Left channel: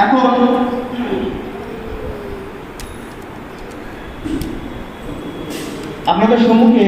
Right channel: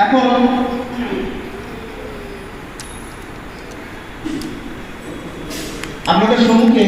এখন আপনাদের সম্মুখে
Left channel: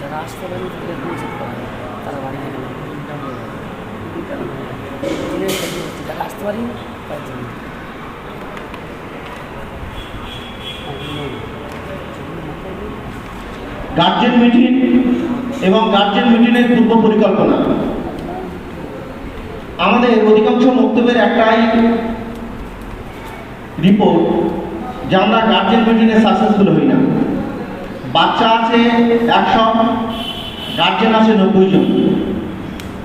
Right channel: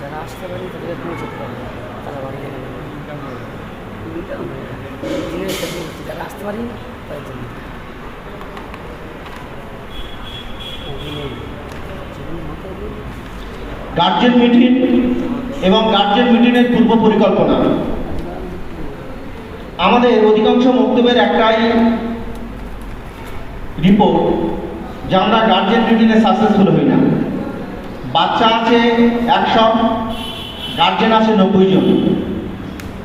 যারা আসতে পারে তাদের পৌঁছতে পারে তারা বাড়ি থেকে যারা আসতে পারি তার জন্য গার্জেন মিটিং এবং গার্জেন মিটিংয়ের পূর্ব পরিকল্পনা। আমাদের অধিকাংশ বক্তব্যের একটাই রিপোর্ট যে আমরা গার্জেন মিটিংয়ে সাকসেসফুল হই না। বাচ্চা আছে 100, গার্জেন আছে 90 জন,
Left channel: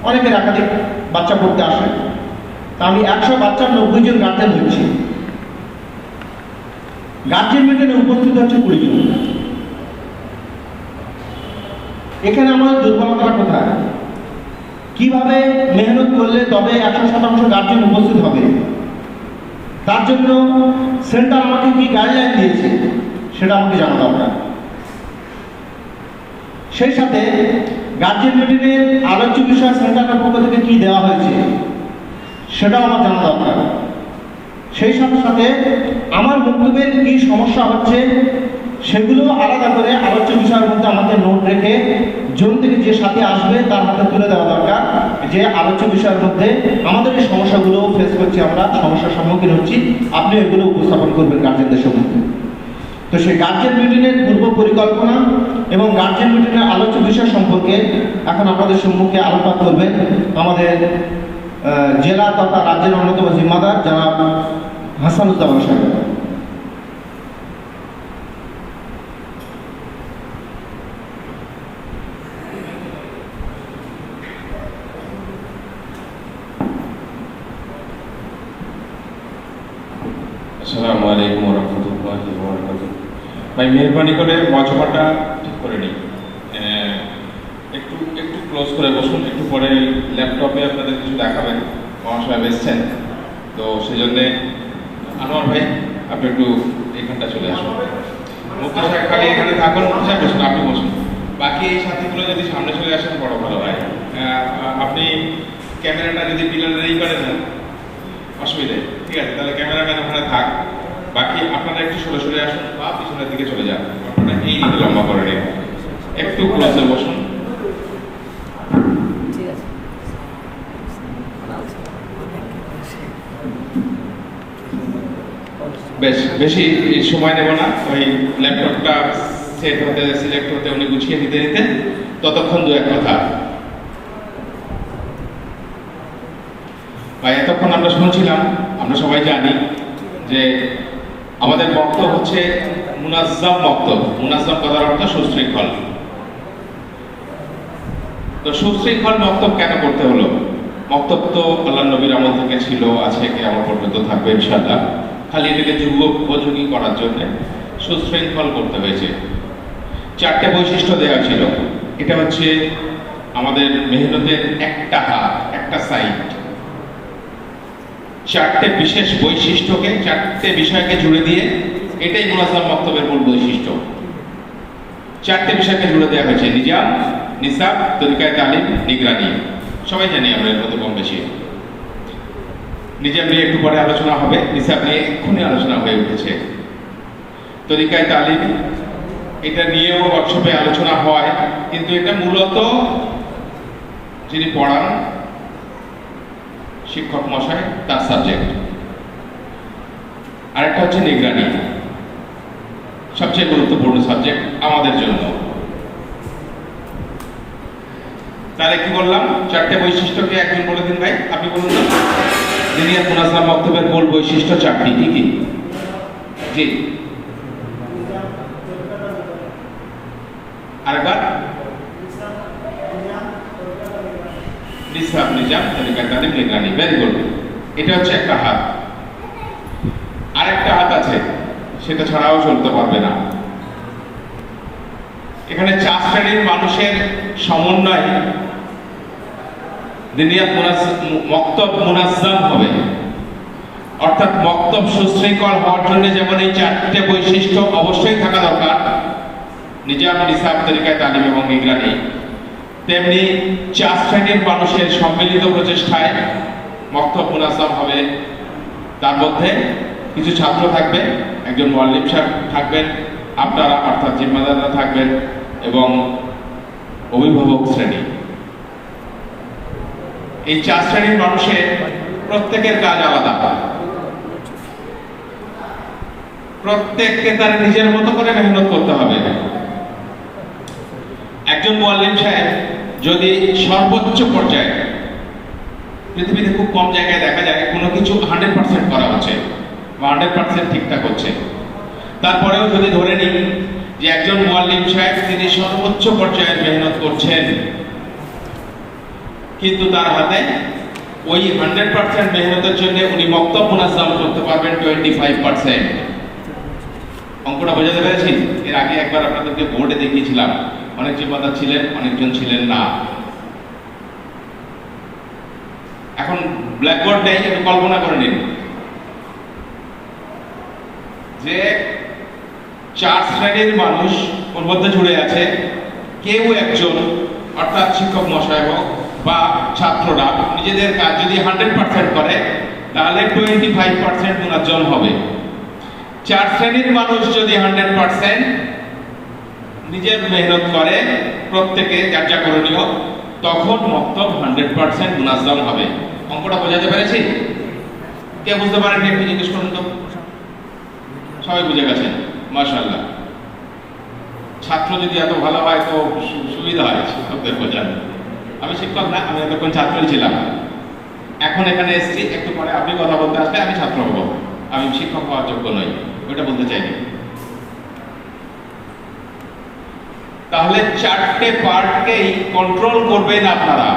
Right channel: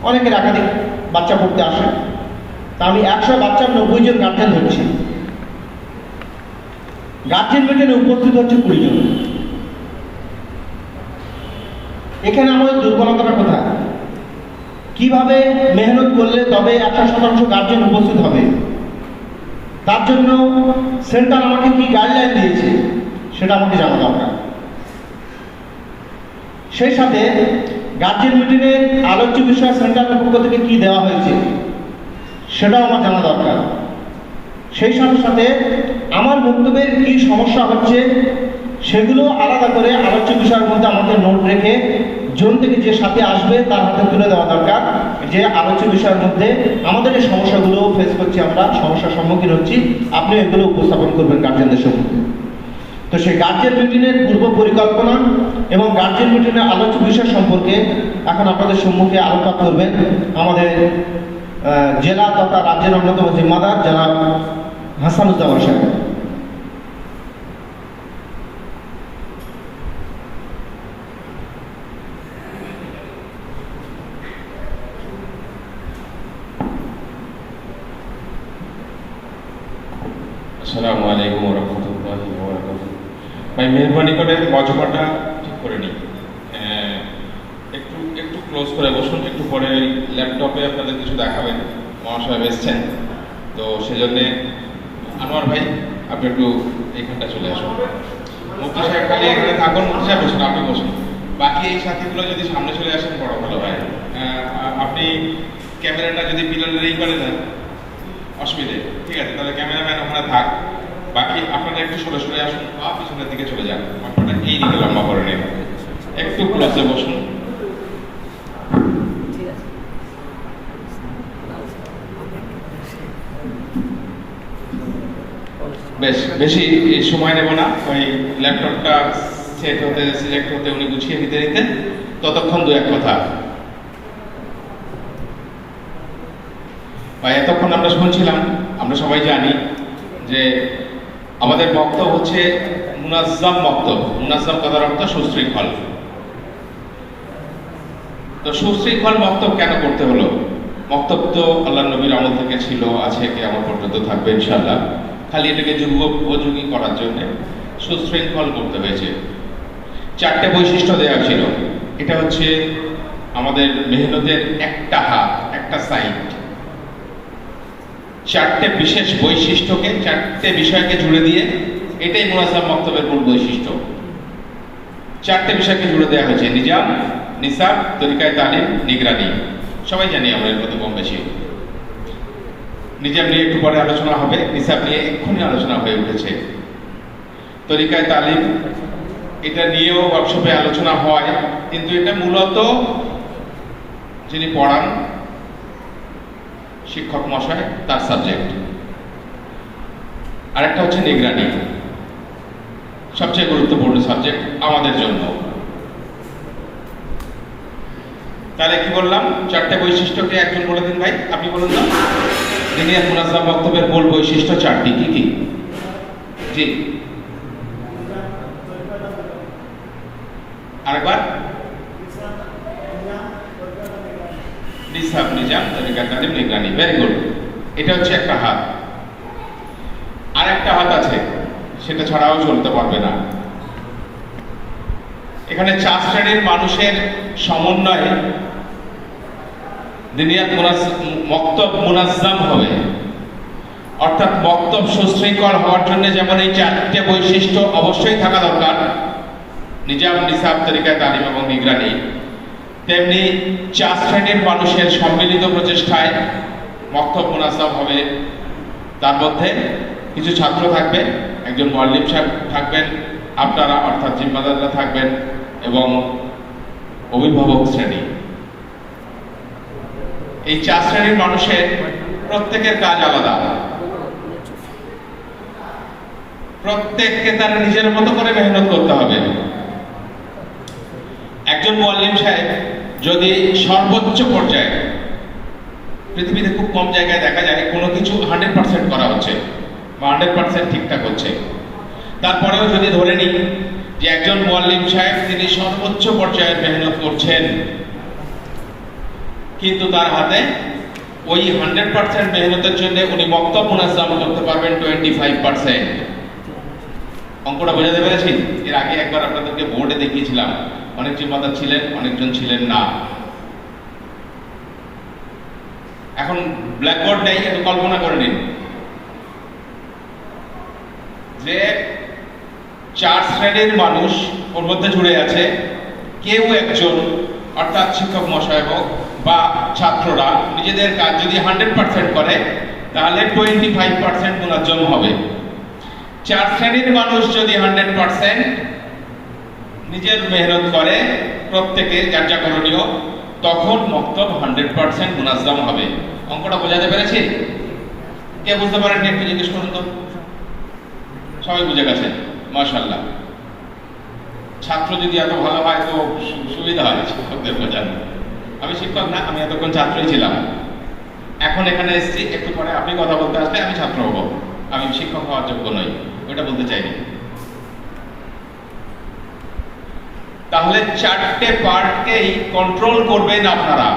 অনেকের একাধিক বাচ্চা পড়তে আসে। তা আমি 100 বাচ্চার 90 জন গার্জেন ধরছি। গার্জেন মিটিংয়ে উপস্থিত হচ্ছে 20 জন। এখানে আমাদের দুর্বলতাটা কোথায়? কিভাবে মেহনত করলে তবে 100% গার্জেন উপস্থিত হবে? তার জন্য সেন্টার আমাকে কি গাইডলাইন দিয়েছে সেটা আমাকে জানা দরকার। সেই সাথে গার্জেন মিটিংয়ে আলোচ্য বিষয় সেন্টারের পক্ষ থেকে কি দেওয়া হয়েছে সেটাও আমার জানা দরকার। সেই সাথে সাথে আমার বক্তব্যের কি সমস্যা হচ্ছে সেগুলো আলাদা করে আলোচ্য বিষয়ের মধ্যে আমাকে নোট রেখে জোন থেকে যে সাথে আসবে তার হাতে তুলে দেওয়া দরকার যে আলোচ্য বিষয়ের মধ্যে আমাদের এই সমস্যাগুলো ফেস করছি, আমরা সমস্যার সম্মুখীন হচ্ছি, আপনি এগুলো উপস্থাপন করবেন গার্জেনদের সম্মুখে। তো সেই গার্জেন মিটিংয়ের পূর্ব পরিকল্পনা এবং গার্জেন মিটিংয়ের আলোচ্য বিষয় সম্পর্কে এখন আপনাদের সম্মুখে আলোচনা করবেন আমাদের জেলা তথা রাজ্যের অন্যতম জিম্মাদার যারা হাসানুজ্জামান সাহেব। আসসালামু আলাইকুম ওয়া রাহমাতুল্লাহি ওয়া বারাকাতুহু। ভাই মেহরবানি করে মজমাটা ঠিক করে নিন, একটু একটু ক্লোজ করে বসুন। একটু পরে ল্যাপটপে আপনাদের কিছু দেখাবেন, মহাশয় এসছেন, তো সেই জন্যে আনোয়ার ভাই আপনি একটু এইখানটা চলে আসুন। মুক্তি সাহেব খালি এখানে থাকুন, মুক্তি সাহেব বসুন, আপনি বসুন। বাকি এই সাথীগুলো যদি সামনে চলে আসেন বড় ভালো হয়। আপনি ক্যামেরাটা যদি পিলারেই করে দেন অসুবিধে, ঠিক আছে? তাহলে ক্যামেরাম্যান ওখানে থাক, বাকি আপনারা একটু সরে সরে আসুন বা পিছনের দিকে চলে যান। আপনারা এই দিকে লম্বা করে নিন, একটু ক্লোজে বসুন। ঠিক আছে। বেশ বেশি সময় নেব না, ওই ল্যাপটপটা সেট হতে সিলেক্ট হতে উনি গুছিয়ে নিতে নিতে ততক্ষণ দু এক কথা। ভাই এতক্ষণ আমরা শুনছিলাম, আমরা সবাই জানি যে আমাদের বক্তব্য হচ্ছে মুনাজ্জাম বক্তব্য। মুনাজ্জাম কথার অর্থ সুশৃঙ্খল। তো সুশৃঙ্খল বক্তব্য কেন করতে হলো? বক্তব্য তো আল্লাহ নবীর আমল থেকে ছিল, আছে, কিয়ামত পর্যন্ত থাকবে ইনশাআল্লাহ। খালি এটাকে যুবক উপযোগী করার জন্য সুশৃঙ্খল করতে হয়েছে। 4টে বৈশিষ্ট্য দেওয়া ছিল। এটা হচ্ছে আমাদের মেহনতের একটা হাত, একটা সাইড। 4টে বিশেষ বৈশিষ্ট্যকে, 4টে বিষয়কে জুড়ে দিয়ে এটাই মুনাজ্জাম বক্তব্যের মূল বৈশিষ্ট্য। 4টে বিষয়কে জুড়ে দেওয়া হয়েছে: নিজাম, নিসাব, তরিকায়ে তালিম, নিগরানি। সবাই জানি আমরা এর মধ্যে কম বেশি। নিজাম নিয়ে একটু পরে আলোচনা হবে, নিসাব নিয়ে এক্ষুনি আলোচনা হয়ে উঠেছে। তরিকায়ে তালিম এটা নিয়েও ওয়ার্কশপে আলোচনা হয়, কিন্তু এটা মূলত যিনি পড়ান শিক্ষক মশাই, তার সাবজেক্ট। আরেকটা হচ্ছে নিগরানি, সবচেয়ে গুরুত্বপূর্ণ সাবজেক্ট আমাদের জন্য। তাহলে কি বললাম, চারটে বৈশিষ্ট্যকে একজন বলে দিন ভাই, আপনি বলুন না। দিনিয়াত মুনাজ্জাম মক্তবের মূল বৈশিষ্ট্য চারটি, কি কি? জি, আরেকবার। নিসাব, নিজাম, তরিকা, তালিম, নিগরানি। Very good. এটা হচ্ছে একটা হাত। আরেকটা হাত আছে, সেটা ছাড়াও চলতে পারবে না। এখানে 4 শ্রেণীর মানুষের সমন্বয়ে দিনিয়াত মক্তব মুনাজ্জাম হবে। অর্থাৎ মক্তব সুশৃঙ্খল হওয়ার জন্য যেমন এই 4টে বৈশিষ্ট্য অবশ্যই থাকা দরকার, নিজাম, নিসাব, তরিকা, তালিম এবং নিগরানি, তেমনি 4 শ্রেণীর মানুষের সম্মিলিত প্রচেষ্টায় মক্তব মুনাজ্জাম হবে। তার মধ্যে কিছু ছাত্র থাকবে, একজন মুআল্লিম সাহেব থাকবেন, আপনারা অর্থাৎ জিম্মাদাররা থাকবেন, এবং অভিভাবক শ্রেণী। এই 4 শ্রেণীর মানুষের প্রত্যেকের কাজ আলাদা, প্রত্যেককে তারা নিজের মতো করে মেহনত করতে হবে। একজন মুআল্লিম সাহেব যদি সর্বোচ্চ পর্যায়ে, পৃথিবীতে খুব কম জায়গায় দেখা যায় কোনো কিছু 100% করা হচ্ছে বা 100% ঠিকঠাক হচ্ছে, তারপরেও যদি ধরে নিই যে একজন মুআল্লিম সাহেব তিনি সর্বোচ্চ পর্যায়ে মেহনত করছেন, কিন্তু তার হাতে ওই 100% মেহনতের জন্য উনি মক্তব মুনাজ্জাম করতে পারবেন 25%। অঙ্কটা বোঝাতে পেরেছি? এর আগে একবার আপনাদেরকে বোর্ডে দেখিয়েছিলাম, অনেক জিম্মাদার ছিলেন, অনেকজন ছিলেন না। এখন ব্ল্যাকবোর্ড নেই, একটু কল্পনা করে নিন যে 4 শ্রেণীর মানুষ ওর মধ্যে জুড়ে আছে। কেউ একজন, অর্থাৎ শিক্ষক মশাই হোক বা ছাত্ররা, নিজেদের কাজ যদি 100% করে তাহলে 25% মুনাজ্জাম হবে। 4 শ্রেণীর মানুষ যদি 100% নিজের মেহনত করে, প্রত্যেকে যার যা করণীয়, তখন মক্তব 100% মুনাজ্জাম হবে। অঙ্কটা বোঝাতে পেরেছি? কে বুঝতে পারেন একটু জিজ্ঞেস করুন তো। সবাই বুঝে গেছেন, মাশাআল্লাহ। ছাত্র যদি এত ভালো হয় তো সুবিধা হয় শিক্ষকদের বোঝানো। আমি শিক্ষক না, আমি এতক্ষণ ছাত্রই ছিলাম, এখন এখানে এসেছি, একটু পরে আপনি কথা বলতে আসলে আমি ছাত্র হব, আমি শিক্ষক হওয়ার যোগ্য নই, ওটা বলতে চাইনি। তাহলে 4টে পার্টকেই কন্ট্রোল করবেন আপনারা।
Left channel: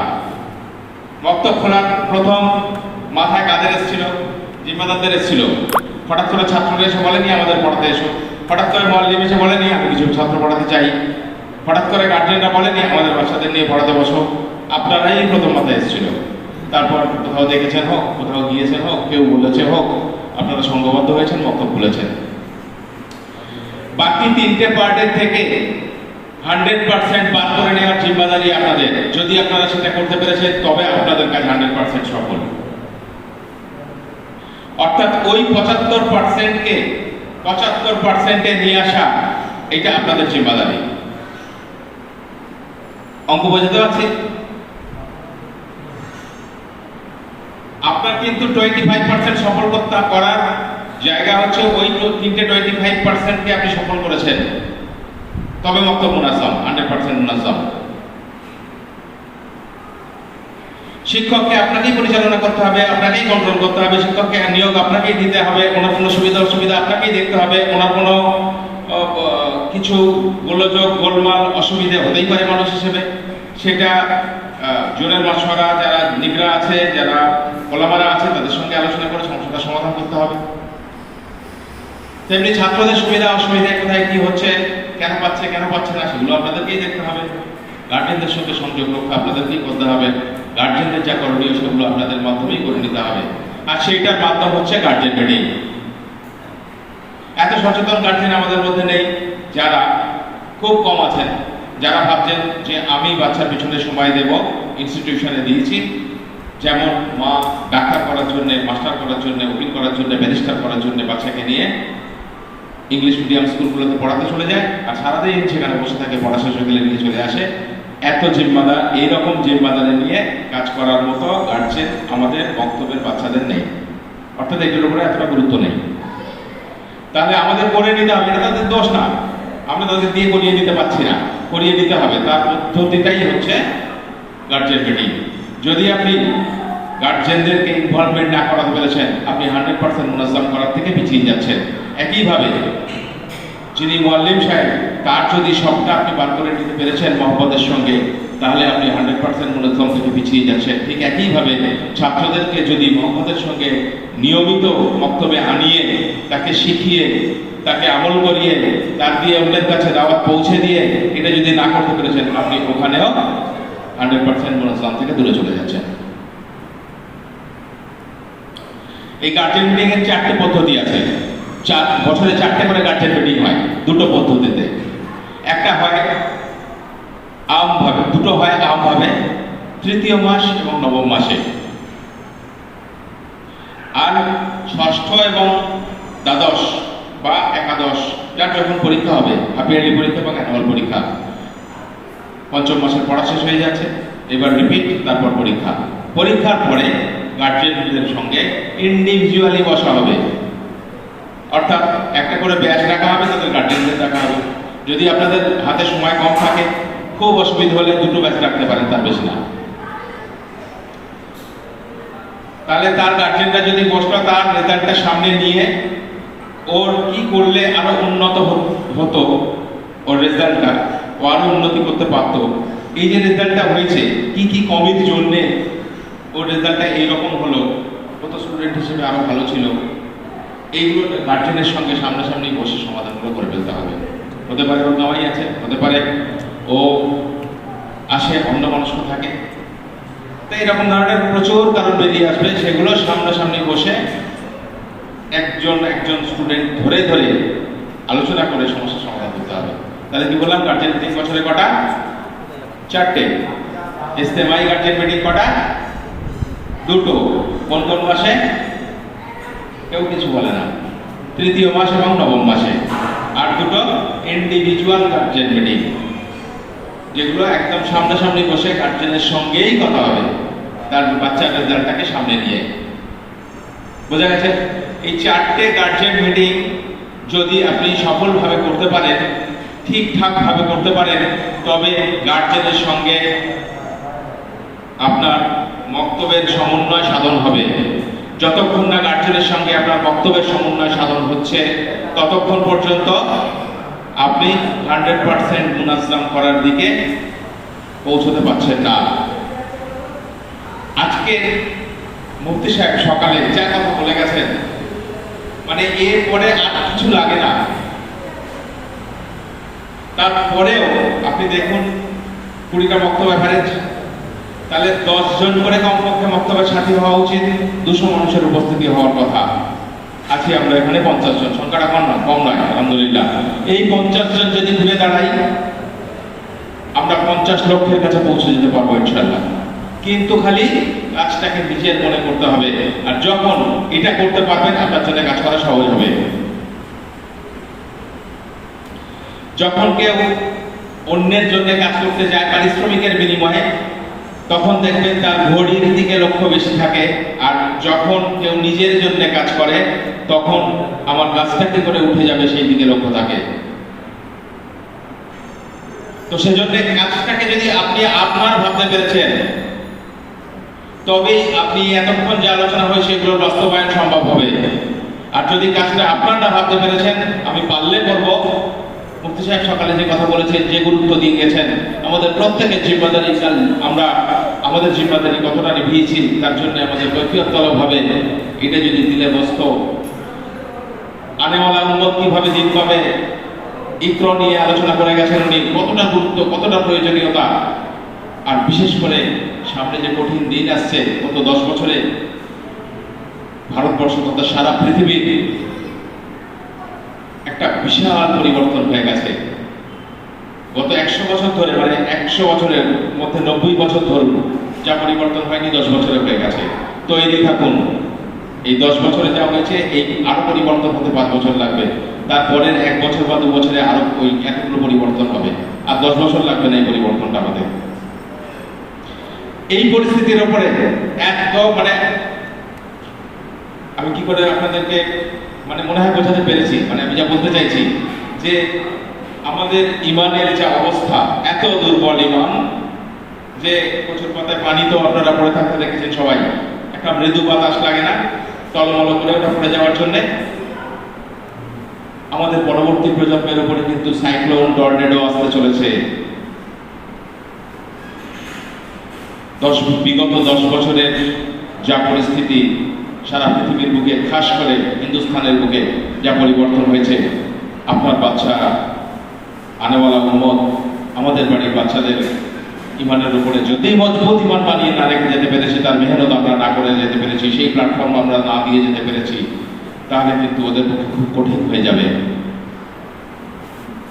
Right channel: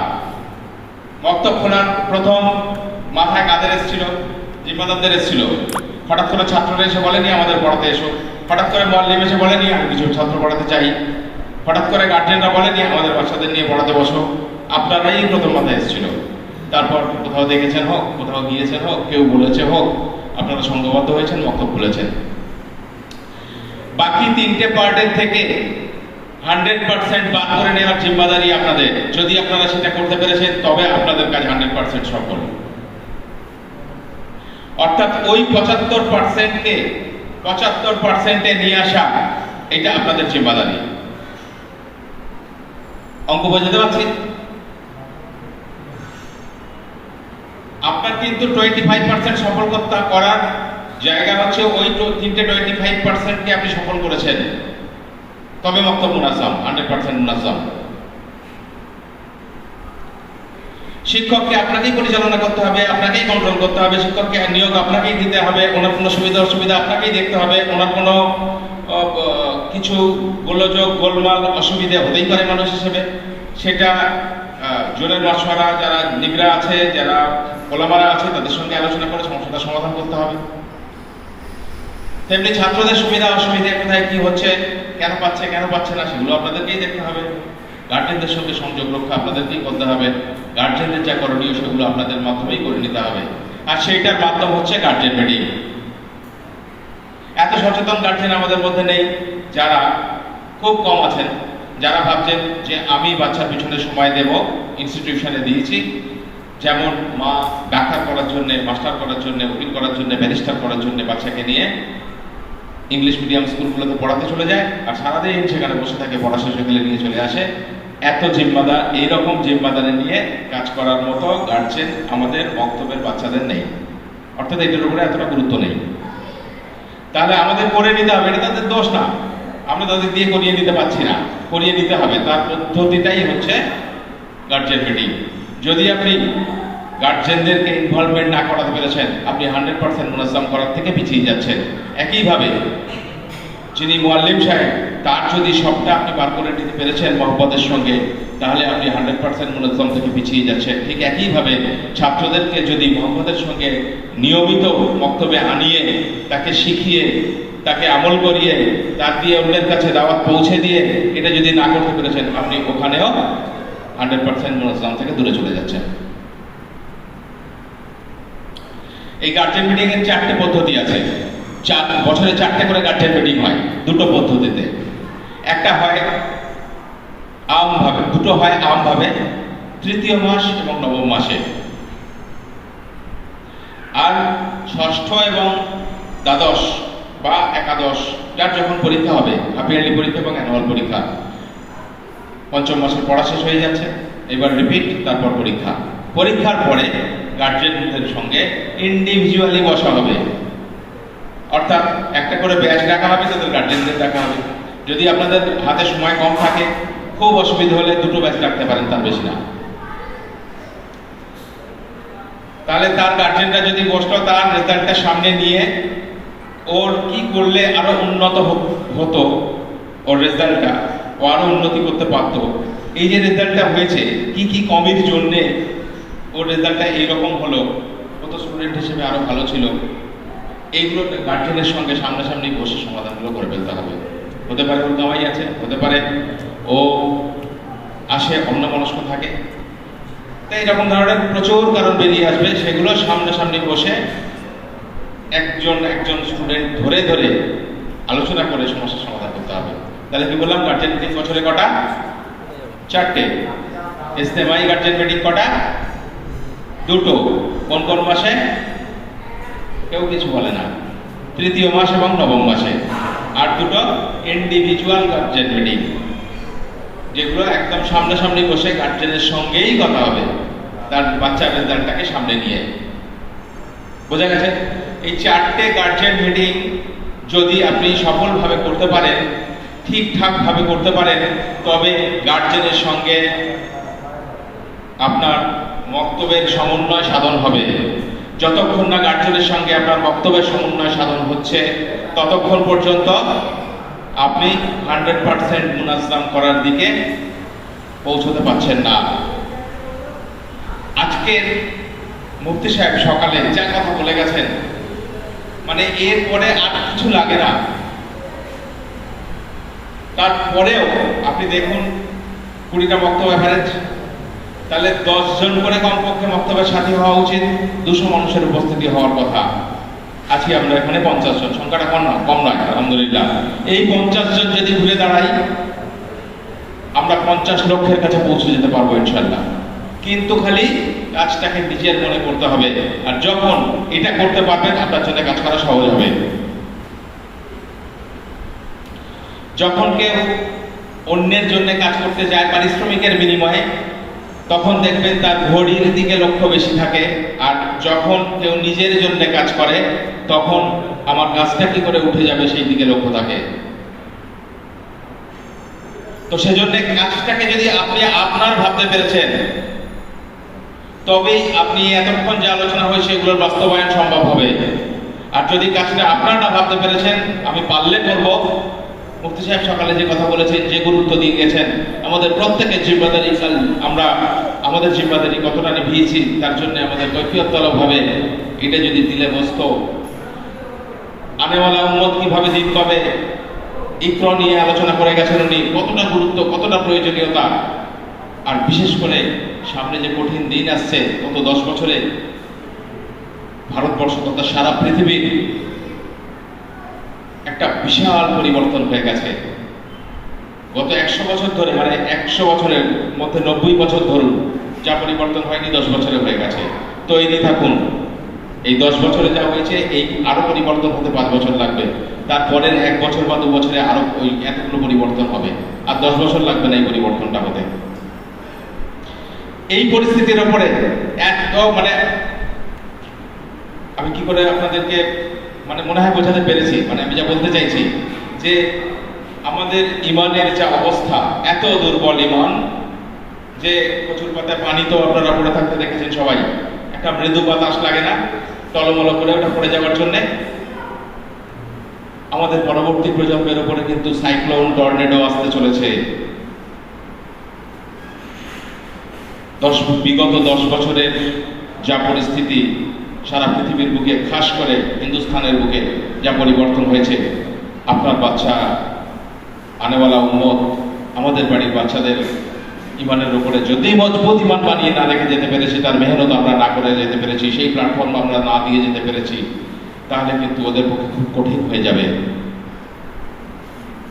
মক্তব খোলার প্রথম মাথায় কাদের এসেছিল? জিম্মাদারদের এসেছিল। হঠাৎ করে ছাত্ররা এসে বলেনি আমাদের পড়াতে এসো, হঠাৎ করে মুআল্লিম এসে বলেনি আমি কিছু ছাত্র পড়াতে চাই, হঠাৎ করে গার্জিয়ানরা বলেনি আমাদের বাচ্চাদের নিয়ে পড়াতে বসো। আপনারাই প্রথম মাথায় এসেছিল। তারপর কোথাও দেখেছেন হোক, কোথাও গিয়েছেন হোক, কেউ বলেছে হোক, আপনারা সংঘবদ্ধ হয়েছেন, মক্তব খুলেছেন। বাকি 3টে পার্টের থেকে 100% বার করে নেওয়ার জিম্মাদারি আপনাদের। যদি আপনারা সেটা করতে পেরেছেন তবে আপনাদের কাজ 100% সফল। অর্থাৎ ওই 75%কে 75%-এ নিয়ে আসা, এটা আপনাদের জিম্মাদারি। অঙ্ক বোঝাতে পারছি? আপনার কিন্তু 25% সফল করার জায়গা হচ্ছে ওই 3টে 25%কে আপনি সফল করেছেন, তবে মক্তব মুনাজ্জাম 100% মুনাজ্জাম। শিক্ষককে আপনাকেই পরিচালনা করতে হবে, আপনাকেই কন্ট্রোল করতে হবে, শিক্ষককে নিয়োগ আপনাকেই দিতে হবে, কোনো সুবিধা অসুবিধা আপনাকেই দেখতে হবে, কোনো কিছু গোলযোগ গোলমাল অসুবিধা হতেই পারে মানুষ হিসেবে, সেটা জোরের মাশওয়ারা, যারা নিগরা আছে, যারা ওলামারা আছে, তাদের সঙ্গে আলোচনা করে সমস্যাটা সমাধান করতে হবে। তেমনি ছাত্রদের সুবিধা অসুবিধা, কোথায় কি হচ্ছে, কেন পাচ্ছে না, সেগুলো আপনাদেরকেই দেখতে হবে। গার্জেনদের সঙ্গে সংযোগ রক্ষা আপনাদেরকেই করতে হবে। গার্জেনদের যা করণীয় সেগুলো আপনাদের মাধ্যমেই করে নিতে হবে, আর সেইটার মাধ্যম হচ্ছে গার্জেন মিটিং। এত সচেতন গার্জেন আমাদের মধ্যে নেই, যারা খুব কম আছেন, যারা ভাবছেন যে আমি বাচ্চার পিছনে সময় দেব, ইনস্টিটিউশনে দিয়েছি, যেমন মা ডাক্তার করার জন্য, মাস্টার করার জন্য, উকিল করার জন্য, ব্যারিস্টার করার জন্য বাচ্চাকে নিয়ে ইংলিশ মিডিয়াম স্কুলগুলোতে পড়াতে চলে যায়, আর সারাদিন সেখানে বসে থাকে, পড়া শেষ হয়ে গেলে নিয়ে চলে আসে। এত জিম্মাদার, এইরকম জিম্মাদারে নিয়ে কাজ করার মতো গার্জেন আমাদের বক্তব্যের বাচ্চাদের নেই, অর্থাৎ এটার উপরে এতটা গুরুত্ব নেই। তাহলে আমাদের করে নিতে হবে, এটা তাদের দোষ না, আমরা তাদের দিয়ে করিয়ে দিতে পারছি না, করিয়ে দিতে হবে। তার পদ্ধতিটাই হচ্ছে গার্জেন মিটিং। যদি আপনি গার্জেনদেরকে ইনভলভমেন্ট না করাতে পেরেছেন, আপনি 100% মুনাজ্জাম করার থেকে পিছিয়ে যাচ্ছেন। একইভাবে যিনি মুআল্লিম সাহেব, তার যদি সবটা আপনি বার করে নিতে পেরেছেন মহব্বতের সঙ্গে, তাহলে আপনি 100% মুনাজ্জাম থেকে পিছিয়ে যাচ্ছেন। ঠিক একইভাবে ছাত্রদেরকে যদি মহব্বতের সঙ্গে নিয়মিত বক্তব্যে আনিয়ে, তাকে শিখিয়ে, তাকে আমল করিয়ে, তার দিয়ে অন্যের কাছে দাওয়াত পৌঁছে দিয়ে এটা যদি না করতে পেরেছেন, আপনি ওখানেও 100% মুনাজ্জাম থেকে দূরে চলে যাচ্ছেন। এই গার্জেন মিটিং এর 4টে পদ্ধতি আছে। বছরে 4টে করে গার্জেন মিটিং হয়, দুটো পদ্ধতিতে। একটা হয় আমভাবে, দুটো হয় আমভাবে, তৃতীয় মাস এবং নবম মাসে। আর ষষ্ঠ এবং দ্বাদশ বা একাদশ, যার যখন পরীক্ষা হবে, হাফ ইয়ারলি পরীক্ষা এবং অ্যানুয়াল পরীক্ষা, পঞ্চম মাসের পড়া শেষ হয়ে যাচ্ছে, এবার রিপিট, তারপর পরীক্ষা। পরীক্ষার পরে গার্জেনদের সঙ্গে ইন্ডিভিজুয়ালি বসা হবে, অর্থাৎ একটা করে ব্যাচ রাখা হবে, তাদের গার্জেনদের রাখা হবে। যদি আপনাদের হাতে সময় কম থাকে, খুব অসুবিধা হলে দুটো ব্যাচ রাখতে পারেন, তার বেশি না। তাহলে তার গার্জেনরা যদি বসতো, তার রেজাল্টটা সামনে নিয়ে ওর কি করলে আরো উন্নত হতো, ওর রেজাল্টটা ও আরো উন্নতি করতে পারতো, এই যে রেজাল্টটা হয়েছে, কি কি কমির জন্যে ওর রেজাল্টটা এইরকম হলো, ও তো স্টুডেন্ট হিসেবে আরো ভালো ছিল, এইগুলো গার্জেনের সঙ্গে সামনাসামনি বসে সমাধানগুলো করে ফেলতে হবে। হতে পারে ওর দাওয়াই আছে, হতে পারে ও আসে অন্যমনস্ক থাকে, তাই এরকম ধরনের প্রচুর কারণ বেরিয়ে আসবে। সেগুলো সামনাসামনি বসে একজন স্টুডেন্ট ধরে ধরে আলোচনা করে সমস্যার সমাধান করতে হবে। তাহলে কি বললাম, গার্জেন মিটিং বছরে কটা? 4টে। ইজতেমাই গার্জেন মিটিং কটা? 2টো। কোন কোন মাসে? কেউ কিছু বলে না। তৃতীয় মাস এবং নবম মাসে। আর 2টো ইন্ডিভিজুয়াল গার্জেন মিটিং, যেগুলো একদম সামনাসামনি বসে গার্জেনের সঙ্গেই কথা হবে, তার বাচ্চার রেজাল্টটাকে সামনে নিয়ে। বোঝা গেছে? এই 4টে গার্জেন মিটিং যদি আপনি সফলভাবে করতে পারেন, ঠিকঠাক ভাবে করতে পারেন, তবে গার্জেনের সঙ্গে আপনার বক্তব্যের সমন্বয় সাধন হবে। যতক্ষণ না গার্জেনের সঙ্গে আপনার বক্তব্যের সমন্বয় সাধন হচ্ছে, ততক্ষণ পর্যন্ত আপনি 100% মুনাজ্জাম করার দিকে পৌঁছতে পারছেন না। আজকে মুফতি সাহেব সকালে যা কথা বলে গেছেন, মানে এরপরে আর কিছু লাগে না। তারপরেও আপনি দেখুন 20টা বক্তব্য এভারেজ, তাহলে 10 জন করে কমপক্ষে বক্তব্যের সাথী হওয়া উচিত, 200 মানুষের উপস্থিতি হওয়ার কথা। আছি আমরা এখানে 50 জন, সংখ্যাটা কম নয় আলহামদুলিল্লাহ। এই 50 জন যদি ঘুরে দাঁড়াই, আমরা 50 লক্ষের কাছে পৌঁছে যেতে পারবো ইনশাআল্লাহ। কিন্তু খালি কাজটাকে নিজের মনে করতে হবে, আর যখন এটা করতে পারবেন, আপনার জন্য কাজ করা সহজ হবে। যখন কেউ অন্যের জন্য কাজ করতে যায় পারিশ্রমিকের বিনিময়ে, তখন দেখবেন তার ঘড়ির দিকে লক্ষ্য বেশি থাকে, আর যখন কেউ নিজের জন্য কাজ করে, তখন আমার কাজটা কি করে উঠে যাবে সেই দিকে লক্ষ্য থাকে। তো সেজন্য কাজটাকে যদি আপনি আপনার ভাবতে পেরেছেন, তবেই আপনি এতক্ষণ যে আলোচনা হয় সেগুলোর বাস্তবায়ন সম্ভব হবে। আর যদি কাজটা আপনারা ভাবতে পেরেছেন, আমি পারলে করব, মুফতি সাহেব সকালে যে কথা বলেছেন, যে গুরুত্ব দিয়ে গেছেন, আমাদের প্রত্যেকের জিম্মাদারি, আমরা আমাদের জিম্মাদারি কতটা নিভিয়েছি, তার জন্য আমাদের কৈফিয়তভাবে এটা যদি দিলে বসত, আনেওয়ালা উম্মত কিভাবে দিন পাবে, ইকরা নিয়ে আলোচনা করে গেছেন উনি, কতটা গুরুত্ব, কতটা প্রয়োজনীয়তা। আর বিশেষ করে সামনে যে কঠিন দিন আসছে, গত 10 বছরে ভারতবর্ষ তথা সারা পৃথিবীর একটা বিশাল পরিবর্তন হয়ে গেছে। গত 100 বছর ধরে, মানে 100 বছরের মধ্যে 90 বছর ধরুন, যা পরিবর্তন হয়নি 10 বছরে হয়ে গেছে। তৈরি থাকুন, এই 10 বছরে যা হয়েছে, এই আরো পরিবর্তন হতে 5 বছর লাগবে। তারপরের 1 বছর বা 2 বছরে আরো ওই একগুলো পরিবর্তন হবে, আর 10 বছর লাগবে না এই পরিবর্তনটা হতে। এই পরিস্থিতির উপরে একদম মানে আমি কি করে আপনাদেরকে মানে মনে হয় বোঝাতে পেরেছি, মানে আমি যা বলতে চাইছি যে আমাদের ইমানের যা অবস্থা, এত দুর্বল ইমান যে প্রচুর পাতায় পানি তো আপনারা পড়ে থাকতে দেখেছেন সবাই, একটা মৃদু বাতাস লাগে না টলমল করে ওটা পড়ে যাওয়ার জন্য। আমাদের পরবর্তী প্রজন্মের উপরে কিন্তু সাইক্লোন টর্নেডো আসতে চলেছে। বিগত 10 বছরের যা পরিস্থিতি সারা পৃথিবীর বুকে, খাস করে হিন্দুস্তানের বুকে যা পরিবর্তন হয়েছে, আপনার বাচ্চা আনেওয়ালা উম্মত, আমাদের বাড়ির বাচ্চাদের ইমানের উপরে যদি মজবুত ইমান বানিয়ে না রেখে যেতে পেরেছি, তার মেহনত আমরা না করে যেতে পেরেছি, সেই প্ল্যাটফর্ম আমরা না দিয়ে যেতে পেরেছি, তাহলে কিন্তু ওদের পক্ষে খুব কঠিন হয়ে যাবে।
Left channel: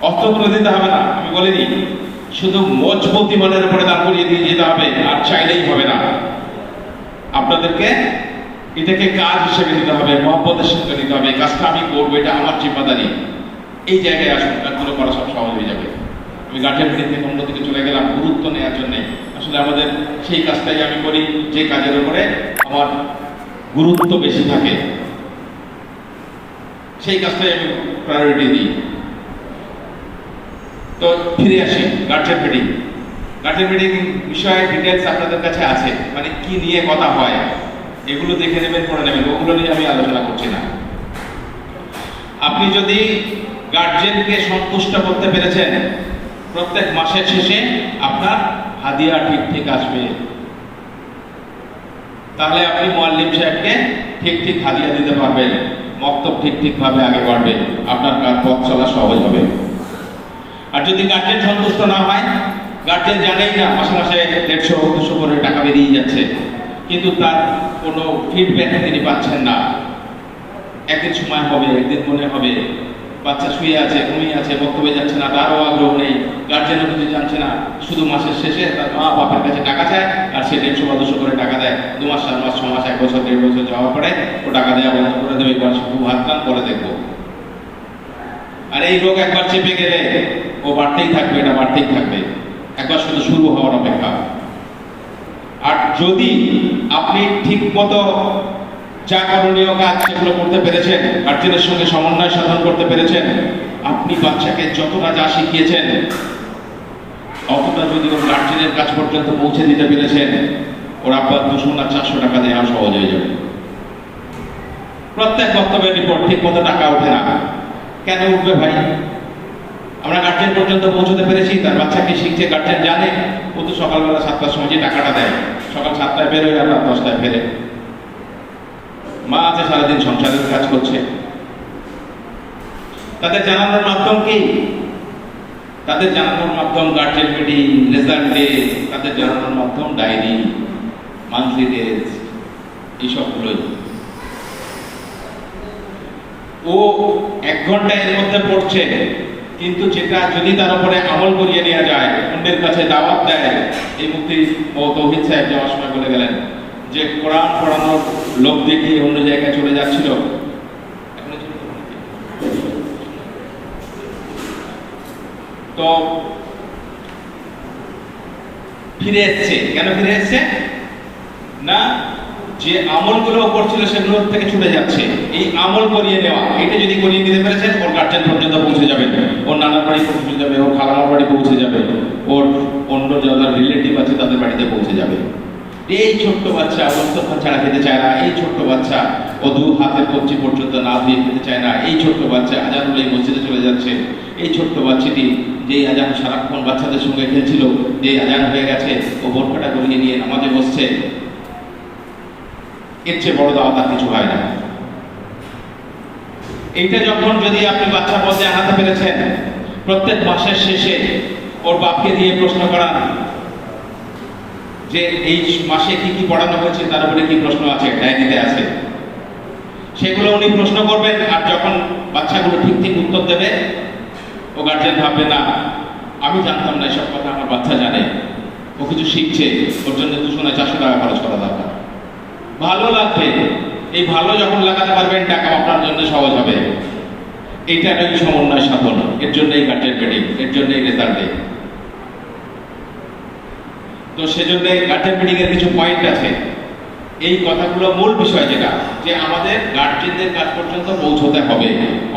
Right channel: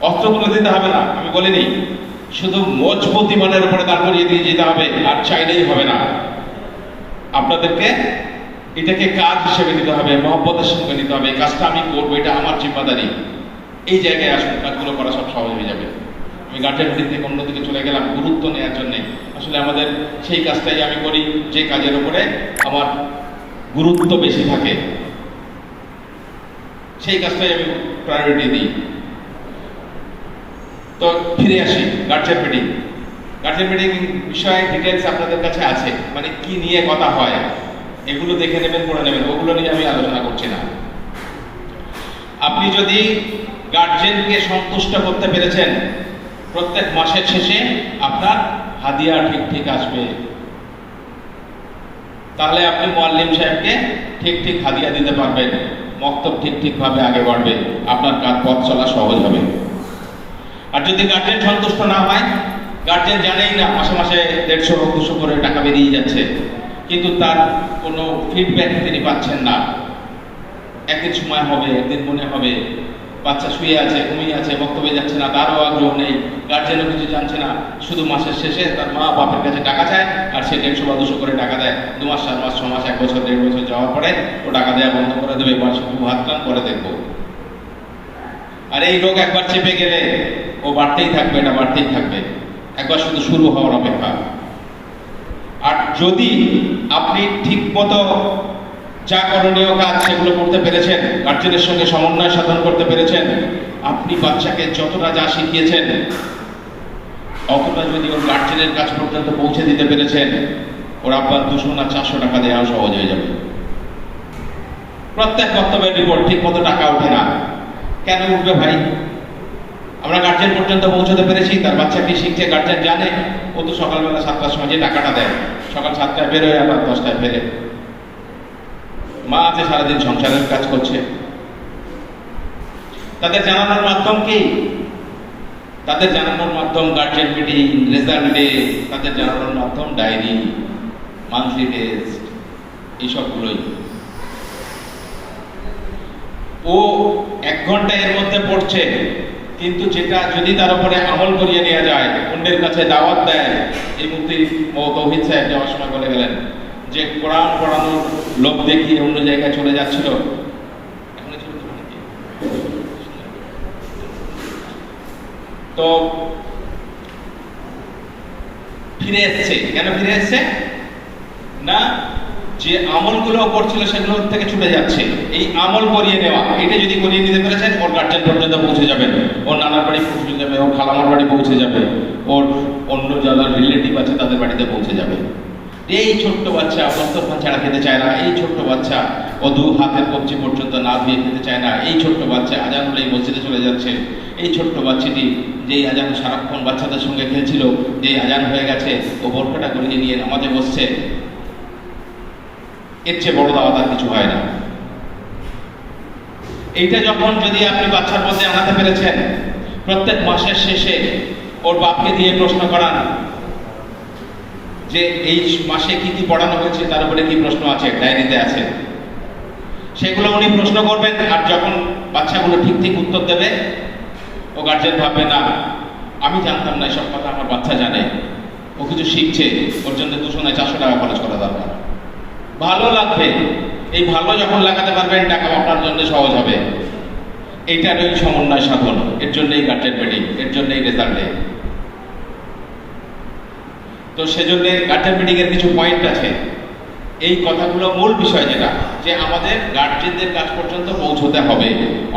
অস্ত্র তুলে দিতে হবে না, আমি বলিনি, শুধু মজবুত ইমানের উপরে দাঁড় করিয়ে দিয়ে যেতে হবে, আর চাইলেই হবে না। আপনাদেরকে এটাকে কাজ হিসেবে নিতে হবে, মহব্বতের সঙ্গে নিতে হবে, কাজটা আমি করবো, এটা আমার জিম্মাদারি। এই জায়গায় আসুন, কাজগুলো করা সব সহজ হয়ে যাবে। আমি গার্জেন থেকে অন্যদিকে চলে গেলাম গুরুত্ব নেওয়ার জন্য। আসলে আমাদের সেই কাজটাই আমি করি যে কাজের উপরে আমার গুরুত্ব বেশি থাকে, সেই কাজটাই আমি প্রায়োরিটি দিই। তো ফিরে আসি গার্জেন মিটিং। গার্জেন মিটিং বিষয়ে ডিটেলস আপনাদের কাছে আছে, মানে কি নিয়ে কথা হয় এগুলো দেখে নেবেন, পড়ে নেবেন, ওগুলো নিয়ে আমি আলোচনা করছি না। আপনি যদি গার্জেনকে সন্তুষ্ট করতে পেরেছেন, প্রত্যেক মাসের শেষে আপনার হাদিয়া ঠিক ঠিক আসবে, তাহলে আপনি মুআল্লিম সাহেবকে ঠিক ঠিক হাদিয়া দিতে পারবেন, মক্তব ঠিক ঠিক ভাবে আগে বাড়বে, আপনার কাজ পথ চলা সহজ হবে। আর যদি গার্জেন সন্তুষ্ট না হয়, গার্জেন জানেই না মাসে মাসে 150-200 করে টাকা বেরিয়ে যাচ্ছে, কিন্তু তার কোনো ফিডব্যাক তিনি পাচ্ছেন না। একদিন সময় হবে, একদিন মনে হবে, বাচ্চা শুয়ে আছে, ঘুমিয়ে আছে, বক্তব্যে যাচ্ছে না, তারও আগ্রহ নেই, গার্জেনও কিছু জানছে না, শুধু মাসের শেষে তার মা বাপের কাছে টাকা চায়, আর সে 150 বা 200 করে টাকা দেয়। 2 মাস, 7 মাস, 6 মাস, 1 বছর, 1.5 বছর যাওয়ার পরে ও টাকা দেওয়া বন্ধ করে দেবে, বা শুধু হাত কান পরে দেখবো। আর এই রোগ একবার চেপে গেলে ও বাড়তেই থাকবে, এটা বাড়তেই থাকবে, একবার শুধু শুরু হওয়ার অপেক্ষা। আর যদি আপনি ঠিক মতো যা করণীয় কাজ সেগুলো করতে পেরেছেন, গার্জেনের সঙ্গে সমন্বয় সাধন করতে পেরেছেন, আপনি বাচ্চাকে যতটা যা শিখিয়েছেন অতটা যদি ওর গার্জেনের কাজ পর্যন্ত পৌঁছে দিতে পেরেছেন, ওর আপনার 200 না 400 টাকা দেওয়া সহজ হয়ে যাবে। প্রত্যেক বক্তব্যের রিপোর্ট ঠিক মতো টাকা ওঠে না, কেন উঠবে ভাই? আমরা গার্জেন পর্যন্ত পৌঁছতে পেরেছি, তার বাচ্চা কি শিখছে গার্জেন জানে। ও তো সকালবেলা 7টার সময় যে টাকাটা দেয়, সকাল 7টায় বেরোয়, আবার 10টায় ফেরে। মা আছে সারাদিন সংসারের কাজ করছে, তাদের জানানোর মাধ্যম কি? তাদের জানানোর মাধ্যম গার্জেন মিটিং, রেজাল্ট ডে, তাদের জানানোর মাধ্যম ডায়েরি, মান্থলি টেস্ট, এইসবগুলোই। ও 1 ঘন্টা এর মধ্যে পড়ছে, কিন্তু যেটা যদি তার উপরে আমল করিয়ে নেওয়া যায়, অন্যের কাছে দাওয়াত দেয়। এই মুফতি তৌহিদ সাহেব যাওয়ার সময় বলে গেলেন যে কোরআন পড়ানোর লোক দেখিয়ে অন্য জায়গায় চলে যাচ্ছিল, তো ফিরে এসছে। কেন ফিরে এসছে? না, যে আমলগুলো করছিল সেগুলো থেকে ছুটে যাচ্ছে। এই আমল করিয়ে নেওয়া, এটা যদি করিয়ে নিতে পেরেছেন, ওর গার্জেন পর্যন্ত পৌঁছে যাবে, ওর নানার বাড়ি পৌঁছে যাবে, ওর খালামার বাড়ি পৌঁছে যাবে, ওর অন্য যারা রিলেটিভ আছে তাদের বাড়িতে পৌঁছে যাবে। এই ছোট্ট বাচ্চা অবস্থা ছাড়া খেতে চায় না, এই ছোট্ট বাচ্চা ও 2 হাতের কবজি পর্যন্ত না ধুয়ে খেতে চায় না, এই ছোট্ট বাচ্চা আজান হলেই মসজিদে চলে যাচ্ছে, এই ছোট্ট বাচ্চাটি যেই আজান সারাক্ষণ বাচ্চাদের সঙ্গে খেলছিল, যে আজান হয়ে গেছে ও বোরখাটা গলিয়ে নিয়ে নামাজে বসছে, এর চেয়ে বড় দাওয়াত আর কিছু হয় না। এইটা যখন যদি আপনি বাচ্চার মধ্যে আনাতে পেরেছেন, প্রত্যেক মাসের শেষে ওর বাপকে দিয়ে প্রশ্ন করান যে এই মাসে কি কি পড়ানো হয়েছে, তার উপরে কি প্রশ্ন আছে, ডায়েরিতে আছে, সেগুলো উনি প্রশ্ন করবেন। আর যখন বাচ্চাগুলো ঠিক ঠিক উত্তর দেবে, ও গার্জেন ভাববে না আমি জানতাম না এসব কথা, আমার বাচ্চা জানে, ও কিছু শিখছে, ওর জন্য 200 না 400 টাকা খরচ করা দরকার। ভালো লাগবে, এই ভালো যখন লাগাতে পারবেন, টাকা আপনার জন্য সহজ হবে। এইটারই সমন্বয় সাধন, এর জন্য এই গার্জেন মিটিং, এর জন্য এই রেজাল্ট ডে। তো সেজন্য গার্জেন মিটিং এর কিছু পয়েন্ট আছে। এই কথাগুলো মূল বিষয় যেটা, যে আমাদের গার্জেনদের কাছ পর্যন্ত পৌঁছতে হবে,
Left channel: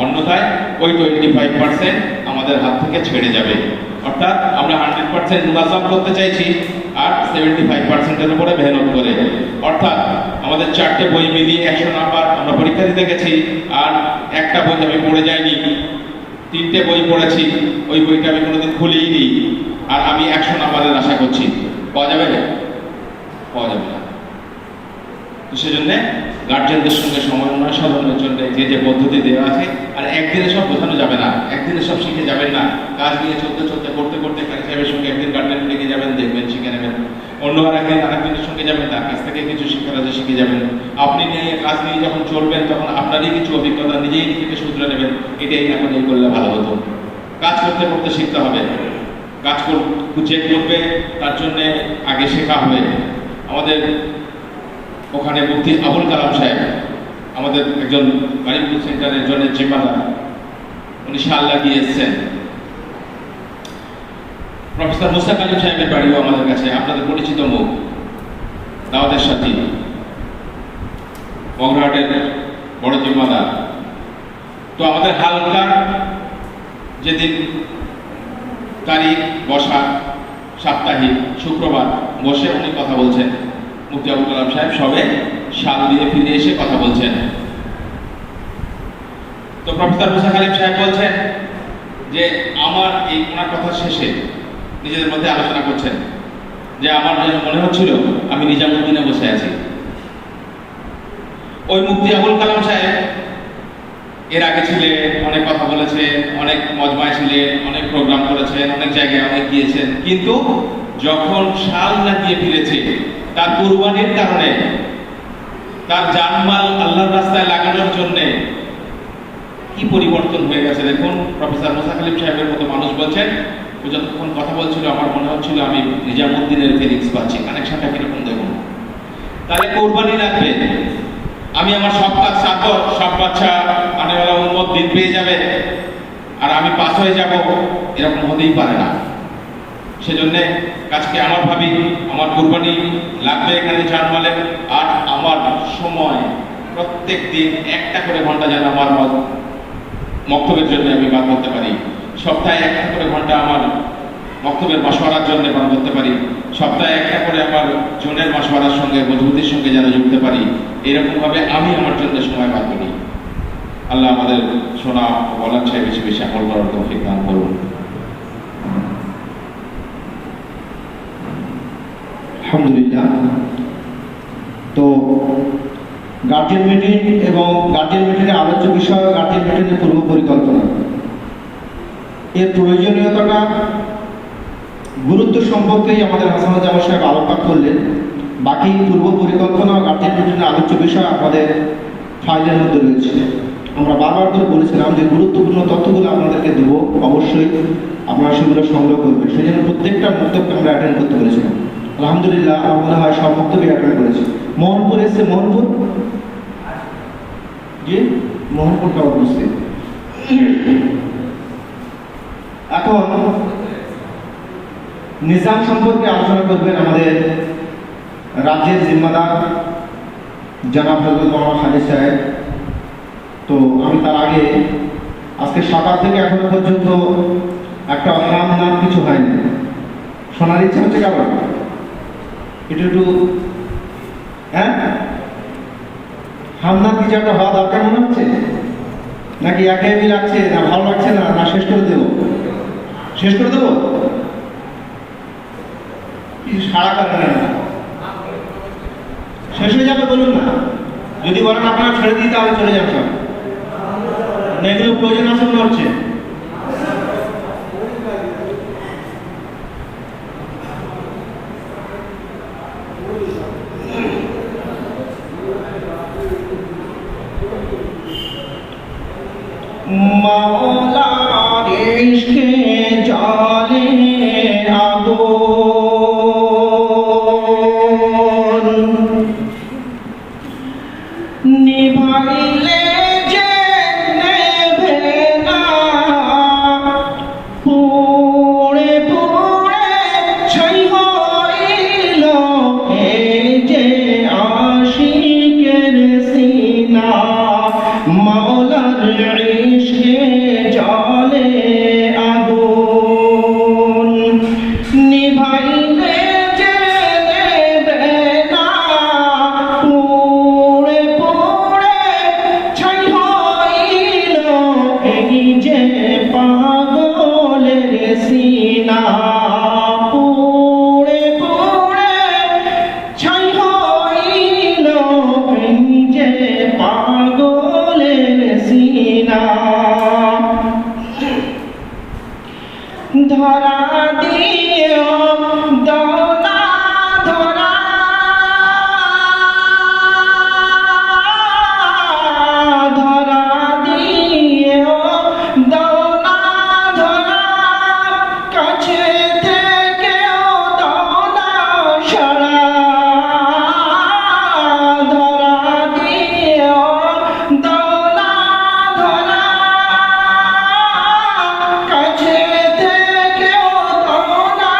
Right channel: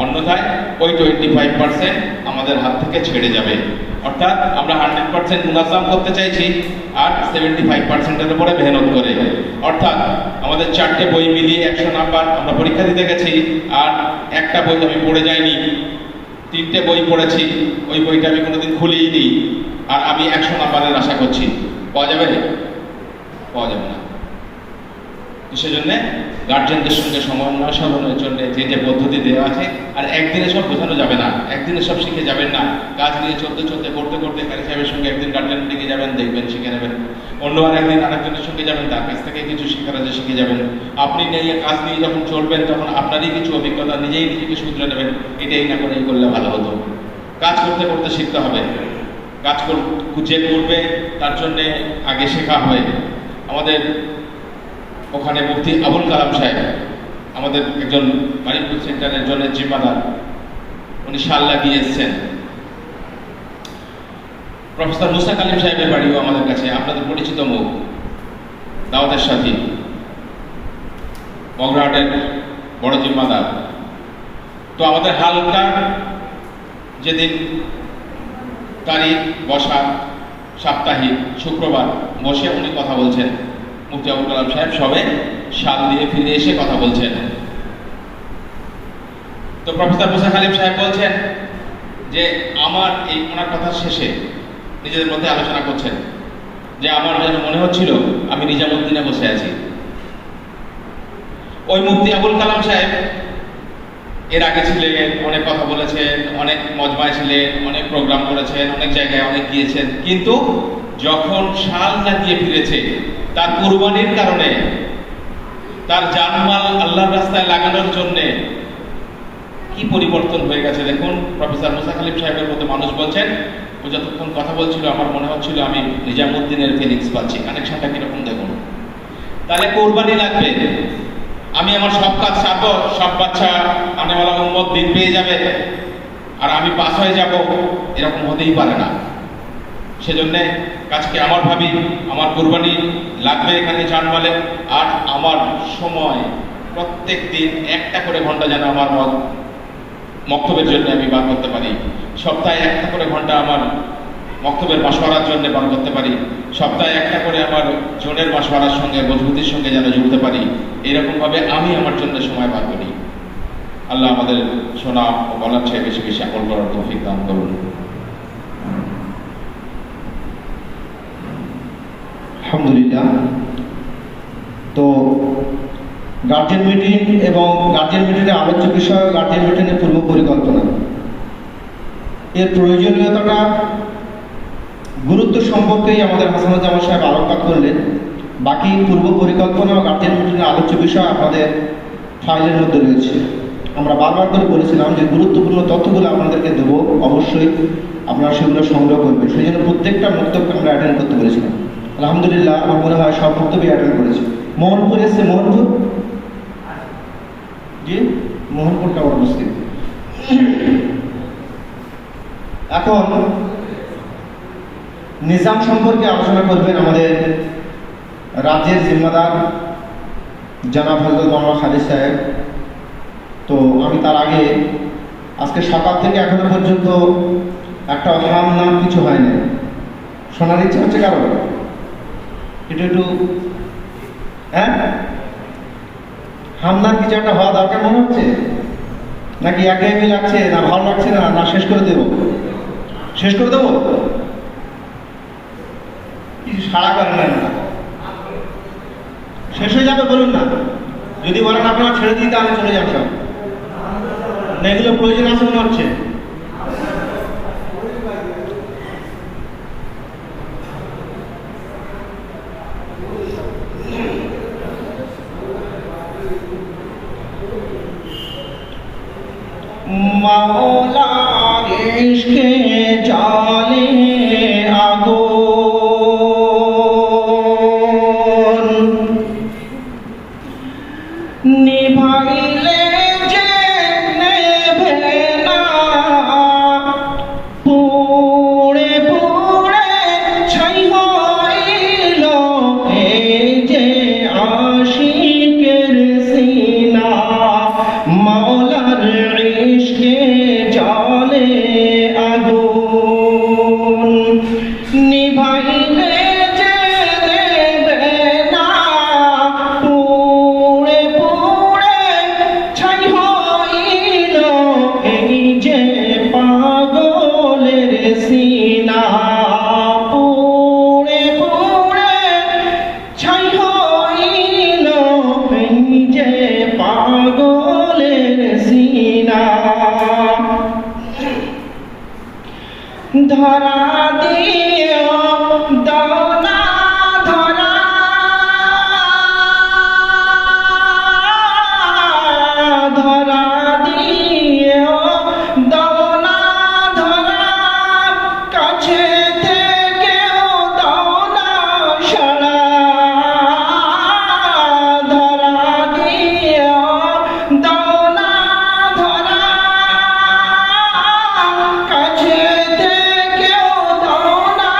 অন্যথায় ওই 25% আমাদের হাত থেকে ছেড়ে যাবে। অর্থাৎ আমরা 100% মুনাজাম করতে চাইছি আর 75%-এর উপরে মেহনত করে। অর্থাৎ আমাদের 4টে বই মিলিয়ে 100 নাম্বার আমরা পরীক্ষা দিতে গেছি, আর একটা বই আমি পড়ে যাইনি, 3টে বই পড়েছি, ওই বইটা আমি কোনোদিন খুলেই নি, আর আমি 100 নাম্বারের আশা করছি, পাওয়া যাবে না? পাওয়া যাবে না। তো সেজন্য গার্জেনদের সঙ্গে সমন্বয় সাধনের জন্য যে যে পদ্ধতি দেওয়া আছে, আর একদিনে সব বোঝানো যাবে না, একদিনে সব শিখে যাবেন না। কাজ নিয়ে চলতে চলতে পড়তে পড়তে কারি সাহেবের সঙ্গে একদিন গার্জেন ডেকে যাবেন, দেখবেন শিখে নেবেন। অন্য একদিন আরেকজনের সঙ্গে যাবেন, তার কাছ থেকে কিছু শিক্ষার আছে শিখে যাবেন। আপনি নিয়ে কাজ নিয়ে যখন চলবেন তখন আপনারই কিছু অভিজ্ঞতা, নিজেই নিজেকে শুধরে নেবেন, এটাই না করে এই করলে ভালো হতো। কাজ করতে করতে শিখতে হবে। কাজ যে করবে তার জন্য আগে শেখা হবে। আমাদের ওখানে মুফতি আবুল কালাম সাহেব, আমাদের একজন বাড়িপুর সেন্টারের জন্য জিম্মাদার, উনি শাল লাগিয়ে এসছেন। প্রফেসর মুসা কালিম সাহেবের বাড়িও আমাদের কাছে, আপনাদের পরিচিত মুখ, দাওয়াতের সাথী, মগরাহাটের বড় জিম্মাদার। তো আমাদের হালকা যেদিন তারিখ বসা, সাপ্তাহিক শুক্রবার বসে উনি কথা বলছেন, মুফতি আবুল কালাম সাহেব সবে শাল দিয়ে ফিরে এসে কথা বলছেন। তো প্রফেসর মুসা কালিম সাহেব বলছেন যে আমার এই ওনার কথা শেষে নিজেদের মধ্যে আলোচনা করছেন যে আমার যেন মনে হচ্ছিল আমি নিজামুদ্দিনে বসে আছি। ওই মুফতি আবুল কালাম সাহেব এর আগে ছিলেন, অনেক কথা বলেছেন, অনেক মজমায় ছিলেন, অনেক প্রোগ্রাম করেছেন, অনেক জায়গায় অনেক গিয়েছেন, কিন্তু যখন শাল লাগিয়ে ফিরেছে তার কুরবানির কারণে, তার জানমাল আল্লাহর রাস্তায় লাগানোর জন্য কি পরিবর্তন হয়ে গেছে দেখুন। প্রফেসর মুসা কালিম সাহেবের মতো মানুষ বলছেন, ও যতক্ষণ কথা বলছিল আমার মনে হচ্ছিল আমি নিজামুদ্দিনের ফিলিংস পাচ্ছি। কানেকশনটা কিরকম দেখুন। তাহলে কোরবানি লাগবে, আমি আমার সব কাজ চাকর, সব বাচ্চা আনেওয়ালা উম্মত দিন পেয়ে যাবে আর আমি পাস হয়ে যাব, এরকম হতেই পারে না। সেজন্য কাজকে আমার ভাবি আমার কুরবানি লাগবে এখানে জানমালে, আর আমার সময় প্রত্যেক দিন 1টা করে ঘন্টা যেন আমার মক্তবের জন্য আমি বার করতে পারি। সপ্তাহে 1টা করে ঘন্টা আমার মক্তবের মাসওয়ারার জন্য বার করতে পারি। সপ্তাহে 1টা করে আমার জনের মাসওয়ারার সঙ্গে, মজবুতির সঙ্গে যেন যুক্ত পারি। এরকম ভাবে আমি আমার জন্য সময় বার করি। আল্লাহ আমাদের শোনা ও বলার চেয়ে বেশি বেশি আমল করার তৌফিক দান করুন। আলহামদুলিল্লাহ। তো গার্জেন মিটিং এবং গার্জেন মিটিংয়ের আলোচ্য বিষয় গার্জেন মিটিংয়ের পূর্ব পরিকল্পনা, এর প্রয়োজনীয়তাটা, গুরুত্ব সম্পর্কেই আমাদের হাসানুজ্জামান সাহেব আলোকপাত করলেন। বাকি পূর্ব পরিকল্পনা ও গার্জেন মিটিংয়ের আলোচ্য বিষয় আমাদের ফাইলের মধ্যে রয়েছে। আমরা বারবার করে বলেছিলাম যে গুরুত্বপূর্ণ তথ্যগুলো আপনাদেরকে দেবো, অবশ্যই আপনারা সেগুলো সংগ্রহ করবেন। সেই জন্য প্রত্যেকটা বক্তব্য আমরা অ্যাটেন্ড করতে বলেছিলাম। আলহামদুলিল্লাহ, আমার মনে হয় সব বক্তব্য অ্যাটেন্ড করেছে। মোহনপুর এসছে, মোহনপুর জি, মোহনপুরটা উপস্থিত। এখন নিজাম সম্পর্কে আলোচনা করবেন আমাদের রাজ্যের জিম্মাদার জনাব হযরত মোহাম্মদ খালিদ সাহেব। তো আমি তার আগে আজকে সকাল থেকে এখনো পর্যন্ত একটা নাম কিছু হয়নি। শোনার ইচ্ছা হচ্ছে কারণ একটু হ্যাঁ, হামনার কিছু একটা হওয়া দরকার মনে হচ্ছে, নাকি একঘেয়েমি লাগছে, না ভালো লাগছে না, না শেষ করে দেবো? শেষ করে দেবো? কিছু সাড়া করেন না, শেষ হয়ে যাবে বলুন না। যদি বলেন আপনারা ছেড়ে দিই তাহলে চলে যান সব, না এগুলো প্রয়োজন আছে মনে হচ্ছে। মাওলার ইশকে জালে আগুন নিভাইলে যে নেভে নিভাইলে জেলে না পুড়ে পুড়ে ছাই হইল এই যে পাগলের সিনা পুড়ে পুড়ে ছাই হইল এই যে পাগলের সিনা ধরা দিও দনা ধরা ধরা দিও দনা ধরা কাছে থেকেও দনা সারা ধরা দিও দনা ধরা কাছে থেকেও দনা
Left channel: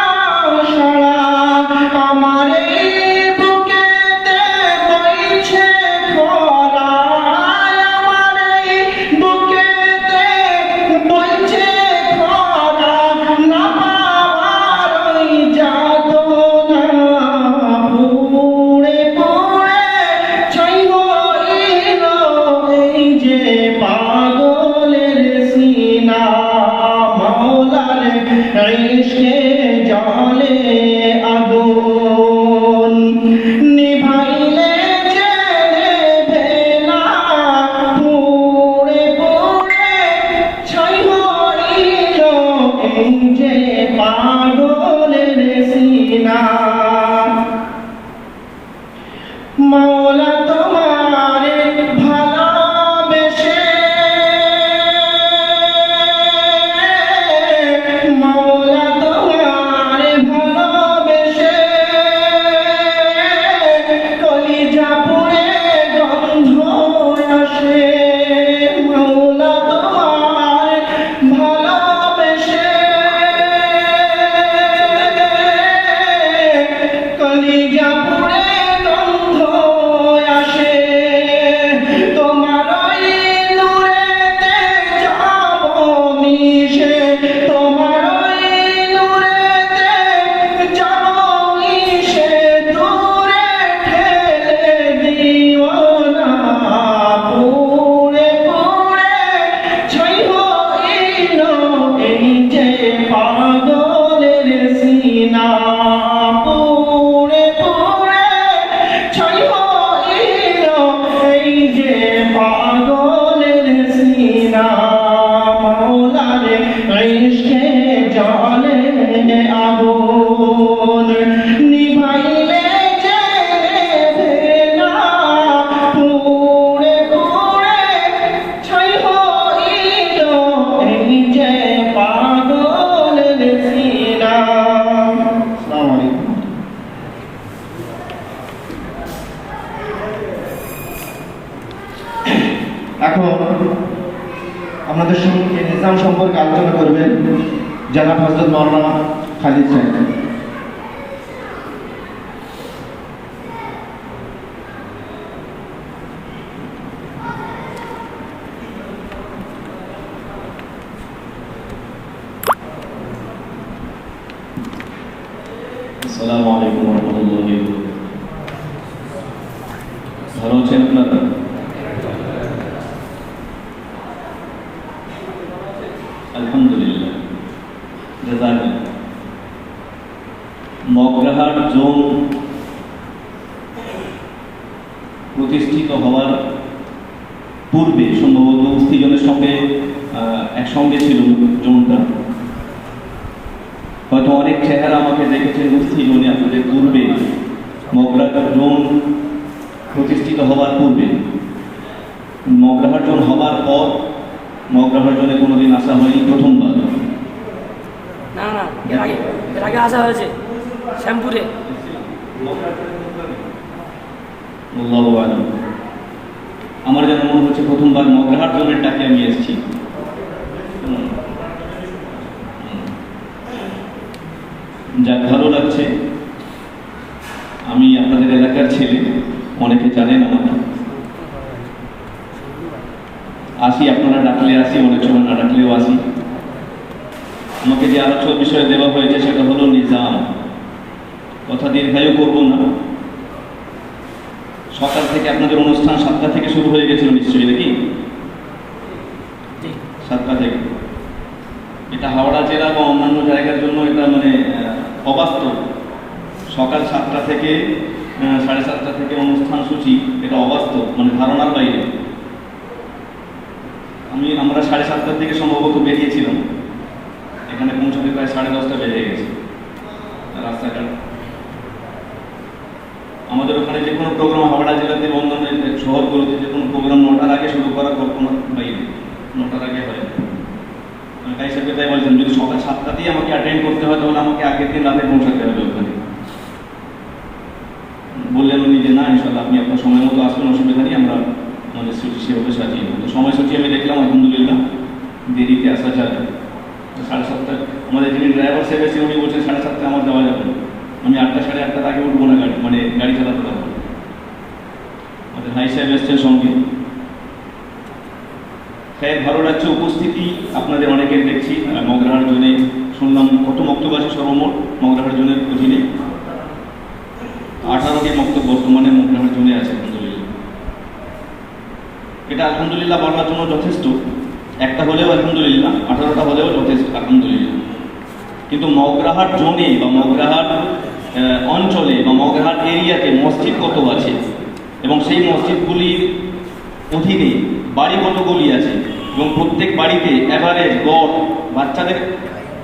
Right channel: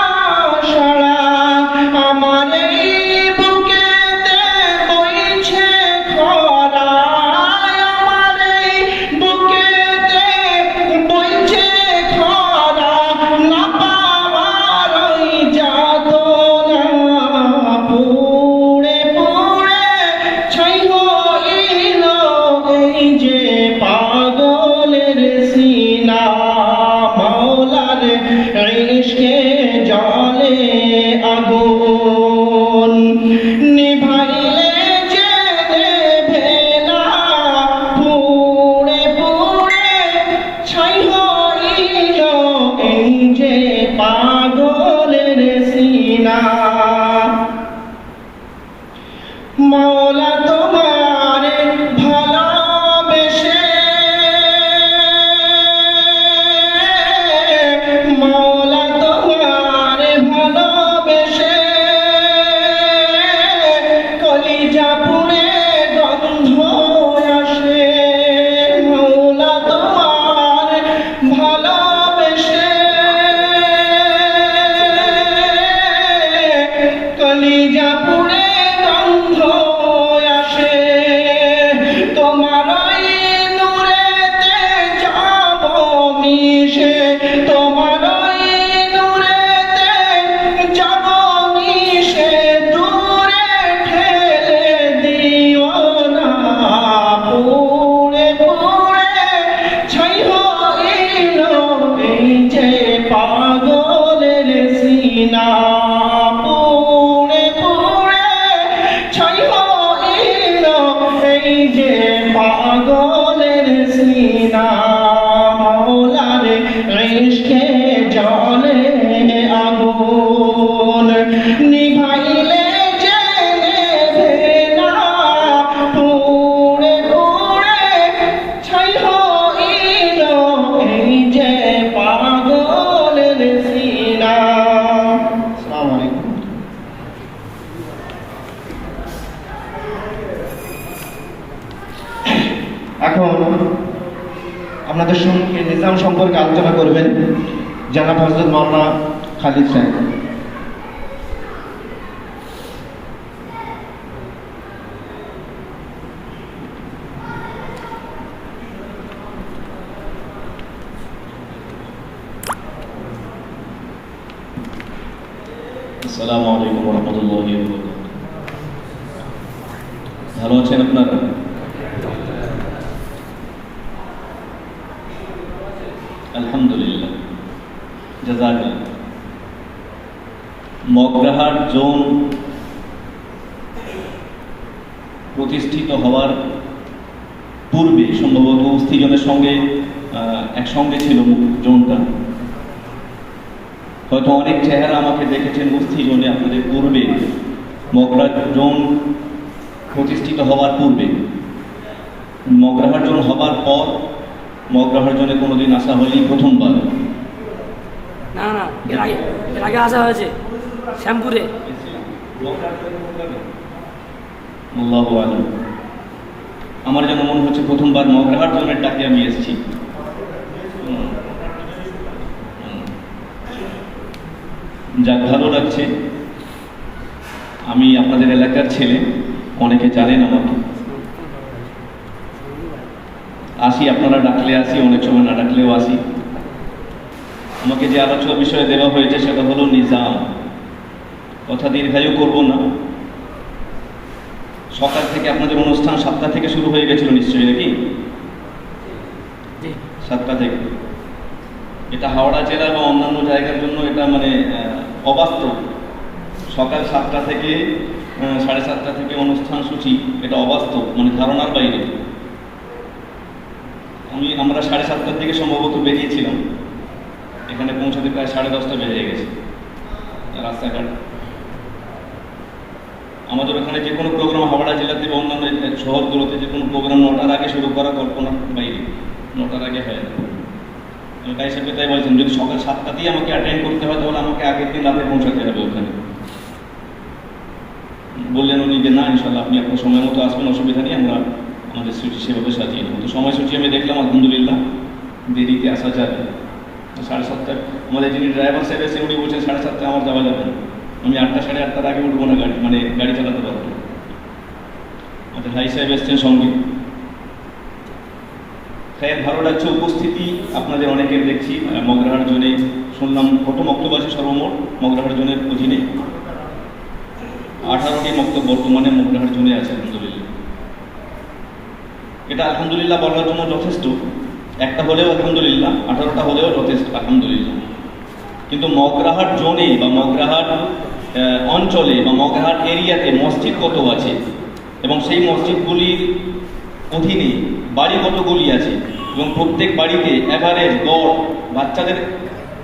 সারা আমার এই বুকেতে বইছে খরা আমার এই বুকেতে বইছে খরা না পাওয়ার ওই যাতনা পুড়ে পুড়ে ছাই হইল এই যে পাগলের সিনা মাওলার ইশকে জলে আগুন নিভাইলে জেলে ভেলা পুড়ে পুড়ে ছাই হইল এই যে পাগলের সিনা মাওলা তোমারে ভালোবেসে মাওলা তোমারে ভালোবেসে কলিজা পুড়ে গন্ধ আসে মাওলা তোমারে ভালোবেসে কলিজা পুড়ে গন্ধ আসে তোমার ওই নূরেতে যাব মিশে তোমার ওই নূরেতে যাব মিশে দূরে ঠেলে দিও না পুড়ে পুড়ে ছাই হইল এই যে পাগলের সিনা পুড়ে পুড়ে ছাই হইল এই যে পাগলের সিনা মাওলার ইশকে জলে আগুন নিভাইলে জেলে ভেলা পুড়ে পুড়ে ছাই হইল এই যে পাগলের সিনা। আসসালামু আলাইকুম। এখন আপনাদের সঙ্গে নিজাম সম্পর্কে আলোচনা করবেন জনাব হযরত মাওলানা খালিদ সাহেব। আসসালামু আলাইকুম ওয়া রাহমাতুল্লাহি ওয়া বারাকাতুহু। ভালো আছেন আপনারা? আলহামদুলিল্লাহ, জাযাকাল্লাহ। মগরাহাট জোন প্রতিষ্ঠিত হওয়ার পূর্বে সম্ভবত উস্তিজনের সঙ্গে একসঙ্গে ছিল জোনটা। হয়তো অনেক চেহারা আমাকে দেখেছেন উস্তিজনে আপনাদের পূর্বে, মগরাহাট জোন প্রতিষ্ঠিত হওয়ার পূর্বে। মগরাহাট জোন হবার পর মগরাহাট জোনে কোনোদিন আসা হয়নি, প্রথমবার। না না, এর আগে আসা হয়েছে শ্যামপুরে। আল্লাহু আ'লাম। আমার যেন মনে হচ্ছে প্রথমবার মগরাহাট জোনের ডাকে আমি এসেছি। যাক, ভালো লাগছে। আমি আপনাদের এলাকার ছেলে, অনেকে জানেন আমাকে। আসি, আপনারা ডাকলে আসি, অনেক সময় না ডাকলেও আসি। আমাকে যে আলোচ্য বিষয় দেওয়া হয়েছে সেটা হলো নিজাম। কথা দীর্ঘায়ু করব না। সকাল থেকে আপনাদের অনুষ্ঠান 7টা থেকে শুরু হয়ে গেছিল নিশ্চয়ই, নাকি? জি 7টা থেকে। এটা হাওড়া জেলা বা অন্যান্য জায়গার জন্য এটা মানে অবাস্তব। সকাল 7টা থেকে 7:30টা থেকে অনুষ্ঠান সূচি, এটা অবাস্তব, মানে ধারণার বাইরে। আমরা 7:30টার দিকে সম্ভবত বেরিয়েছিলাম, এখানে পৌঁছতে প্রায় 10:30টা বেজে গেছে। রাস্তাঘাট আমাদের ওখানে যে কোনো প্রোগ্রাম হাওড়া জেলাতে বা অন্যান্য শহরগুলোতে যে কোনো প্রোগ্রাম 9টার আগে শুরু করা কল্পনার বাইরে, 9টার আগে হয় না। তাই হিসাবে তাই বলছেন, যদি সকাল 7টাতেই আমাকে অ্যাটেন্ড করতে হয় তাহলে আমাকে আগের দিন রাতে পৌঁছাতে হবে ওখানে। বললেন উনি যে না, ইনশাল্লাহ আপনি আপনার সময় মতো আসবেন, অসুবিধা নেই, আমরা আমাদের সূচি সেভাবে সাজিয়ে নেব। তো সময়সূচি আমি দেখলাম, আলহামদুলিল্লাহ দেরিতে আসা যাবে। 7:30টায় আমাদের যিনি ড্রাইভার সাহেব এসে উনি বলছেন 7:30টায় আমার যাওয়া যাবে না, আমি 8টা 8:30টার আগে উঠবো না গাড়ি চালাতে পারবো। আমাদের ভাই সাহেব এসছেন সঙ্গে। হ্যাঁ, ভালো লাগছে উপস্থিতি আপনাদের অনেকের দেখছি। মগরাহাট জোনে শুনলাম কত বক্তব্য আছে সর্বমোট মগরাহাট জোনের অধীনে? 18টি বক্তব্য বর্তমানে মগরাহাট জোনে আছে, আলহামদুলিল্লাহ। এটা আলহামদুলিল্লাহ বলার জন্য যথেষ্ট। একটা হলেও আলহামদুলিল্লাহ, 18টা হলেও যথেষ্ট আলহামদুলিল্লাহ। কিন্তু মগরাহাট জোনে বা মগরাহাট অঞ্চলে বা মগরাহাট এরিয়াতে মসজিদ কত আছে এবং সেই মসজিদগুলির অধীনে বাড়ি কতগুলি আছে এবং প্রত্যেক বাড়িতে এভারেজ গড় বাচ্চাদের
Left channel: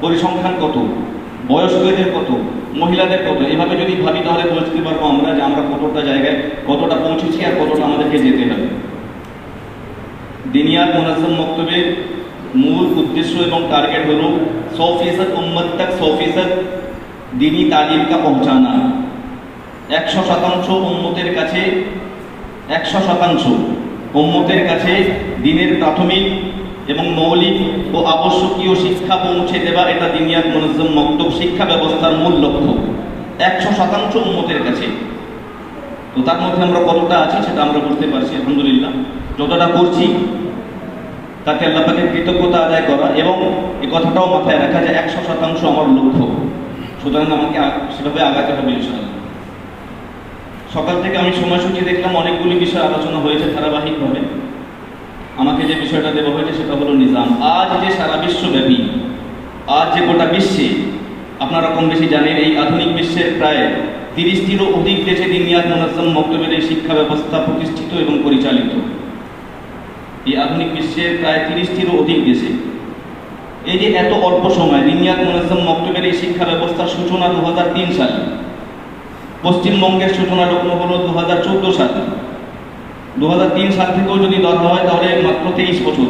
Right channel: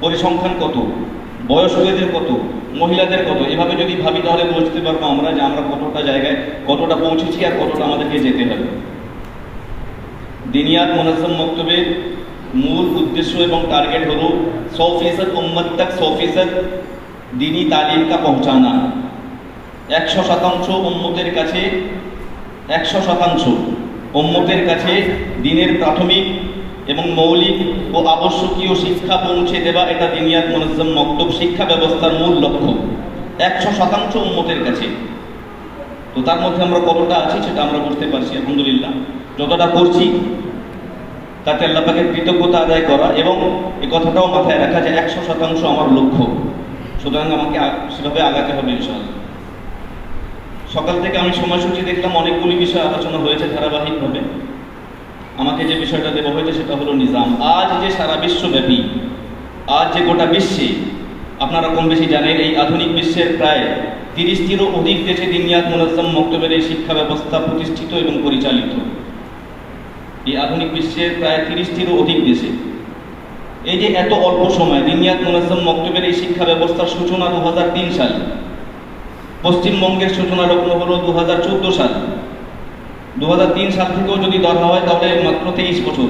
পরিসংখ্যান কত, বয়স্কদের কত, মহিলাদের কত, এভাবে যদি ভাবি তাহলে বুঝতে পারবো আমরা যে আমরা কতটা জায়গায় কতটা পৌঁছেছি আর কতটা আমাদেরকে যেতে হবে। দিনিয়াত মুনাজ্জম মক্তবের মূল উদ্দেশ্য এবং টার্গেট হলো 100% উম্মত তক 100% দিনী তালিম কা পৌঁছানা। 100% উম্মতের কাছে 100% উম্মতের কাছে দিনের প্রাথমিক এবং মৌলিক ও আবশ্যকীয় শিক্ষা পৌঁছে দেওয়া, এটা দিনিয়াত মুনাজ্জম মক্তব শিক্ষা ব্যবস্থার মূল লক্ষ্য। 100% উম্মতের কাছে। তো তার মধ্যে আমরা কতটা আছি সেটা আমরা বুঝতে পারছি, আলহামদুলিল্লাহ। যতটা করছি তাকে আল্লাহ পাকের কৃতজ্ঞতা আদায় করা এবং এই কথাটাও মাথায় রাখা যে 100% আমার লক্ষ্য, সুতরাং আমাকে সেভাবে আগাতে হবে ইনশাআল্লাহ। সকাল থেকে আমি সময়সূচি দেখলাম, অনেকগুলি বিষয় আলোচনা হয়েছে ধারাবাহিকভাবে। আমাকে যে বিষয়টা দেওয়া হয়েছে সেটা হলো নিজাম। আজ যে সারা বিশ্বব্যাপী, আজ যে গোটা বিশ্বে, আপনারা কম বেশি জানেন, এই আধুনিক বিশ্বের প্রায় 30টিরও অধিক দেশে দিনিয়াত মুনাজ্জম মক্তবের এই শিক্ষা ব্যবস্থা প্রতিষ্ঠিত এবং পরিচালিত। এই আধুনিক বিশ্বের প্রায় 30টিরও অধিক দেশে এই যে এত অল্প সময় দিনিয়াত মুনাজ্জম মক্তবের এই শিক্ষা ব্যবস্থার সূচনা 2003 সালে, পশ্চিমবঙ্গের সূচনা লগ্ন হলো 2014 সাল। 2003 সাল থেকেও যদি ধরা হয় তাহলে মাত্র 23 বছর,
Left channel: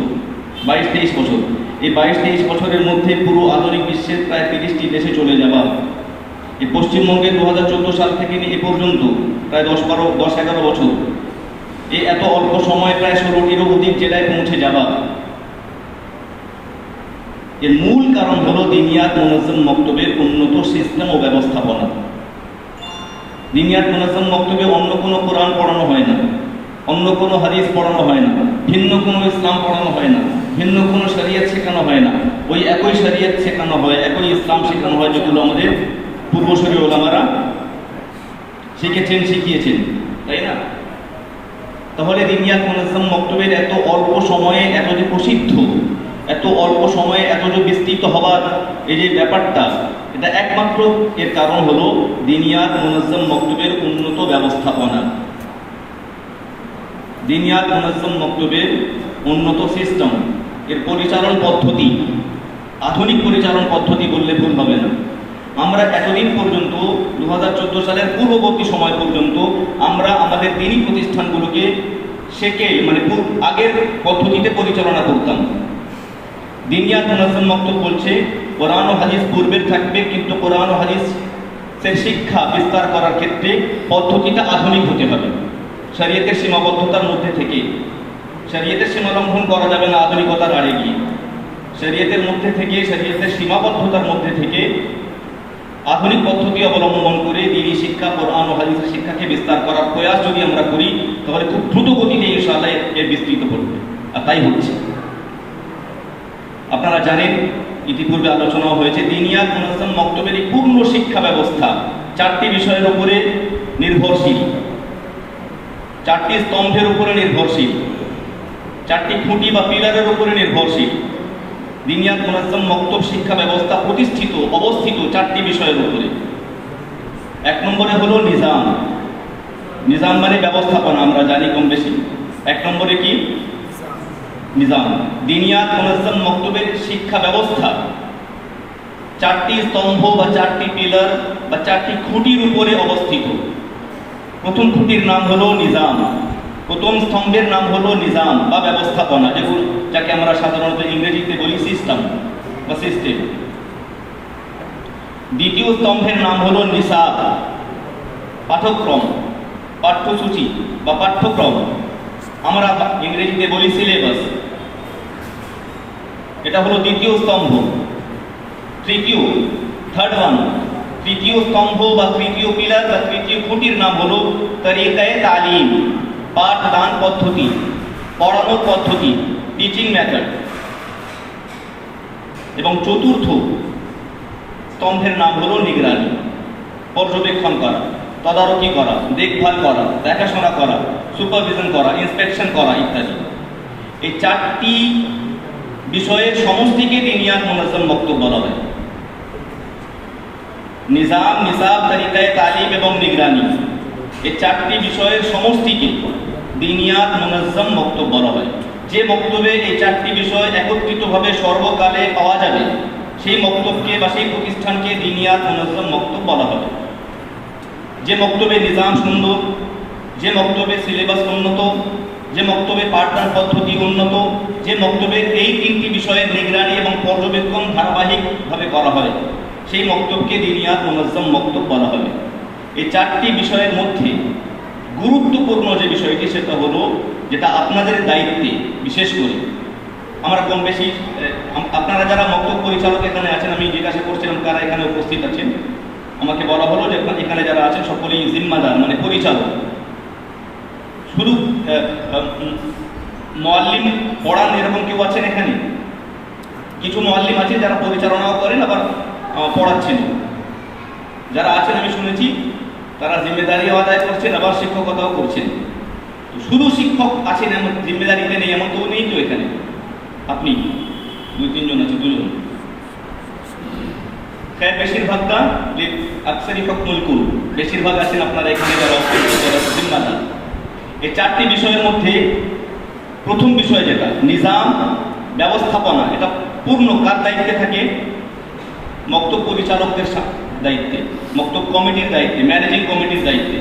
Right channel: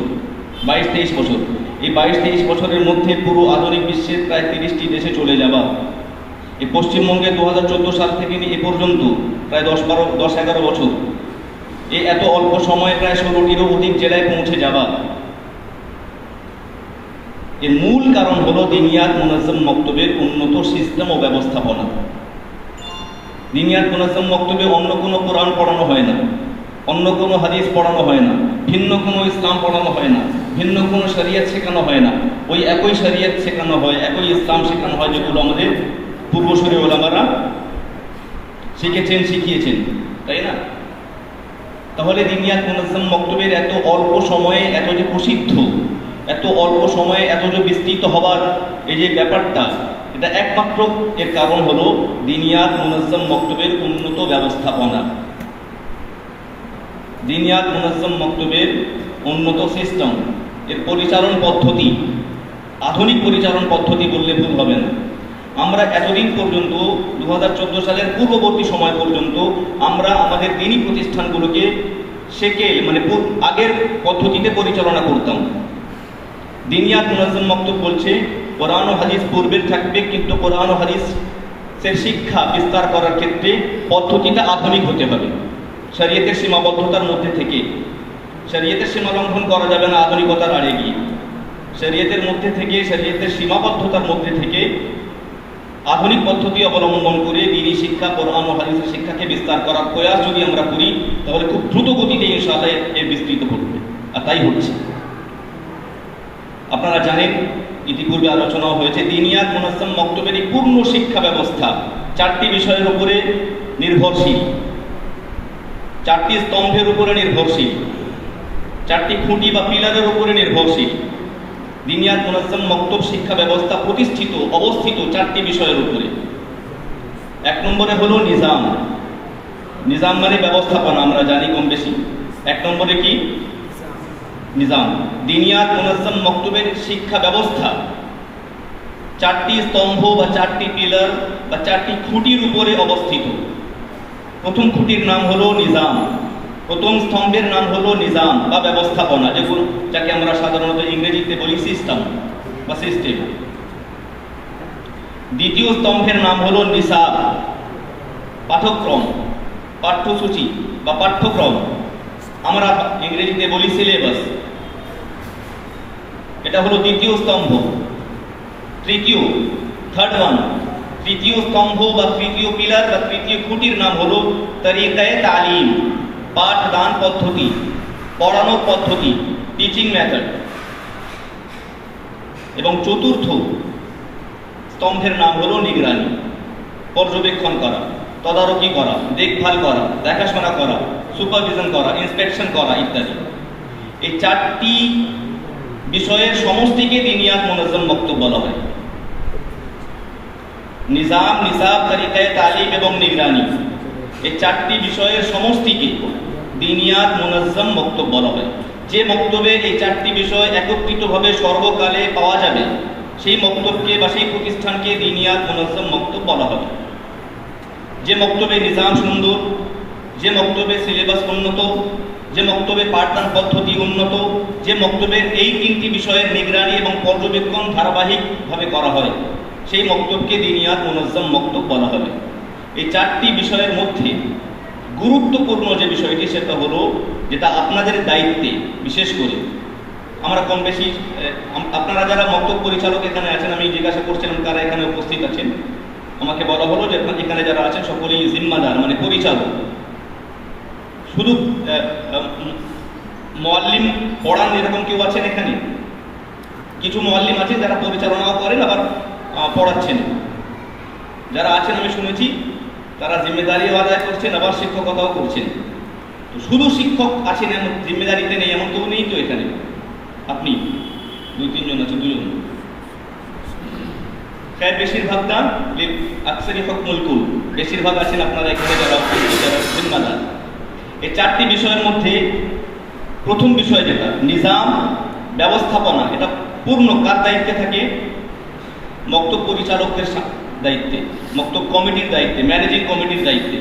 22-23 বছর। এই 22-23 বছরের মধ্যে পুরো আধুনিক বিশ্বের প্রায় 30টি দেশে চলে যাওয়া। এই পশ্চিমবঙ্গে 2014 সাল থেকে নিয়ে এ পর্যন্ত প্রায় 10-11 বছর, এই এত অল্প সময় প্রায় 16টিরও অধিক জেলায় পৌঁছে যাওয়া। এর মূল কারণ হলো দিনিয়াত মুনাজ্জম মক্তবের উন্নত সিস্টেম ও ব্যবস্থাপনা। দিনিয়াত মুনাজ্জম মক্তবে অন্য কোনো কোরআন পড়ানো হয় না, অন্য কোনো হাদিস পড়ানো হয় না, ভিন্ন কোনো ইসলাম পড়ানো হয় না, ভিন্ন কোনো শরিয়ত শেখানো হয় না। ওই একই শরিয়ত শেখানো হয়, একই ইসলাম শেখানো হয় যেগুলো আমাদের পূর্বসূরি ওলামারা শিখেছেন, শিখিয়েছেন, তাই না? তাহলে দিনিয়াত মুনাজ্জম মক্তবের এত অল্প সময়ে এত যে প্রসিদ্ধ, এত অল্প সময়ে এত যে বিস্তৃত হওয়ার এই যে ব্যাপারটা, এটা একমাত্র এর কারণ হলো দিনিয়াত মুনাজ্জম মক্তবের উন্নত ব্যবস্থাপনা, দিনিয়াত মুনাজ্জম মক্তবের উন্নত সিস্টেম, এর পরিচালন পদ্ধতি। আধুনিক পরিচালন পদ্ধতি বললে ভুল হবে না। আমরা এতদিন পর্যন্ত 2014 সালের পূর্ববর্তী সময় পর্যন্ত আমরা আমাদের দিনী প্রতিষ্ঠানগুলোকে সেকেল মানে আগের পদ্ধতিতে পরিচালনা করতাম। দিনিয়াত মুনাজ্জম মক্তব বলছে কোরআন ও হাদিস পূর্বের থাকবে, কিন্তু কোরআন ও হাদিসের শিক্ষা বিস্তার করার ক্ষেত্রে পদ্ধতিটা আধুনিক হতে হবে। শরীয়তের সীমাবদ্ধতার মধ্যে থেকে, শরীয়তের সীমা লঙ্ঘন করা যাবে না আধুনিকতার আড়ে গিয়ে। শরীয়তের মধ্যে থেকে, শরীয়তের সীমাবদ্ধতার মধ্যে থেকে আধুনিক পদ্ধতি অবলম্বন করে দিনী শিক্ষা, কোরআন ও হাদিসের শিক্ষাকে বিস্তার করার প্রয়াস যদি আমরা করি তাহলে খুব দ্রুত গতিতে ইনশাআল্লাহ এর বিস্তৃত করবে, আর তাই হচ্ছে। আপনারা জানেন, ইতিপূর্বে আলোচনাও হয়েছে, দিনিয়াত মুনাজ্জম মক্তবের এই পূর্ণ শিক্ষা ব্যবস্থা চারটি বিষয়ের উপরে নির্ভরশীল, চারটি স্তম্ভের উপরে নির্ভরশীল, চারটি খুঁটি বা পিলারের উপরে নির্ভরশীল। দিনিয়াত মুনাজ্জাম মক্তব শিক্ষা ব্যবস্থা প্রতিষ্ঠিত অবস্থিত চারটি বিষয়ের উপরে। এক নম্বরে হলো নিজাম। নিজাম মানে ব্যবস্থাপনা, আমরা জানি কম বেশি। এক নম্বরে কি? নিজাম। দিনিয়াত মুনাজ্জাম মক্তবের শিক্ষা ব্যবস্থা চারটি স্তম্ভ বা চারটি পিলার বা চারটি খুঁটির উপরে অবস্থিত। প্রথম খুঁটির নাম হলো নিজাম, প্রথম স্তম্ভের নাম হলো নিজাম বা ব্যবস্থাপনা, যেগুলো যাকে আমরা সাধারণত ইংরেজিতে বলি সিস্টেম বা সিস্টেম। দ্বিতীয় স্তম্ভের নাম হলো নিসাব, পাঠ্যক্রম, পাঠ্যসূচি বা পাঠ্যক্রম, আমরা ইংরেজিতে বলি সিলেবাস। এটা হলো দ্বিতীয় স্তম্ভ। তৃতীয় স্তম্ভ বা তৃতীয় পিলার বা তৃতীয় খুঁটির নাম হলো তরিকায়ে তালিম, পাঠদান পদ্ধতি, পড়ানোর পদ্ধতি, টিচিং মেথড। এবং চতুর্থ স্তম্ভের নাম হলো নিগরানি, পর্যবেক্ষণ করা, তদারকি করা, দেখভাল করা, দেখাশোনা করা, সুপারভিশন করা, ইন্সপেকশন করা ইত্যাদি। এই চারটি বিষয়ের সমষ্টিকে দিনিয়াত মুনাজ্জাম মক্তব বলা হয়। নিজাম, নিসাব, তরিকায়ে তালিম এবং নিগরানি, এই চারটি বিষয়ের সমষ্টিকে দিনিয়াত মুনাজ্জাম মক্তব বলা হয়। যে মক্তবে এই চারটি বিষয় একত্রিতভাবে সর্বকালে পাওয়া যাবে সেই মক্তবকে বা সেই প্রতিষ্ঠানকে দিনিয়াত মুনাজ্জাম মক্তব বলা হবে। যে মক্তবে নিজাম সুন্দর, যে মক্তবে সিলেবাস উন্নত, যে মক্তবে পাঠদান পদ্ধতি উন্নত, যে মক্তবের এই তিনটি বিষয়ের নিগরানি এবং পর্যবেক্ষণ ধারাবাহিকভাবে করা হয়, সেই মক্তবকে দিনিয়াত মুনাজ্জাম মক্তব বলা হবে। এই চারটি বিষয়ের মধ্যে গুরুত্বপূর্ণ যে বিষয়টি সেটা হলো, যেটা আপনাদের দায়িত্বে, বিশেষ করে আমরা কম বেশি আপনারা যারা মক্তব পরিচালক এখানে আছেন, আমি জিজ্ঞাসা করছিলাম কারা এখানে উপস্থিত আছেন, আমাকে বলা হলো যে এখানে যারা আছেন সকলেই জিম্মাদার মানে পরিচালক। শুধু মুআল্লিম পড়ান এরকম কেউ আছেন এখানে? কিছু মুআল্লিম আছেন যারা পরিচালনাও করেন আবার পড়াচ্ছেন। যারা আছেন আমি শুনেছি তারা জিম্মেদারিও আদায় করছেন আবার শিক্ষকতাও করছেন। শুধু শিক্ষক আছেন এমন, জিম্মেদারিতে নেই এমন কেউ নেই তো এখানে? আপনি 2-3 জন আছে, 2 জন। বেশিরভাগটা আকসারি হুকমুল কুল, বেশিরভাগ আছেন আপনারা এখানে যারা জিম্মাদার। এই চারটি বিষয়ের মধ্যে প্রথম বিষয় যেটা নিজাম, ব্যবস্থাপনা, এটা পূর্ণ কার দায়িত্বে থাকে? মক্তব পরিচালকদের দায়িত্বে, মক্তব কমিটির দায়িত্বে, ম্যানেজিং কমিটির দায়িত্বে।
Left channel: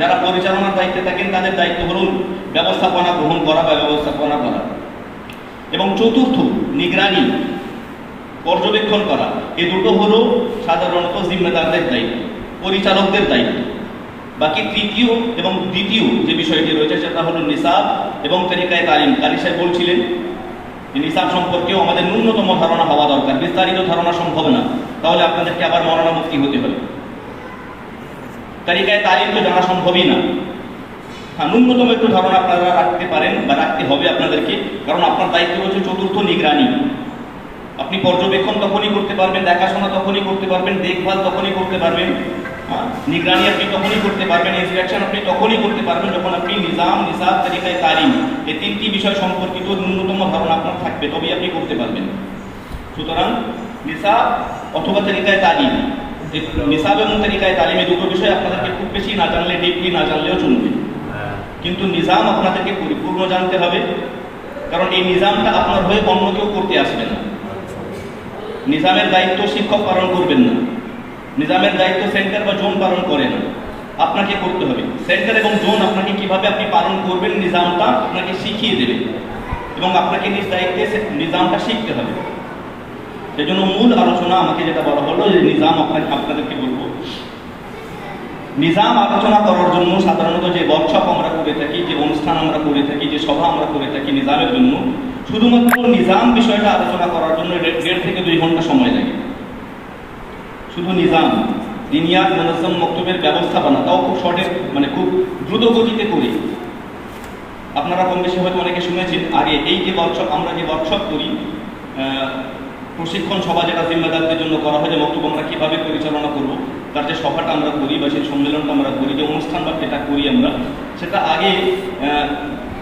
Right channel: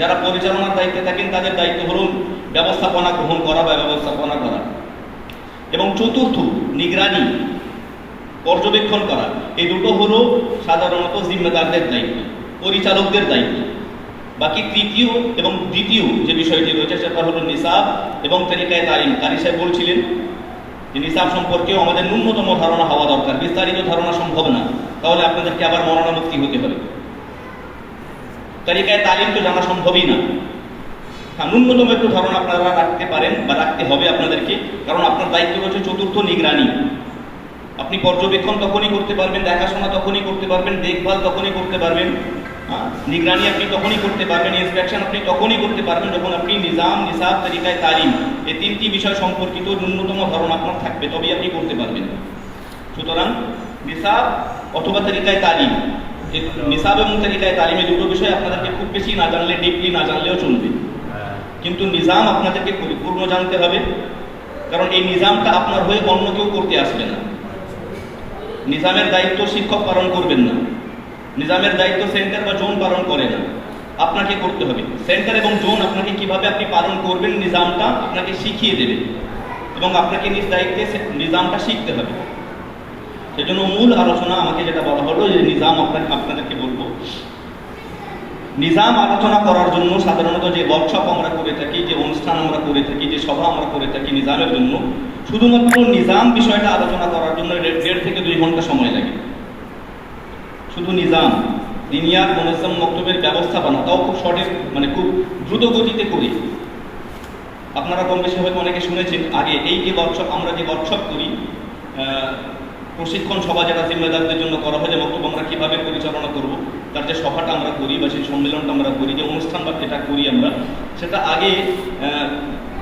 যারা পরিচালনার দায়িত্বে থাকেন তাদের দায়িত্ব হল ব্যবস্থাপনা গ্রহণ করা বা ব্যবস্থাপনা করা। এবং চতুর্থ নিগরানি, পর্যবেক্ষণ করা। এই দুটো হলো সাধারণত জিম্মেদারদের দায়িত্ব, পরিচালকদের দায়িত্ব। বাকি তৃতীয় এবং দ্বিতীয় যে বিষয়টি রয়েছে সেটা হলো নিসাব এবং তরিকায়ে তালিম। কারি সাহেব বলছিলেন যে নিসাব সম্পর্কেও আমাদের ন্যূনতম ধারণা হওয়া দরকার, বিস্তারিত ধারণা সম্ভব না, তাহলে আপনাদেরকে আবার মৌলানা মুফতি হতে হবে। তরিকায়ে তালিম তো জানা সম্ভবই না। হ্যাঁ, ন্যূনতম একটু ধারণা আপনারা রাখতে পারেন বা রাখতে হবে আপনাদেরকে, কারণ আপনার দায়িত্ব হচ্ছে চতুর্থ নিগরানি। আপনি পর্যবেক্ষণ তখনই করতে পারবেন, দেখাশোনা তখনই করতে পারবেন, দেখভাল তখনই করতে পারবেন, নিগরানি আপনি তখনই করতে পারবেন, ইন্সপেকশন আপনি তখনই করতে পারবেন যখন আপনি নিজাম, নিসাব, তরিকায়ে তালিম এই তিনটি বিষয় সম্পর্কিত ন্যূনতম ধারণা আপনার থাকবে, তবেই আপনি করতে পারবেন। সুতরাং নিসাব অথবা তরিকায়ে তালিম, নিসাব এবং তরিকায়ে তালিম এই দুটো বিষয় আপনাদেরকে খুব বেশি না জানলে, ডিপলি না জানলেও চলবে, কিন্তু নিজাম আপনাদেরকে পরিপূর্ণ জানতে হবে, কারণ এই নিজামটা আপনার হয়ে অন্য কেউ করতে আসবে না। নিজামের দায়িত্ব শিক্ষক পালন করবেন না, নিজামের দায়িত্ব সেন্টার বা জোন পালন করে না, আপনাকে করতে হবে। সেন্টার এবং জোন আপনাকে কিভাবে আপনি পালন করবেন নিজামটা আপনাকে শিখিয়ে দেবে এবং আপনাকে নিজ দায়িত্বে নিজামটা শিখতে হবে। সেজন্য মূল আলোচনা আমাকে যেটা বলা হলো যে নিজাম আপনাদেরকে বলবো। নিজাম আলোচনা করার জন্য সাধারণত যে ওয়ার্কশপ আমরা করে থাকি, যে অনুষ্ঠান আমরা করে থাকি, যে সভা আমরা করে থাকি নিজামের জন্য, শুধুমাত্র নিজাম বিষয়টা আলোচনা করার জন্য 1.5 থেকে 2 ঘন্টা সময় লাগে। শুধু নিজাম, দিনিয়াত মুনাজ্জাম মক্তবের ব্যবস্থাপনা, তাও খুব শর্টে মানে খুব দ্রুত গতিতে করি। আপনারা কম বেশি হয়তো অনেকে শুনেছেন আগে এই যে ওয়ার্কশপ, আমরা যে ওয়ার্কশপ করি, প্রশিক্ষণ সভা যেটা জিম্মেদারদের জন্য করা হয় যে মক্তব আমরা কীভাবে পরিচালনা করব, তার যে সভাটা আমরা করি বা সেই সম্মেলনটা আমরা করি, যে অনুষ্ঠান বা যেটা করি আমরা, সেটা আগে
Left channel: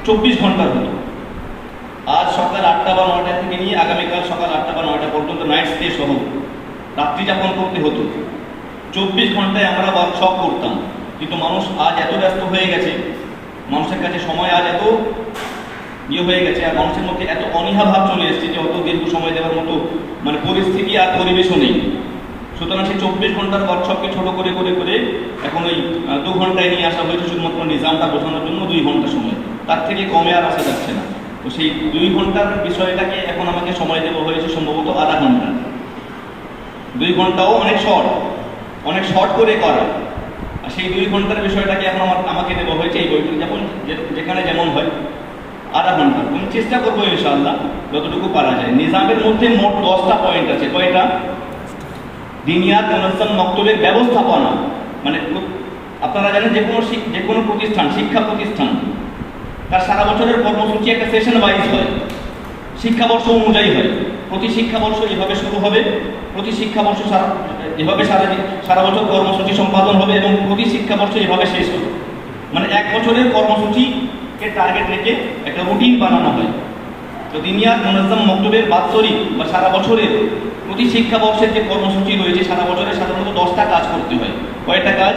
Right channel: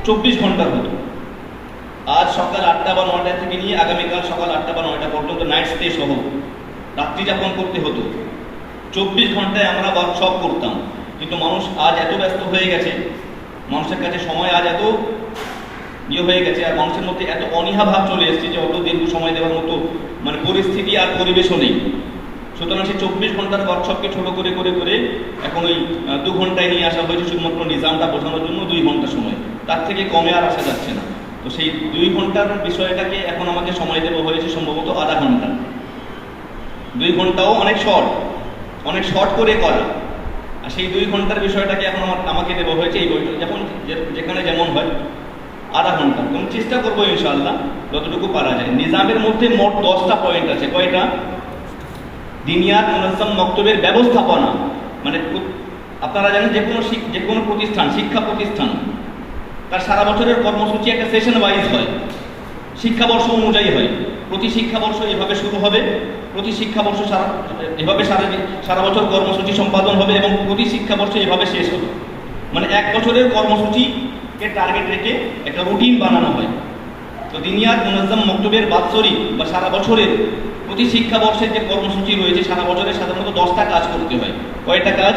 24 ঘন্টার হতো। আজ সকাল 8টা বা 9টা থেকে নিয়ে আগামীকাল সকাল 8টা বা 9টা পর্যন্ত নাইট স্টে সহ রাত্রি যাপন করতে হতো। 24 ঘন্টায় আমরা ওয়ার্কশপ করতাম। কিন্তু মানুষ আজ এত ব্যস্ত হয়ে গেছে, মানুষের কাছে সময় আজ এত হয়ে গেছে, আর মানুষের মধ্যে এত অনীহা ভাব চলে এসেছে যে অত দীর্ঘ সময় দেওয়ার মতো মানে পরিস্থিতি আর পরিবেশও নেই। সুতরাং সেই 24 ঘন্টার ওয়ার্কশপকে ছোট করে করে করে এখন ওই 2 ঘন্টায় নিয়ে আসা হয়েছে, শুধুমাত্র নিজামটা বোঝানোর জন্য 2 ঘন্টা সময়, তার থেকে কমে আর আসা যাচ্ছে না। তো সেই 2 ঘন্টার বিষয়টাকে এখন আমাকে সময় দেওয়া হয়েছে সম্ভবত আধা ঘন্টা। 2 ঘন্টাও অনেক শর্ট করে করা, আর সেই 2 ঘন্টার বিষয়টাকে এখন আমাকে দেওয়া হয়েছে এই বইটি যেখানে যেমন হয় আধা ঘন্টা। আমি চেষ্টা করবো ইনশাআল্লাহ যতটুকু পারা যায়। নিজামের মধ্যে মোট 10টা পয়েন্ট আছে। কয়টা? দিনিয়াত মুনাজ্জাম মক্তবের ব্যবস্থাপনা, মানে আপনারা জানেন যে কোনো প্রতিষ্ঠান, শিক্ষা প্রতিষ্ঠান, তার সারা বছরের কর্মসূচি একটা সেশন ওয়াইজ হয়, শিক্ষাবর্ষ অনুযায়ী হয়। প্রতি শিক্ষাবর্ষ এভাবে শুরু হবে, প্রতি শিক্ষাবর্ষ এভাবে সারা বছর কর্মসূচি সম্পাদন হবে এবং প্রতি শিক্ষাবর্ষ এভাবে শেষ হবে। মানে 1 বছরের কর্মসূচিকে টার্গেট রেখে একটা রুটিন বানানো হয়। তো দিনিয়াত মুনাজ্জাম মক্তবের বাৎসরিক বা সারা বছরের প্রতি শিক্ষাবর্ষের যে কর্মসূচি রয়েছে, সারা বছরে সাধারণত 10টা কাজ করতে হয়। কয়টা কাজ?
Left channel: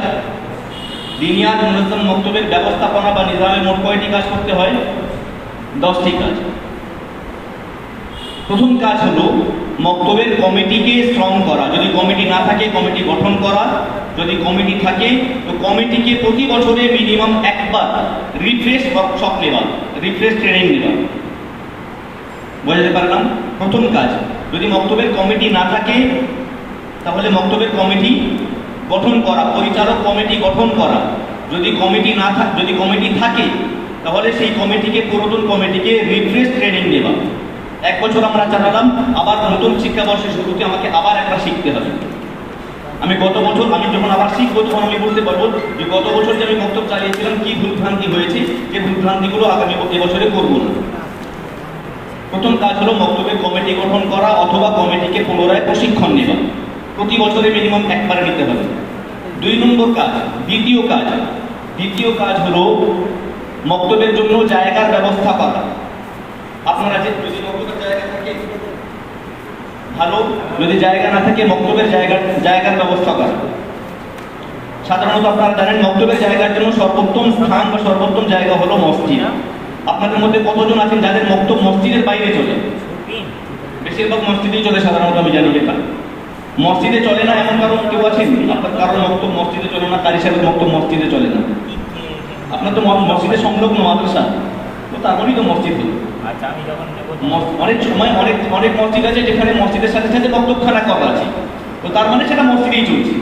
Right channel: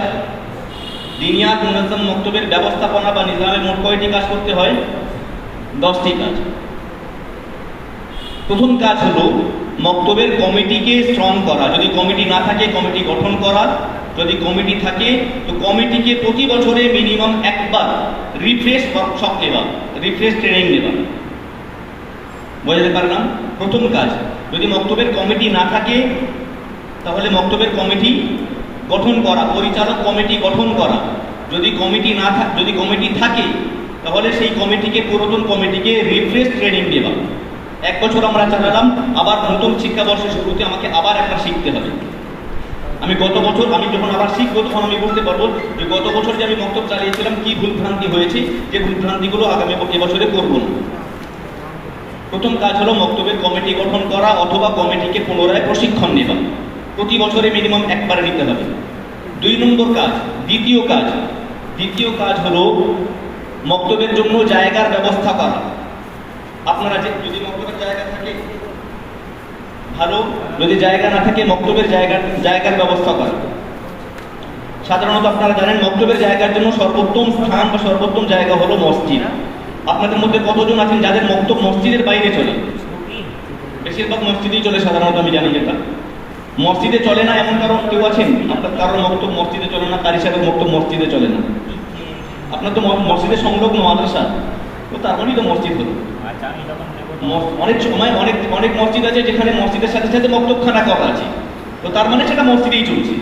দিনিয়াত মুনাজ্জাম মক্তবের ব্যবস্থাপনা বা নিজামে মোট কয়টি কাজ করতে হয়? 10টি কাজ। প্রথম কাজ হলো মক্তবের কমিটিকে স্ট্রং করা। যদি কমিটি না থাকে কমিটি গঠন করা, যদি কমিটি থাকে তো কমিটিকে প্রতি বছরে মিনিমাম একবার রিফ্রেশ ওয়ার্কশপ নেওয়া, রিফ্রেশ ট্রেনিং নেওয়া। বুঝতে পারলাম? প্রথম কাজ। যদি মক্তবের কমিটি না থাকে তাহলে মক্তবের কমিটি গঠন করা, পরিচালক কমিটি গঠন করা। যদি কমিটি থাকে তাহলে সেই কমিটিকে, পুরাতন কমিটিকে রিফ্রেশ ট্রেনিং দেওয়া। 1 বছর আমরা চালালাম, আবার নতুন শিক্ষাবর্ষের শুরুতে আমাকে আবার একটা শিখতে হবে। আমি যখন আবার শিখবো তখন আমি বলতে পারবো যে গত বছর যে আমি মক্তব চালিয়েছিলাম কি ভুলভ্রান্তি হয়েছে, যে ভুলভ্রান্তিগুলো আগামী এবছরে করবো না। প্রথম কাজ হলো মক্তবের কমিটি গঠন করা অথবা কমিটিকে পুনরায় প্রশিক্ষণ নেওয়া। প্রতি বছরে মিনিমাম একবার নিতে হবে। 2 নম্বর কাজ। দ্বিতীয় কাজ হলো মক্তবের জন্য জায়গার ব্যবস্থা করা। আপনারা যদি মক্তবের জায়গা থাকে ভালো, যদি জায়গা না থাকে মক্তবের জায়গার ব্যবস্থা করা। সাধারণত আপনারা জানেন মক্তবের জায়গার জন্য সর্বোত্তম স্থান বা সর্বোত্তম জায়গা হলো মসজিদ। আপনাদের মধ্যে কতজন আছেন যাদের মক্তব মসজিদের বাইরে চলে? বেশিরভাগ মসজিদেই চলে সাধারণত, আমি জানি যেটা। মসজিদে চলে না এমন কারণ কেউ আছেন? কারণ মক্তব মসজিদে চলে না, তার হিসাবে মক্তব মসজিদে চলে না। আপনার তো মসজিদের সংলগ্ন মাদ্রাসা, তো তার মধ্যেই তো মসজিদ হলো। অনেক সময় অনেক মসজিদ আছে যেখানে মসজিদের সাথে সাথে মক্তবখানা করা আছে, তো তার মানে সেটা মসজিদেই চলছে।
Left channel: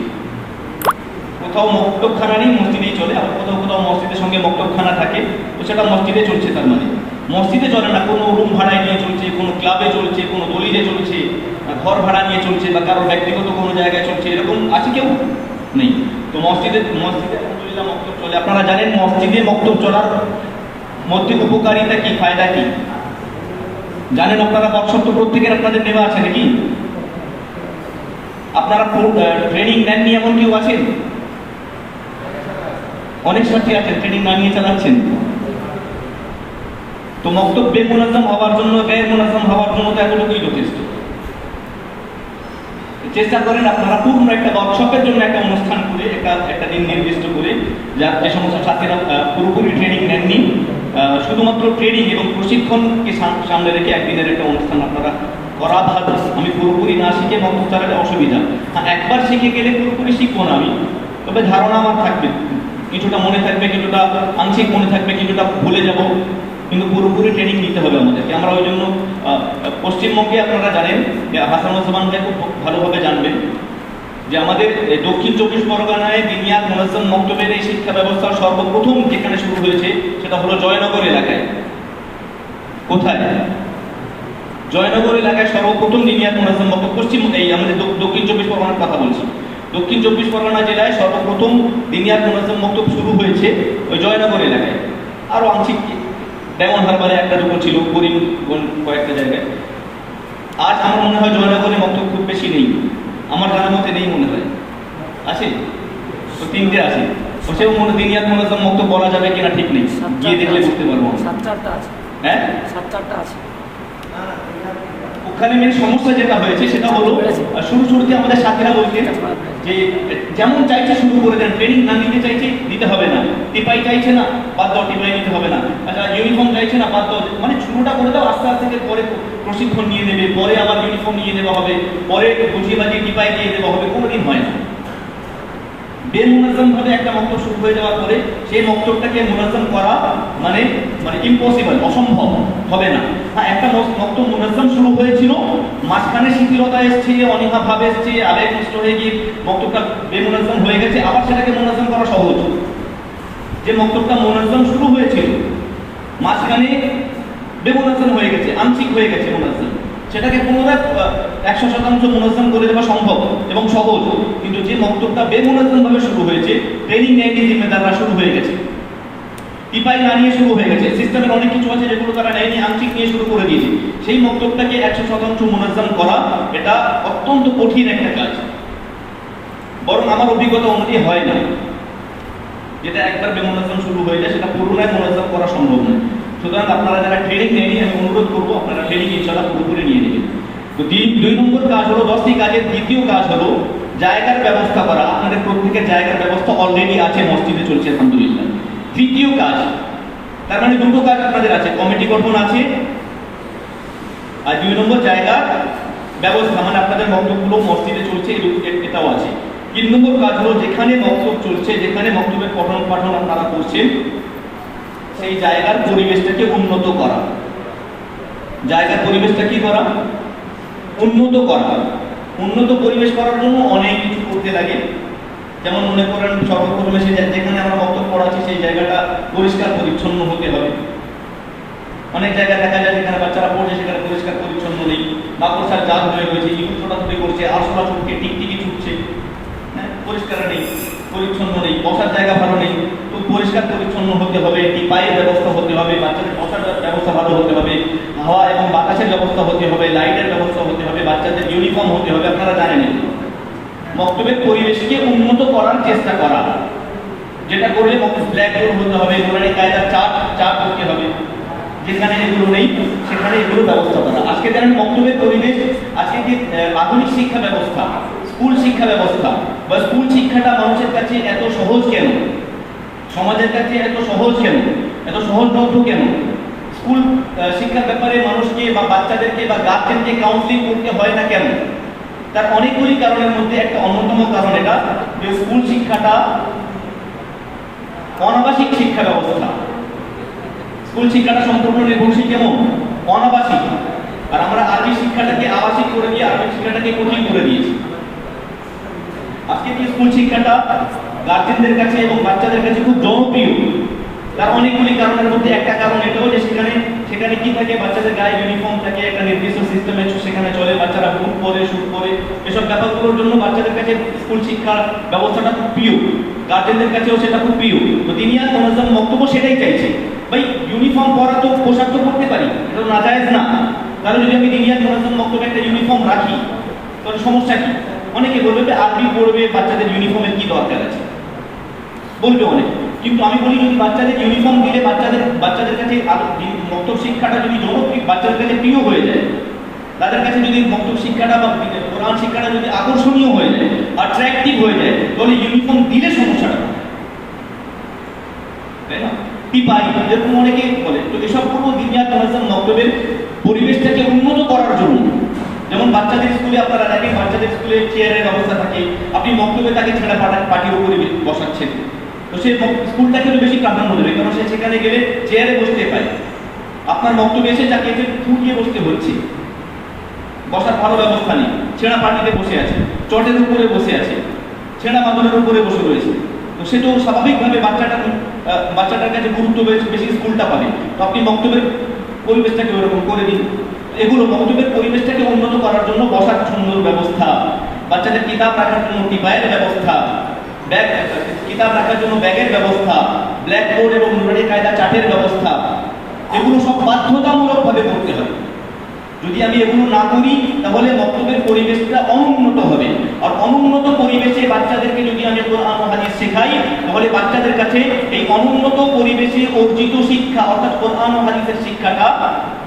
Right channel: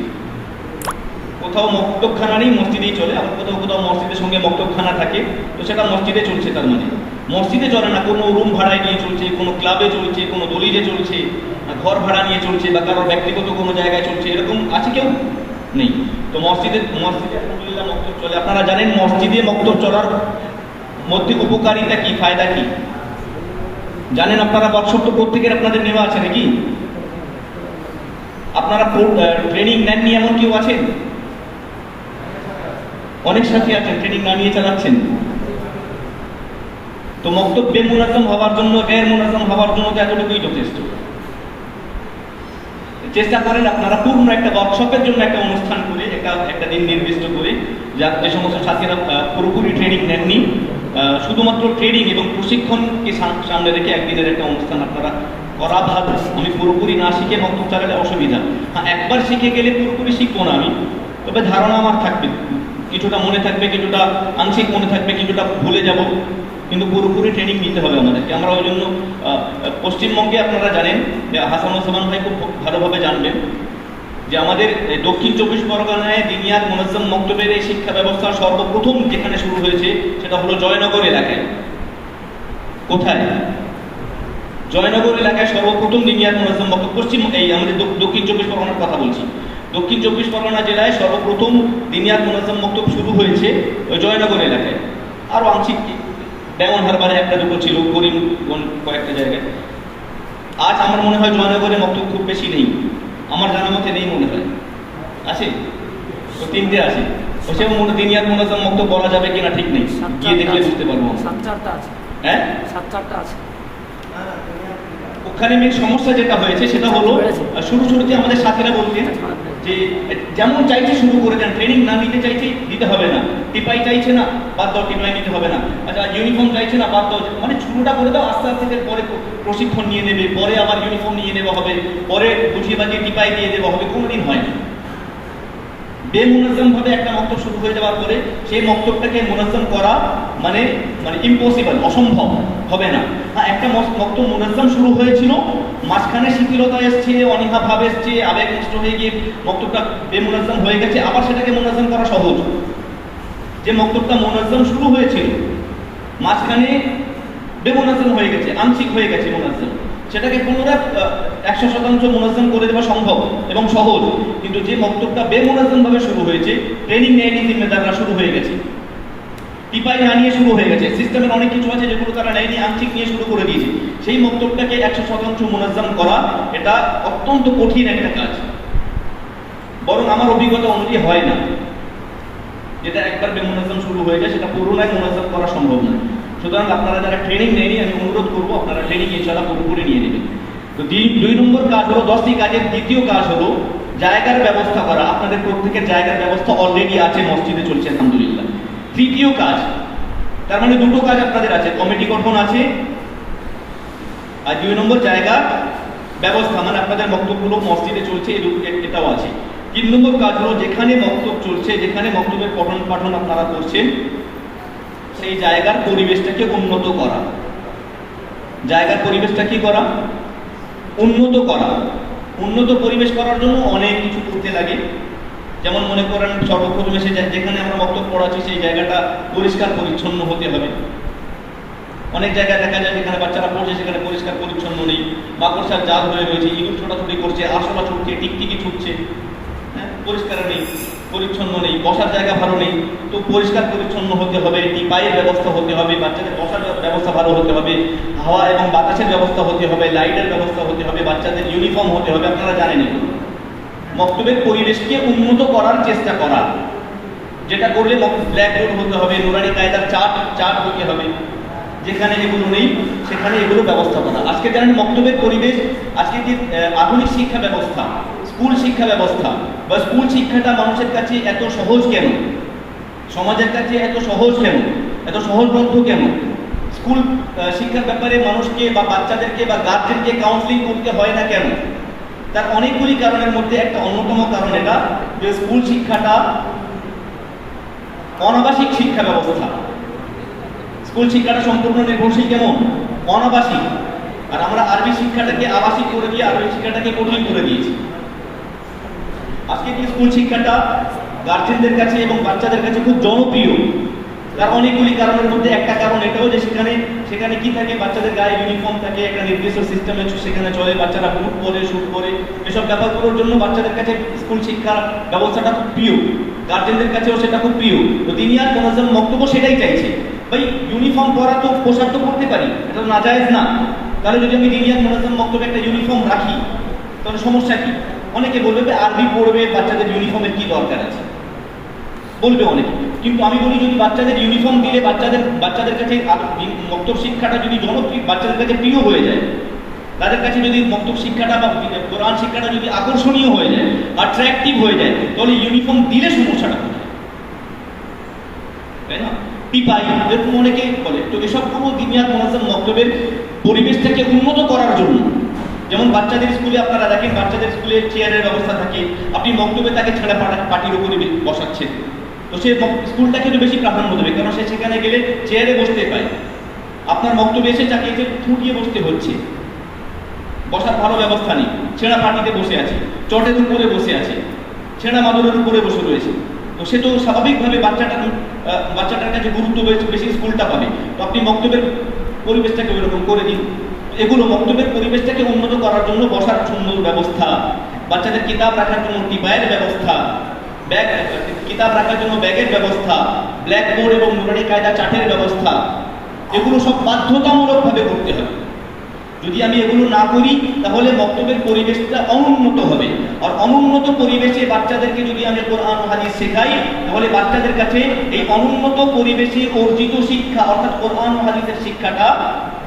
কোথাও মক্তবখানা নেই, মসজিদেই চলে। আবার কোথাও মসজিদের সঙ্গে মক্তবখানা থাকে, তো সেটা মসজিদে চলছে। তার মানে মসজিদে চলে না, কোনো রুম ভাড়ায় নিয়ে চলছে, কোনো ক্লাবে চলছে, কোনো দলিলে চলছে, ঘর ভাড়া নিয়ে চলছে, বা কারোর ব্যক্তিগত কোনো জায়গায় চলছে, এরকম আছে কেউ? নেই। তো মসজিদে আলহামদুলিল্লাহ মক্তব চলে। আপনারা জানেন মসজিদে মক্তব চলার মধ্যে উপকারিতা কি, ফায়দা কি জানেন? আপনারা ওয়ার্কশপ তো প্রত্যেকের আপনাদের নেওয়া আছে নাকি? আপনারা ট্রেনিং নেননি এমন কেউ আছেন? অনেক সাথী আছেন ট্রেনিং না নিয়ে চালাচ্ছেন। তো মক্তব বেমুনাজ্জাম হওয়ার জন্য, গায়ের মুনাজ্জাম হওয়ার জন্য তো এতটুকুই যথেষ্ট। চেষ্টা করেন আপনারা পূর্ণ একটা ওয়ার্কশপের জন্য একটা অনুষ্ঠান করে, একটা দিন নির্দিষ্ট করে, যে সমস্ত ছাত্রীরা পুরোপুরি ট্রেনিং নেননি, শুধুমাত্র ট্রেনিং এবং প্রশিক্ষণকে সামনে রেখে একদিনের একটা অনুষ্ঠান আপনারা করা ভালো। আমি পুরোপুরি না শিখে মক্তব চালালে অসুবিধা। একবার শিখে গেলে পুরোপুরি শিখবো না আমি, তবে ধারণা আমার থাকবে, কিছুটা মনে থাকবে, কিছুটা আংশিক মনে থাকবে, কিছুটা ভুলে যাব, কিন্তু পুরোপুরি ট্রেনিং নিতে হবে আমাদেরকে। আমরা ওই জন্য পশ্চিমবঙ্গে আপনারা জানেন যে হাসানুজ্জামান ভাই খুব ভালোভাবে জানবেন যে আমাদের দক্ষিণ 24 পরগনায় দিনিয়াত মুনাজ্জাম মক্তবের এই শিক্ষা ব্যবস্থা সর্বপ্রথম যেখানে শুরু হয়েছে সেটা হলো জয়নগর এলাকায়। কোথায়? জয়নগর এলাকায় সর্বপ্রথম দিনিয়াত মুনাজ্জাম মক্তব আমাদের দক্ষিণ 24 পরগনার কথা বলছি। দক্ষিণ 24 পরগনা জেলায় সর্বপ্রথম দিনিয়াত মুনাজ্জাম মক্তব শুরু হয়েছে ওই জয়নগর এলাকায়। আরও আংশিক ডায়মন্ড হারবারে একটা দুটো ছিল, করিমগঞ্জ কয়েকটা জায়গায়। আজ আমার মনে হয় জয়নগরে মক্তব খুব বেশি নেই, আমার জানার মতে নেই মনে হয়। আছে তো 3টে আছে তো সে দিনিয়াত মুনাজ্জাম মক্তব বলা যাবে কিনা ঠিক নেই, গিয়ে দেখলে বুঝতে পারবো। 7-4টা আছে, হ্যাঁ 7-4টা আছে। ওখানে মেন সমস্যা যেটা হয়েছে সেটা হলো শুরুতে আমাদের সাথীরা বলছেন যে যেমন চাইছে শুরু করে দেন, ট্রেনিং না নিতে চাইছে দিতে হবে না, টিপাই চাইছে না বাদ দাও, টিপাই নিতে হবে না, আচ্ছা ইউনিফর্ম চাইছে না বাদ দাও, মানে শুরুটা করে দাও, আস্তে আস্তে পরে প্রশিক্ষণ নিয়ে নেবে, পরে আবার ইউনিফর্ম নিয়ে নেওয়া হবে, পরে বুঝিয়ে বাজিয়ে টিপাই দিয়ে দেওয়া হবে, কোনোদিন হয় না। বেমুনাজ্জাম ভাবে একটা মক্তব শুরু হয়ে যাওয়ার পরে সেই মক্তবটাকে মুনাজ্জাম করা মানে ইম্পসিবল, অসম্ভব হবে না। হ্যাঁ, একটা মক্তব মুনাজ্জাম শুরু হয়েছিল, মাঝখানে শিথিলতা এসছে, অনীহা ভাব এসছে, আবেগ নষ্ট হয়ে গিয়ে মক্তবটা বেমুনাজ্জাম হয়ে গেছে, আবার সেটাকে মুনাজ্জাম করা সহজ। যে মক্তবটা মুনাজ্জাম শুরু হয়েছিল মাঝখানে বেমুনাজ্জাম হয়ে গেছে, আংশিক হয়ে গেছে মুনাজ্জাম, সেটাকে পুনরায় 100% মুনাজ্জাম করে দেওয়া সম্ভব এবং সহজ। কিন্তু যে মক্তবটা বেমুনাজ্জাম ভাবে শুরু হয়েছে, ট্রেনিং নেয়নি জিম্মেদাররা, শুরু হয়ে গেছে, টিপাই না নিয়ে শুরু হয়ে গেছে, সিস্টেমের অনেক কিছু আছে যেগুলো তারা নেয়নি, আংশিক নিয়ে শুরু করে দিয়েছে, সেই মক্তবটাকে 100% মুনাজ্জাম করা এটা অত্যন্ত কঠিন একটা কাজ। বরং আমার অভিজ্ঞতা অনুযায়ী হয় না, যেটা একবার বেমুনাজ্জাম শুরু হয়ে যায় সেটা পুরোনায় মুনাজ্জাম করা সম্ভব নয়। সুতরাং আপনারা যারা ট্রেনিং নেয়নি আমি অনুরোধ করবো আপনারা ট্রেনিং ইনশাআল্লাহ পুরোপুরি নিয়ে নেবেন। তো 2 নম্বর কাজ হলো, 10টি কাজের দ্বিতীয় কাজ হলো জায়গার ব্যবস্থা করা। আপনাদের প্রত্যেকের জায়গার ব্যবস্থা অলরেডি আছে, মসজিদে চলছে আলহামদুলিল্লাহ। তৃতীয় কাজ, তার মানে 2টো কাজ আপনাদের আছে, কমিটি গঠন আছে আর 2 নম্বর জায়গা ব্যবস্থা, মানে আপনাদের মক্তবগুলো মসজিদে চলছে এটাও আছে। 3 নম্বর কাজ হলো যেখানে মক্তব চলছে, যেখানে মক্তবের পঠন পাঠন আপনারা করছেন সেই জায়গার পরিবেশটাকে উন্নত করা। জায়গার পরিবেশটা কি করা? উন্নত করা। উন্নত পরিবেশ করার জন্য অনেক কিছু করতে লাগে। যেমন মনে করেন সর্বপ্রথমে যেখানে আমরা বক্তব্য পড়াচ্ছি সেই জায়গাটা পরিষ্কার পরিচ্ছন্ন হতে হবে। অনেক জায়গায় দেখা যায় যেখানে বাচ্চারা পড়ছে সেখানে পরিষ্কার পরিচ্ছন্ন নেই, মাকড়সার জাল হয়ে রয়েছে, ইঁদুর ছোটাছুটি করছে, আরশোলা ছুটছে, টিকটিকি ছুটছে, হ্যাঁ, পরিষ্কার নেই, পরিচ্ছন্ন নেই, বসার জায়গা ভালো নেই। তো পরিষ্কার পরিচ্ছন্ন হতে হবে, টিপাইয়ের ব্যবস্থা হতে হবে, বাচ্চাদের বসার ব্যবস্থা ভালো হতে হবে, হাওয়া এবং বাতাসের ব্যবস্থা হতে হবে, লাইটের ব্যবস্থা হতে হবে, বাচ্চাদের ইউনিফর্ম হতে হবে। আপনারা জানেন মক্তবের পরিবেশকে উন্নত করার চেষ্টা করা, যেটা করলে ব্ল্যাকবোর্ড হতে হবে, নুরানি কায়দার চার্ট হতে হবে, যেখানে এগুলো নেই সেখানে এগুলো ব্যবস্থা করা। আজকে জানেন মক্তবের পরিবেশ, আজকে কি আধুনিক শিক্ষা ব্যবস্থা, স্কুল শিক্ষা ব্যবস্থা বা স্কুল শিক্ষাটা মানুষের কাছে এত সহজ কেন, সমাজের কাছে এত সহজ কেন, এত সহজলভ্য কেন? স্কুল শিক্ষার ব্যাপারে মানুষকে বা বাচ্চাদেরকে বা গার্জেনকে কাউন্সিলিং করতে হয় না কেন? তার অনেকগুলি কারণের মধ্যে একটা অন্যতম কারণ এটা যে স্কুল শিক্ষাটা অনাবাসিক শিক্ষা ব্যবস্থা। স্কুল শিক্ষাটা সম্পূর্ণ নির্ভরশীল কেমন? অনাবাসিক। আর আমরা আরবি শিক্ষাটাকে আবাসিক করে দিয়ে আরবি শিক্ষাটাকে কঠিন করে দিয়েছি। আজকে কি স্কুল শিক্ষাটা গার্জেনদের কাছে এবং বাচ্চাদের কাছে খুব জনপ্রিয়। তার অনেকগুলি কারণের মধ্যে একটা কারণ এটাও যে সেখানে কি থাকে, বাচ্চাদের গায়ে ইউনিফর্ম থাকে, একটা নির্দিষ্ট সিস্টেমে সেখানে চলে, বাচ্চারা বুট পরে, শুট পরে, এসব ব্যাপারগুলোর জন্য বাচ্চাদের কাছে স্কুল শিক্ষার ব্যবস্থাটা খুব প্রিয়, গার্জেনদের কাছেও সেটা খুব প্রিয়। তো দিনিয়াত মুনাজ্জাম মক্তব্য সেটাই চাইছে, ভাই ইউনিফর্ম পরা তো পোশাক তো করতে পারি, এটা নাজায়েজ না। তাহলে যদি আমি দিনিয়াত মুনাজ্জাম মক্তব্যে একটা ইউনিফর্ম রাখি তাহলে সমস্যা কি? অনেকে বলবে আরবি পড়বে, বাচ্চাদের ইউনিফর্মের কি দরকার আছে, বলবে অনেকে। কিন্তু আমি বলি যদি বাচ্চাদের ইউনিফর্ম দিলে বাচ্চাদের কাছে মক্তব শিক্ষাটা যদি জনপ্রিয়, বাচ্চাদের কাছে প্রিয় হয়ে যায়, তাদের কাছে যদি মক্তব শিক্ষাটা বা কোরআন শিক্ষাটা যদি আকর্ষণীয় হয়ে যায়, অ্যাট্রাকটিভ হয়ে যায়, তাহলে ইউনিফর্ম দিলে সমস্যাটা, তাই না? টিপাই যেরকম অনেকেই বলে। তো এসব পুরো দিনিয়াত মুনাজ্জাম মক্তবের পরিবেশটাকে উন্নত করার জন্য, যেমন বাচ্চাদের স্কুলে আপনারা দেখেন বাচ্চাদের স্কুলে চেয়ারের ব্যবস্থা থাকে, আপনি মক্তবে তাকে ছেড়ে পাটির উপরে বসাচ্ছেন, তো সে স্কুলটাকে বেশি প্রাধান্য দেবে, কারণ সে সেখানে গেলে চেয়ারে বসতে পায়। আপনার মক্তবে এসে তাকে ফুটিয়ে বসতে হচ্ছে, বসার ভালো ব্যবস্থা নেই, ছেঁড়া পাটিতে বসে আছে, চটের উপরে বসে আছে, ছেঁড়া মাদুরের উপরে বসে রয়েছে। তো সে তো স্বাভাবিকভাবে বাচ্চাটার কাছে গুরুত্ব বেশি স্কুলটা পাবে। তো আপনি মক্তবের পরিবেশটাকে ওইরকম করে দিন। এগুলো মক্তবের পরিবেশটাকে উন্নত করার জন্য বসার সুন্দর ব্যবস্থা, বাচ্চাদের কিতাব রাখার জন্য টিপাইয়ের ব্যবস্থা, কিতাব রাখার জন্য ব্যাগের ব্যবস্থা, ব্ল্যাকবোর্ড এবং নুরানি কায়দা চার্টের ব্যবস্থা, এগুলো সব বাধ্যতামূলকভাবে করতে হবে। যদি আমি এগুলো না করি তাহলে মক্তবের পরিবেশটা অনুন্নত হবে। আর অনুন্নত পরিবেশে বাচ্চাদেরকে যদি আমি কোরআন ও হাদিস শেখাই তাহলে বাচ্চাদের কাছে এই অনুন্নত পরিবেশে অর্জিত শিক্ষা অর্থাৎ কোরআন ও হাদিসের শিক্ষাটা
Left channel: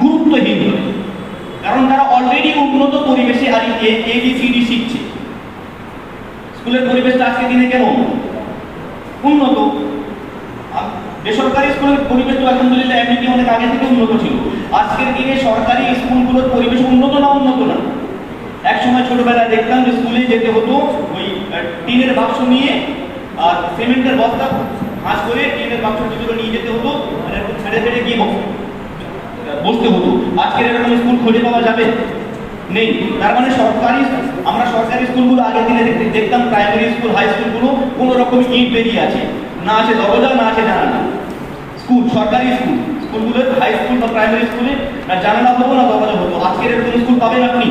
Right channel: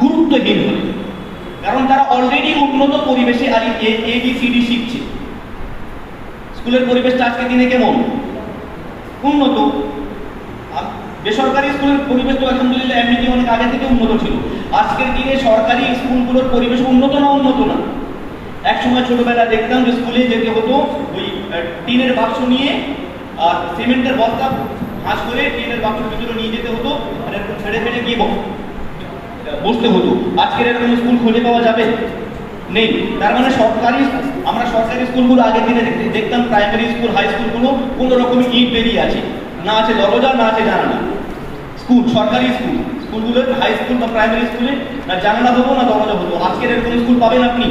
গুরুত্বহীন হবে। কারণ তারা অলরেডি উন্নত পরিবেশে আর ABCD শিখছে। স্কুলের পরিবেশটা আজকের দিনে কেমন? উন্নত। বেসরকারি স্কুলের পরিবেশ তো আলহামদুলিল্লাহ এমনিতে অনেক আগে থেকে উন্নত ছিল। আজকের দিনে সরকারি স্কুলগুলোর পরিবেশ উন্নত না। এক সময় ছোটবেলায় দেখতাম যে স্কুলে যেতে হতো ওই টিনের বাক্স নিয়ে আর সিমেন্টের বস্তা ভাঁজ করে টিনের বাক্সের ভিতরে নিয়ে যেতে হতো, আর এরকম ছেড়ে ফেলে গিয়ে বসতে হতো। আজকের এরকম স্কুল খুঁজে পাওয়া যাবে? নেই। তার মানে আমরা সরকারি স্কুলগুলো আগের দিনে দেখতাম প্রাইমারি স্কুল হাই স্কুলগুলো কোনো রকম ইট বেরিয়ে আছে, না আছে দরজা, না আছে জানালা। সরকারি স্কুলগুলোর হাই স্কুল বা প্রাইমারি স্কুলে না জানালা হতো না দরজা হতো। আজকের এরকম স্কুল পাবেন আপনি?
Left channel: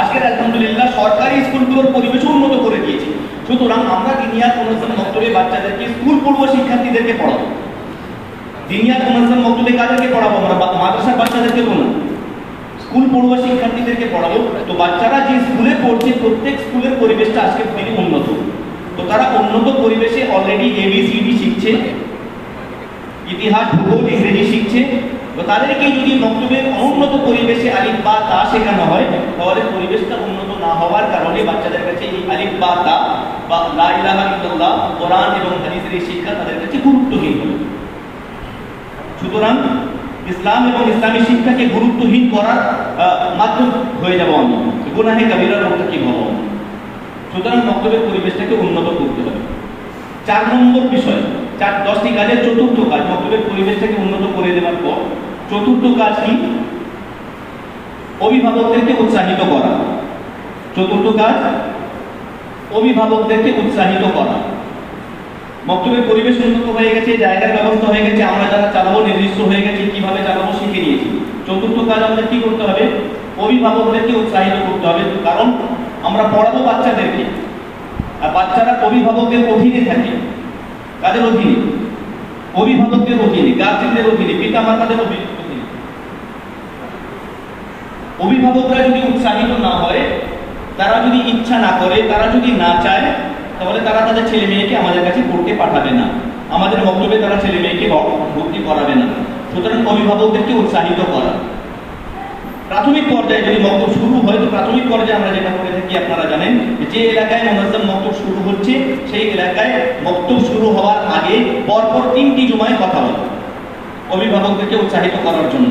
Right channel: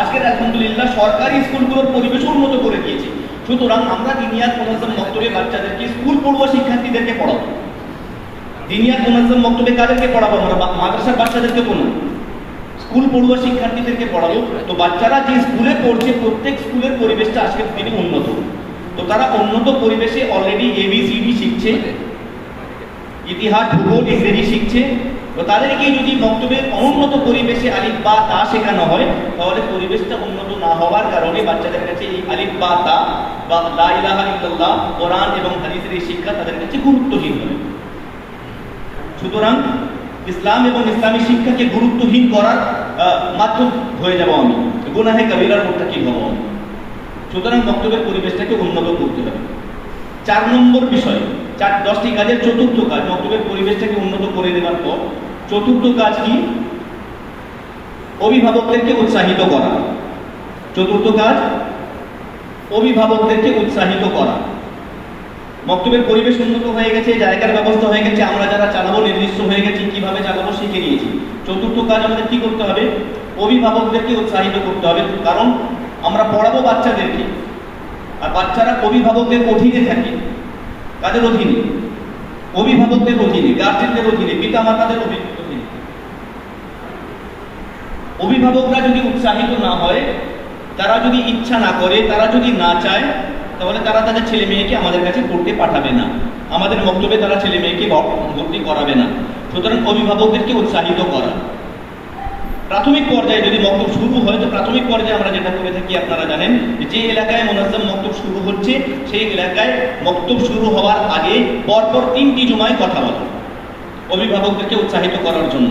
আজকের আলহামদুলিল্লাহ সরকারি স্কুলগুলোর পরিবেশ উন্নত করে দিয়েছে। সুতরাং আমরা দিনিয়াত মুনাজ্জাম মক্তবে বাচ্চাদেরকে স্কুল পূর্ব শিক্ষার্থীদেরকে পড়াবো। দিনিয়াত মুনাজ্জাম মক্তবে কাদেরকে পড়াবো? আমরা মাদ্রাসার বাচ্চাদেরকে বলবো, স্কুল পড়ুয়া শিক্ষার্থীদেরকে পড়াবো। তো বাচ্চারা যে স্কুলে পড়ছে প্রত্যেক স্কুলের পরিবেশটা আজকের দিনে উন্নত। তো তারা উন্নত পরিবেশে অলরেডি ABCD শিখছে, ইতিহাস, ভূগোল, ইংরেজি শিখছে। তো তাদেরকে যদি মক্তবের অনুন্নত পরিবেশে আলিফ বা তা শেখানো হয় তাহলে পরিবেশটা উন্নত না হওয়ার কারণে বাচ্চাদের কাছে এই আলিফ বা তা বা লা ইলাহা ইল্লাল্লাহ, কোরআন এবং হাদিসের এই শিক্ষা তাদের কাছে গুরুত্বহীন হবে। সুতরাং ইসলাম এবং ইসলামী শিক্ষাকে গুরুত্বহীন করার মাধ্যম হয়ে যাব আমি, গুনাহে কাবীরার মুরতাকিব হব। সুতরাং মক্তবের পরিবেশটাকে উন্নত করতে হবে। 4 নম্বর বিষয়, 10টি কাজের চতুর্থ কাজ মক্তবের পরিবেশটাকে উন্নত করে দেওয়ার পর চতুর্থ কাজ কি? অভিভাবকদেরকে উৎসাহিত করা। চতুর্থ কাজ অভিভাবকদেরকে উৎসাহিত করা। মক্তবের পরিবেশ উন্নত হয়ে গেছে, জায়গার ব্যবস্থা হয়ে গেছে, আমরা যারা চালাবো নির্দিষ্ট হয়ে গেছে, কিভাবে চালাবো শিখে নিয়েছি। চতুর্থ কাজ আমাদের কি করতে হবে? অভিভাবকদেরকে উৎসাহিত করতে হবে। কারণ আমরা পড়াবো বাচ্চাদেরকে, আর বাচ্চারা অভিভাবকের অধীনে থাকে। কাদের অধীনে? অভিভাবকদের অধীনে, গার্জেনদের অধীনে, পিতা মাতাদের অধীনে। অভিভাবকরা যদি উৎসাহিত না হয়, তারা যদি ইচ্ছা না করে, তারা যদি না চায়, তাহলে তারা তাদের ছেলে মেয়েকে আমাদের কাছে পড়তে পাঠাবে না, আমাদের মক্তবে তারা ছেলে মেয়েকে ভর্তি করাবে না। সুতরাং অভিভাবকদেরকে উৎসাহিত করা। প্রাথমিক পর্যায়ে যদি মক্তব শুরু হয় তো প্রাথমিক পর্যায়ে আমরা যেটা করে থাকি আপনারা জানেন, যে এলাকায় মুনাজ্জাম মক্তব শুরু হচ্ছে সেই এলাকায় মক্তব শুরু হওয়ার আগে পরপর 3টি জুমায় কথা বলা, অভিভাবকদেরকে উৎসাহিত করার জন্য।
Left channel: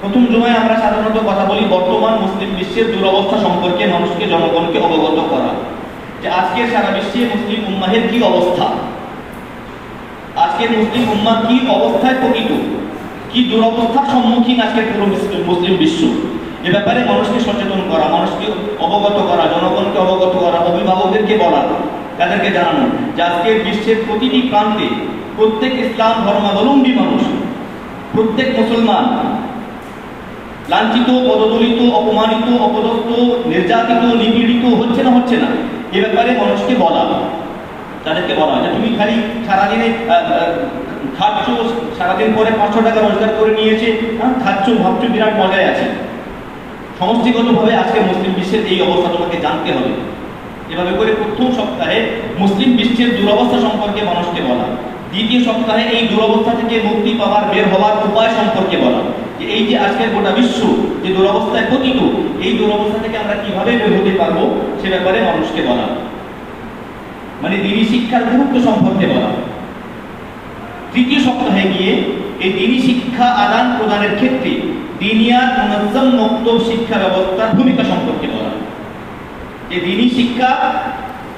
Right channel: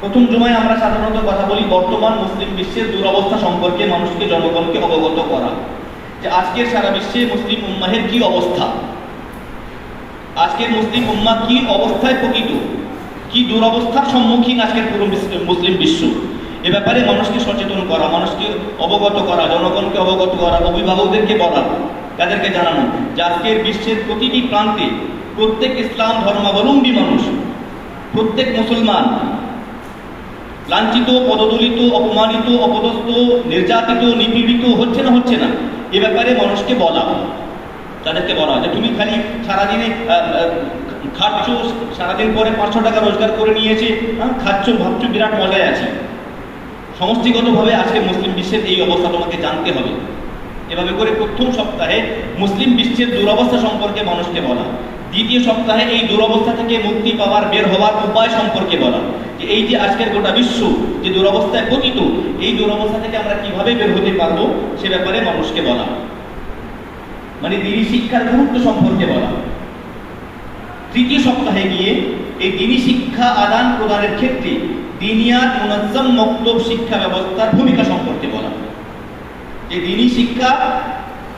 প্রথম জুমায় আমরা সাধারণত কথা বলি বর্তমান মুসলিম বিশ্বের দুরবস্থা সম্পর্কে মানুষকে, জনগণকে অবগত করা, যে আজকের সারা বিশ্বে মুসলিম উম্মাহের কি অবস্থা, আজকের মুসলিম উম্মাহ কি অবস্থায় পতিত, কি দুরবস্থার সম্মুখীন আজকের পুরো মুসলিম বিশ্ব। এ ব্যাপারে মানুষকে সচেতন করা, মানুষকে অবগত করা, জনগণকে অবগত করা, অভিভাবকদেরকে বলা, তাদেরকে জানানো যে আজকের বিশ্বের প্রতিটি প্রান্তে প্রত্যেক ইসলাম ধর্মাবলম্বী মানুষ, প্রত্যেক মুসলমান লাঞ্ছিত, পদদলিত, অপমানিত, অপদস্থ, নির্যাতিত, নিপীড়িত হচ্ছে না এ ব্যাপারে মানুষকে বলা, তাদেরকে বলা যে তুমি খালি সারাদিনে খাচ্ছ, সারাদিন পরে 500 টাকা রোজগার করে নিয়েছে, খাচ্ছ, ভাবছো, বিরাট মজায় আছে। সমষ্টিগতভাবে আজকে মুসলিম বিশ্বের এই অবস্থা তোমাকে জানতে হবে। এভাবে করে প্রথম সপ্তাহে মুসলিম বিশ্বের দুরবস্থা সম্পর্কে মানুষকে বলা, দ্বিতীয় সপ্তাহে এই দুরবস্থা থেকে মুক্তি পাওয়ার, বের হওয়ার উপায় সম্পর্কে বলা, যে এই যে আজকের গোটা বিশ্ব যে দুরবস্থায় পতিত, এই দুরবস্থা থেকে আমরা কিভাবে বের হতে পারবো সে ব্যাপারে মানুষকে বলা, মানে দ্বীনি শিক্ষার গুরুত্ব সম্পর্কে বলা। তৃতীয় সপ্তাহে গিয়ে এই দ্বীনি শিক্ষা আদান প্রদানের ক্ষেত্রে দিনিয়াত মুনাজ্জাম মক্তব শিক্ষা ব্যবস্থার ভূমিকা সম্পর্কে বলা, যে দ্বীনি শিক্ষা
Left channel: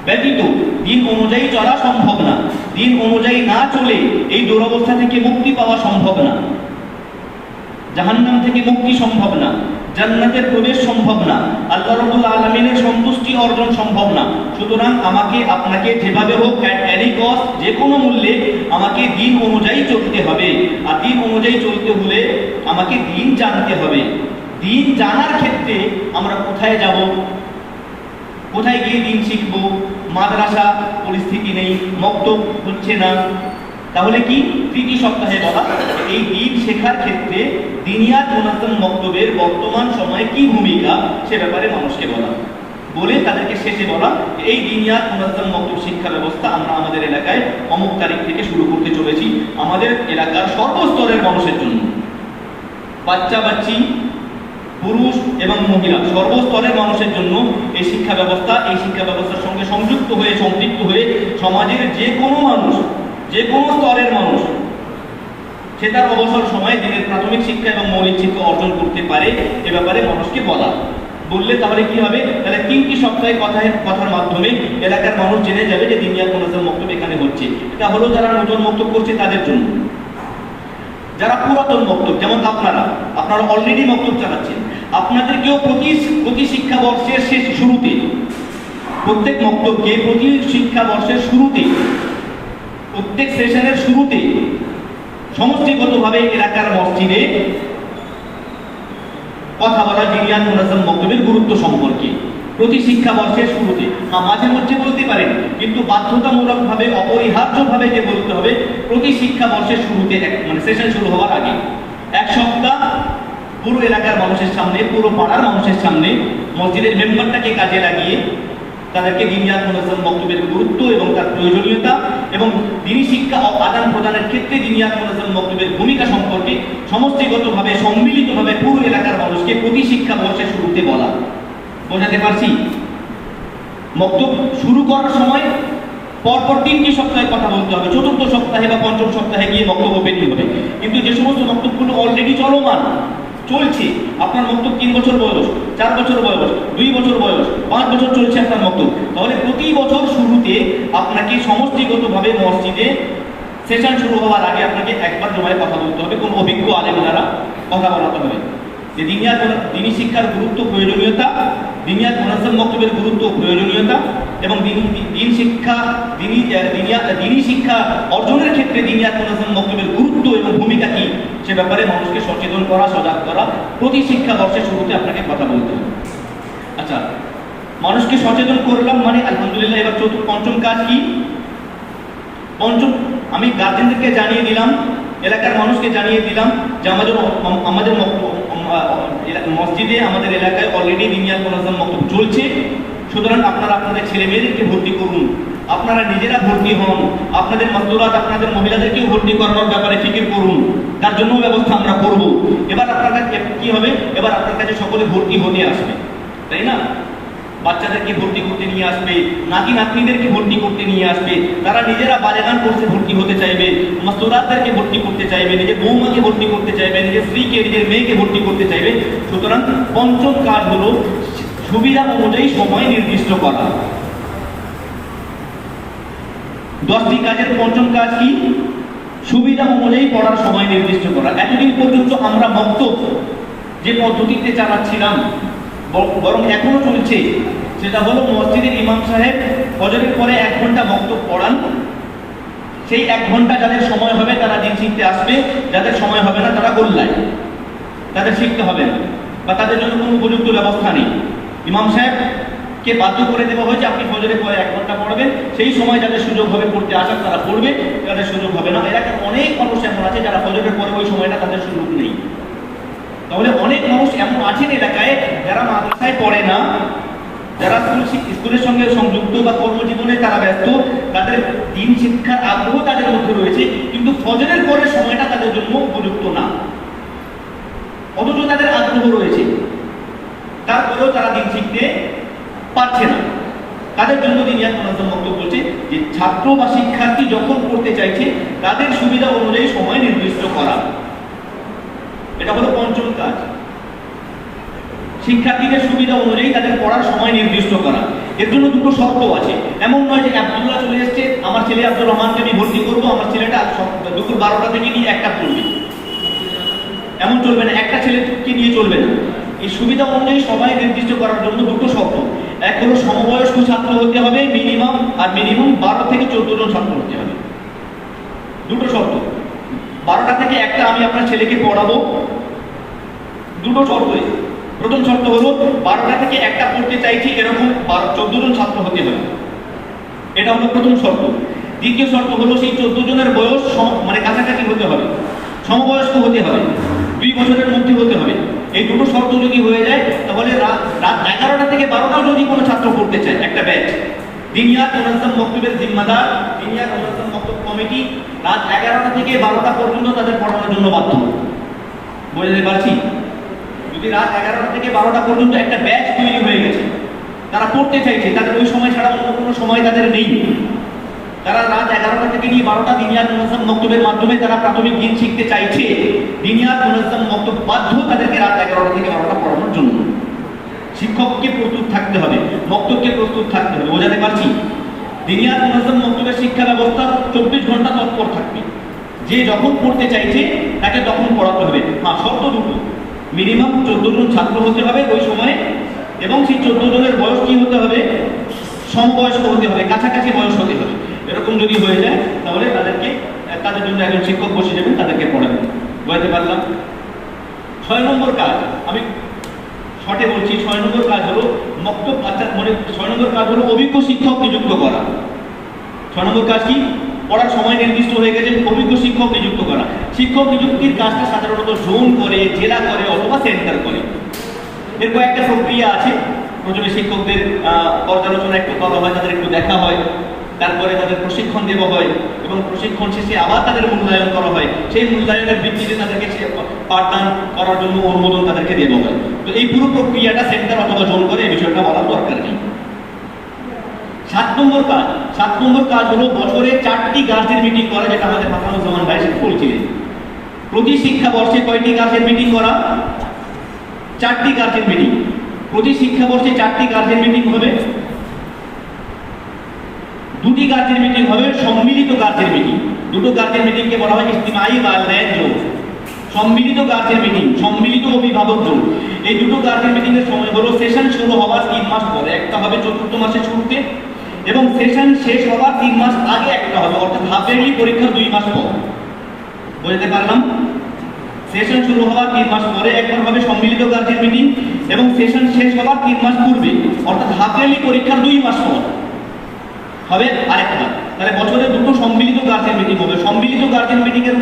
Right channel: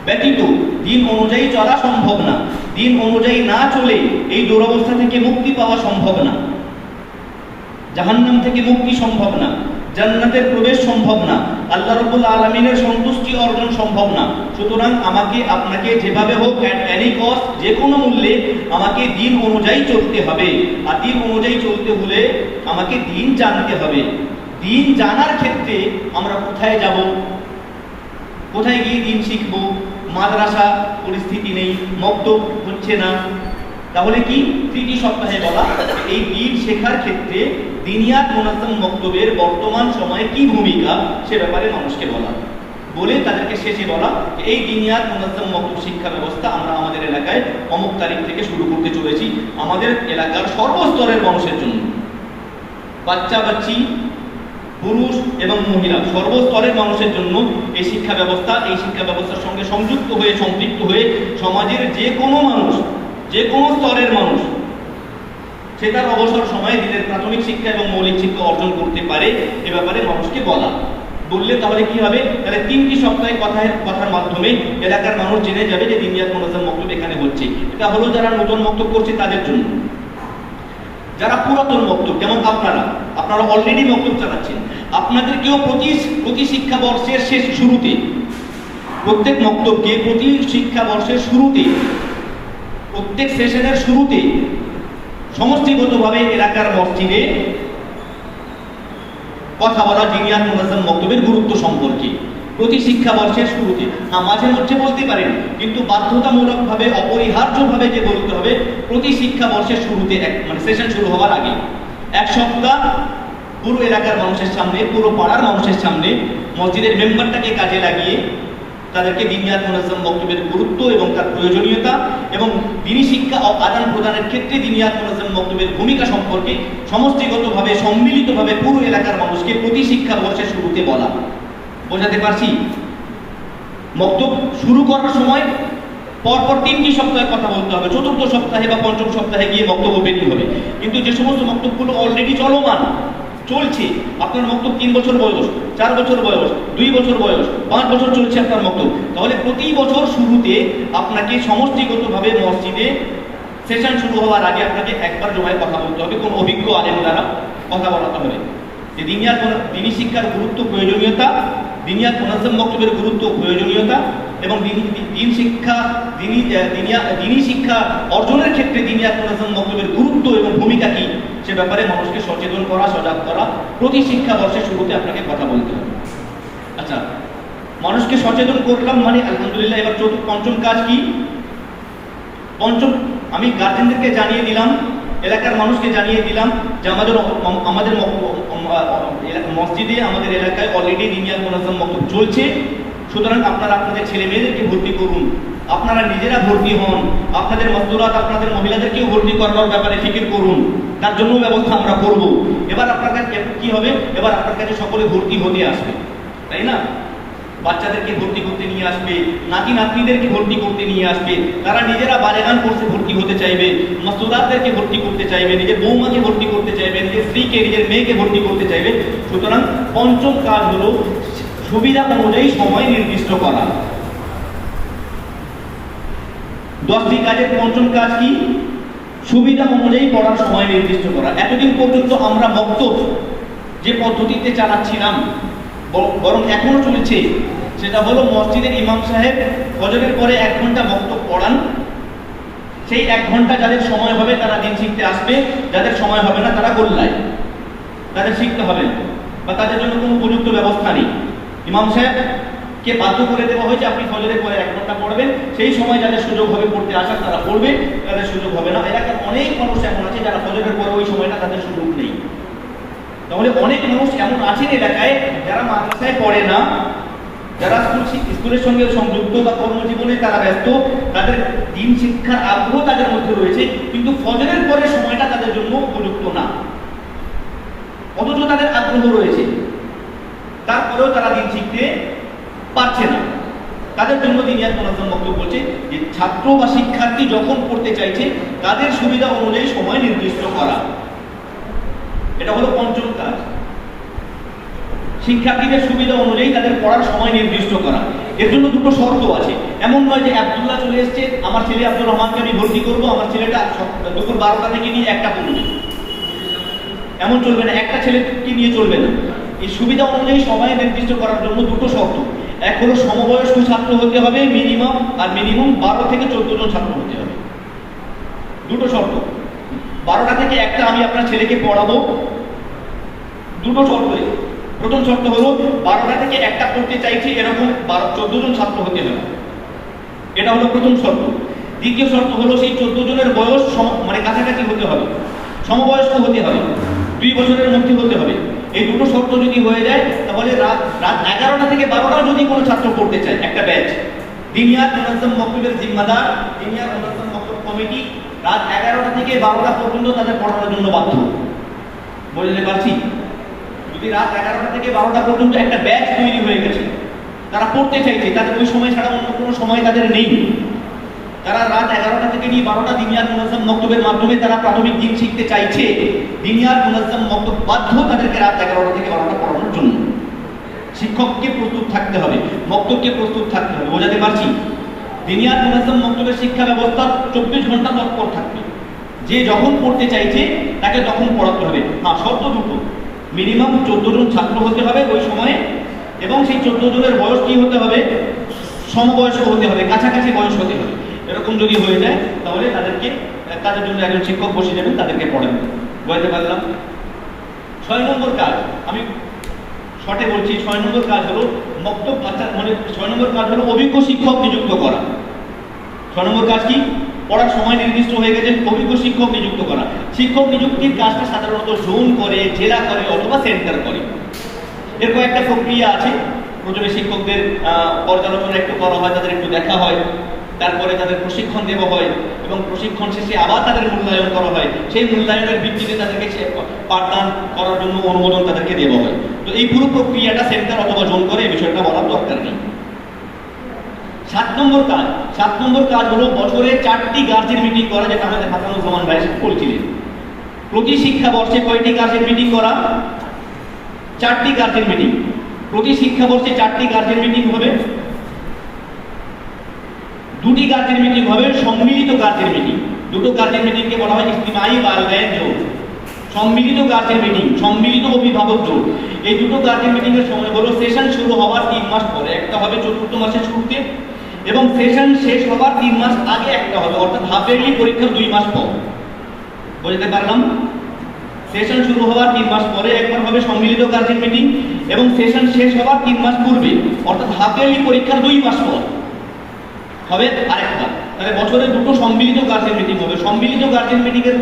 ব্যতীত দিন অনুযায়ী চলা সম্ভব না, দিন অনুযায়ী না চলে এই দুরবস্থা থেকে মুক্তি পাওয়া সম্ভব না, জাহান্নাম থেকে মুক্তি সম্ভব না, জান্নাতের প্রবেশ সম্ভব না, আল্লাহ রাব্বুল আলামিনের সন্তুষ্টি অর্জন সম্ভব না। সুতরাং আমাকে, আপনাকে যেভাবে হোক, অ্যাট এনি কস্ট, যে কোনো মূল্যে আমাকে দিন অনুযায়ী চলতে হবে। আর দিন অনুযায়ী চলতে হলে আমাকে দিন জানতে হবে। দিন জানার ক্ষেত্রে আমরা কোথায় যাব, কোথায় গিয়ে দিন শিখবো? মাদ্রাসা পরিস্থিতি নেই, মক্তব হচ্ছে না, তাহলে কি তৃতীয় সপ্তাহে বলা এই দিন শেখার ক্ষেত্রে দিনিয়াত মুনাজ্জাম মক্তবের বর্তমান সময়ে কি ভূমিকা সে ব্যাপারে মানুষকে বলা, বলে তাদেরকে শেষে বলা এই দিনিয়াত মুনাজ্জাম মক্তব শিক্ষা ব্যবস্থা আমরা আমাদের এলাকায় অমুক তারিখ থেকে শুরু করতে চলেছি আমাদের এলাকার সর্বস্তরের মানুষের জন্য, বাচ্চা বাচ্চি পুরুষ এবং মহিলা সর্বস্তরের মানুষের জন্য এই শিক্ষা ব্যবস্থার সঙ্গে সংযুক্ত হয়ে সম্পৃক্ত হয়ে সমাজের যে কোনো মানুষ, যে কোনো স্তরের মানুষ সে তার অবসর সময়ে দিনের প্রাথমিক শিক্ষা এবং মৌলিক শিক্ষা অর্জন করতে পারে এ ব্যাপারে মানুষকে বললে তাহলে কি হবে, তাহলে 3টি সপ্তাহে কথার মাধ্যমে এলাকার মানুষ জেনে যাবে যে দিনিয়াত মুনাজ্জাম মক্তব এখানে হচ্ছে। এটা হলো যারা নতুন মক্তব করছে তাদের জন্য। যারা পুরাতন মক্তব, যেমন আপনারা অলরেডি মক্তব চালাচ্ছেন, আপনাদেরকেও প্রতি শিক্ষাবর্ষের শুরুতে, প্রত্যেক মক্তবকে প্রতি শিক্ষাবর্ষের শুরুতে, প্রত্যেক সেশনের শুরুতে সমষ্টিগতভাবে এলাকার মসজিদে কথা বলা দিনিয়াত মুনাজ্জাম মক্তবের গুরুত্ব সম্পর্কে প্রতি শিক্ষাবর্ষের শুরুতে। মাঝে মধ্যে বলতে পারেন, কিন্তু বাধ্যতামূলকভাবে অপরিহার্যভাবে যে বলতে হবে প্রতি শিক্ষাবর্ষের শুরুতে, মানে সেশন শুরু হওয়ার আগে 1 সপ্তাহ পুরো এলাকার মানুষের সামনে, পুরো পাড়ার মানুষের সামনে মসজিদের মেম্বারটাকে কাজে লাগিয়ে তাদেরকে দিনিয়াত মুনাজ্জাম মক্তবের গুরুত্ব এবং তার প্রয়োজনীয়তা এবং দিনী শিক্ষা আদান প্রদানের ক্ষেত্রে দিনিয়াত মুনাজ্জাম মক্তবের ভূমিকা সম্পর্কে সমষ্টিগতভাবে সম্মিলিতভাবে পুরো এলাকার মানুষকে প্রতি শিক্ষাবর্ষের শুরুতে বলা। বোঝাতে পারছি? মক্তব শুরু করার সময় পরপর 3টি সপ্তাহে কথা বলতে হবে, 4র্থ সপ্তাহে বা 5ম সপ্তাহে গিয়ে বক্তব্য পেতে হবে। কিন্তু যে সমস্ত বক্তব্যগুলো অলরেডি চলমান চলছে, আপনার বক্তব্য 3 বছর বয়স, 4 বছর বয়স, 2 বছর বয়স, 5 বছর চলছে আপনার বক্তব্য, তাহলে প্রতি বছর শুরুতে আপনাকে সমষ্টিগতভাবে মসজিদে সেশন শুরু হওয়ার আগে আপনাকে একবার জমায় কথা বলতে হবে, কোন অভিজ্ঞ আলেম দ্বারা কথা বলাতে হবে যে দিনী শিক্ষার গুরুত্ব, প্রয়োজনীয়তা, দিনিয়াত মুনাজ্জাম মক্তবের গুরুত্ব, প্রয়োজনীয়তা এবং দিনী শিক্ষা অর্জনের ক্ষেত্রে দিনিয়াত মুনাজ্জাম মক্তবের গুরুত্ব এবং ভূমিকা কি সে ব্যাপারে মানুষকে সচেতন করা, সজাগ করা প্রতি শিক্ষাবর্ষের শুরুতে আপনাকে কথা বলতে হবে। আচ্ছা, মানুষকে সচেতন করলাম মানে আলহামদুলিল্লাহ, এবার 5ম কাজ কি? আমি গার্জেনদেরকে জানিয়ে দিলাম, এলাকার মানুষকে জানিয়ে দিলাম যে আমাদের মসজিদে, আমাদের এলাকায় অলরেডি দিনিয়াত মুনাজ্জাম মক্তব চলছে, সুতরাং আপনারা আপনাদের ছেলে মেয়েদেরকে ভর্তি করুন, আপনারা নিজেরা ভর্তি হন, আপনাদের মাসদুরাত, আপনাদের মহিলাদেরকেও ভর্তি করানোর ব্যাপারে ফিকির করুন, তার জন্য ব্যবস্থা আমরা করব। এবার আপনার কাছে কি হবে? এবার আপনার কাছে সকলে ভর্তি হতে আসবে, তাই না? বাচ্চাদেরকে ভর্তি করতে নিয়ে আসবে, নাতি নাতনিদেরকে ভর্তি করতে নিয়ে আসবে, তারা নিজেরা বালেগান কোর্সে ভর্তি হতে চাইবে, মাসদুরাতদেরকে ভর্তি করতে চাইবে, নিজের বৌমাকে ভর্তি করতে চাইবে, নিজের স্ত্রীকে, নিজের মেয়েকে ভর্তি করতে চাইবে। সুতরাং 5ম কাজ হলো সুবিধা অনুযায়ী সময় নির্দিষ্ট করা। 10টি কাজের 5ম কাজ কি? সুবিধা অনুযায়ী পড়ার সময় নির্দিষ্ট করা। এতদিন পর্যন্ত আমরা মক্তব যে পদ্ধতিতে চালাচ্ছিলাম, বরং এখনো চলছে, সেটা হলো মসজিদের ইমাম সাহেব ফজরের পরে 1 ঘন্টা মক্তব পড়ান, সেই 1 ঘন্টা যাদের সময় হবে তারা দিন শিখতে আসবে, যাদের সময় হবে না তারা গোল্লায়, তাদের শিখতে হবে না, বা তাদের জন্য কোনো উপযুক্ত ব্যবস্থা নেই। ইমাম সাহেবকে বাধ্য করে দেওয়া হয়েছে আপনি ফজরের পরে 1 ঘন্টা পড়বেন, সেই সময় যাদের সুযোগ হবে পড়তে আসার তারা পড়বে, যাদের সুযোগ হবে না। এলাকার অনেক মানুষ এমন আছে যারা ফজরের পরে ওই সময়টা তাদের সুযোগ নেই। তাহলে অনেক মানুষ এমন আছেন এলাকায় যারা মাদ্রাসায় পড়ে না, যারা স্কুলের সঙ্গে সংযুক্ত বা কর্মজীবনে তারা ব্যস্ত, তাদের দিন শিক্ষার আগ্রহ তাদের মধ্যে রয়েছে, কিন্তু ফজরের পরের সময়টা তাদের জন্য উপযুক্ত না, অথচ তাদের আগ্রহ রয়েছে, তারপরেও তারা দিন শিখতে পারছে না। তাদের জন্য দিনিয়াত মুনাজ্জাম মক্তব বলছে যে ছাত্র বা শিক্ষার্থী যখন পড়তে চাইছে তাদের সুবিধা অনুযায়ী সময় নির্দিষ্ট করা। এটা হলো 5ম কাজ, শিক্ষার্থীদের সুবিধা অনুযায়ী তাদের পড়ার সময় নির্দিষ্ট করা। এর জন্য 2টো শর্ত আছে। এমন নয় যে আব্দুল্লাহ চলে এসছে, আমার ছেলে আব্দুর রহমানকে আমি ভর্তি করবো, আমার ছেলেটা দুপুর 12টা থেকে নিয়ে 1টা পড়বে, এমন চলবে না, একটা ছেলেকে নিয়ে চলবে না। এই সুবিধা অনুযায়ী সময় নির্দিষ্ট করার জন্য 2টো শর্ত। এক হলো সমবয়স্ক ছাত্র হতে হবে মিনিমাম, আর মিনিমাম 12 থেকে 14 জন ছাত্র হতে হবে। 2টো শর্ত। 12টা থেকে 1টা আমি আপনার ছেলেকে পড়াবো, 2টো শর্ত। প্রথম শর্ত হলো 12টা থেকে 1টা পড়তে চাইছি এরকম 14 জন ছাত্র হতে হবে, এটা হলো প্রথম শর্ত। দ্বিতীয় শর্ত হলো সেই 14 জনের বয়স মানে কাছাকাছি হতে হবে, সমবয়স্ক হতে হবে, 2 বছরের মধ্যে হতে হবে। এই দুটো শর্ত যদি হয়ে যায় তাহলে রাত 11টা থেকে 12টা যদি কোনো ছাত্র পড়তে চায়, একটা ব্যাচ দিনিয়াত মুনাজ্জাম মক্তবের জিম্মাদার, দিনিয়াত মুনাজ্জাম মক্তব কমিটি রাত 11টা থেকে 12টা পর্যন্ত তাদের পড়ানোর জন্য বাধ্য। বুঝতে পারছি? যদি রাত 11টা থেকে 12টা পর্যন্ত একটা ব্যাচ তৈরি হয়ে গেছে, তারা পড়তে চাইছে, তাদের ওই সময় ছাড়া অন্য কোনো সময় তাদের নেই, তারা রাত 11টা থেকে নিয়ে 12টা দিনিয়াত মুনাজ্জাম মক্তবের মাধ্যমে তারা প্রাথমিক দিন শিখতে চাইছে, দিনিয়াত মুনাজ্জাম মক্তব বাধ্য তাদেরকে রাত 11টা থেকে 12টা পড়ানোর জন্য। শিক্ষককে প্রস্তুত থাকতে হবে, মক্তবকে প্রস্তুত থাকতে হবে। বোঝাতে পারছি? দিনিয়াত মুনাজ্জাম মক্তবের শিক্ষা ব্যবস্থা 24 ঘন্টা তৎপর থাকবে, যে যখন পড়তে চাইছে তাকে তখন পড়াতে হবে। হ্যাঁ, শর্ত দুটো, মিনিমাম 14 জন ছাত্র হতে হবে ওই সময়ে, এবং সেই 14 জনের বয়স কি হতে হবে, সমবয়স্ক হতে হবে, কাছাকাছি বয়স হতে হবে। এরকম যদি হয়ে যায় তাহলে তাদের জন্য একজন শিক্ষক বসে দেবেন, তাদেরকে পড়াবেন। বুঝতে পারলাম? 6 নম্বর কাজ, আমি শর্টে বলছি, 6 নম্বর কাজ হলো মক্তব বাচ্চার মনে, 6 নম্বর কাজ হলো অভিজ্ঞ শিক্ষক নিযুক্ত করা। 6 নম্বর কাজ কি? পড়ার সময় নির্দিষ্ট হয়ে গেছে, অভিজ্ঞ শিক্ষক নিযুক্ত করা। শিক্ষক নিযুক্তির কাজটা সাধারণত জোন করে, জেলা করে অথবা সেন্টার করে। এর কয়েকটা প্রক্রিয়া আছে। প্রথমে শিক্ষকদের পর্যালোচনা একটু করা হয়, তাদের একটু দেখা হয়, তারপরে তাদের প্রশিক্ষণ দেওয়া হয়, এবং প্রশিক্ষণ শেষে আবার তাদের মূল্যায়ন করা হয়। সেই মূল্যায়নের ভিত্তিতে তাদেরকে পাঠদান করার জন্য অনুমোদন তাদেরকে দেওয়া হয়। তো এই পুরো প্রক্রিয়াটা সেন্টার অথবা জোন করে, এই বিষয়টা বলার দরকার নেই। 7 নম্বর কাজ হলো বছরে 4টি গার্জেন মিটিং করা, যেটা আমাদের হাসানুজ্জামান ভাই বলছিলেন। প্রতি শিক্ষাবর্ষে কয়টি গার্জেন মিটিং করা? 4টি গার্জেন মিটিং। প্রতি শিক্ষাবর্ষে 4টি গার্জেন মিটিং হবে। 2টি গার্জেন মিটিং হবে সম্মিলিত গার্জেন মিটিং। দুটো গার্জেন মিটিংকে বলা হয় ইজতিমাই ওয়ালিদাইন জোট। সম্মিলিত গার্জেন মিটিং, সম্মিলিত অভিভাবক জোট। এই দুটো গার্জেন মিটিং এর সময় হলো সেশন শুরু হওয়ার 3 মাস পরে, একটা হবে 4th মাসের শুরুতে, এবং সেশন শেষ হওয়ার 3 মাস আগে একটা হবে, অর্থাৎ হাফ ইয়ারলি পরীক্ষার 2 মাস পর। বুঝতে পারলাম? সেশন শুরু হওয়ার 3 মাস পরে একবার হবে সম্মিলিত গার্জেন মিটিং, এবং সেশন শেষ হওয়ার 3 মাস পূর্বে, অর্থাৎ হাফ ইয়ারলি পরীক্ষার 2 মাস পর হবে আরেকবার। তাহলে বছরে দুটো সম্মিলিত গার্জেন মিটিং হবে। সম্মিলিত গার্জেন মিটিং এর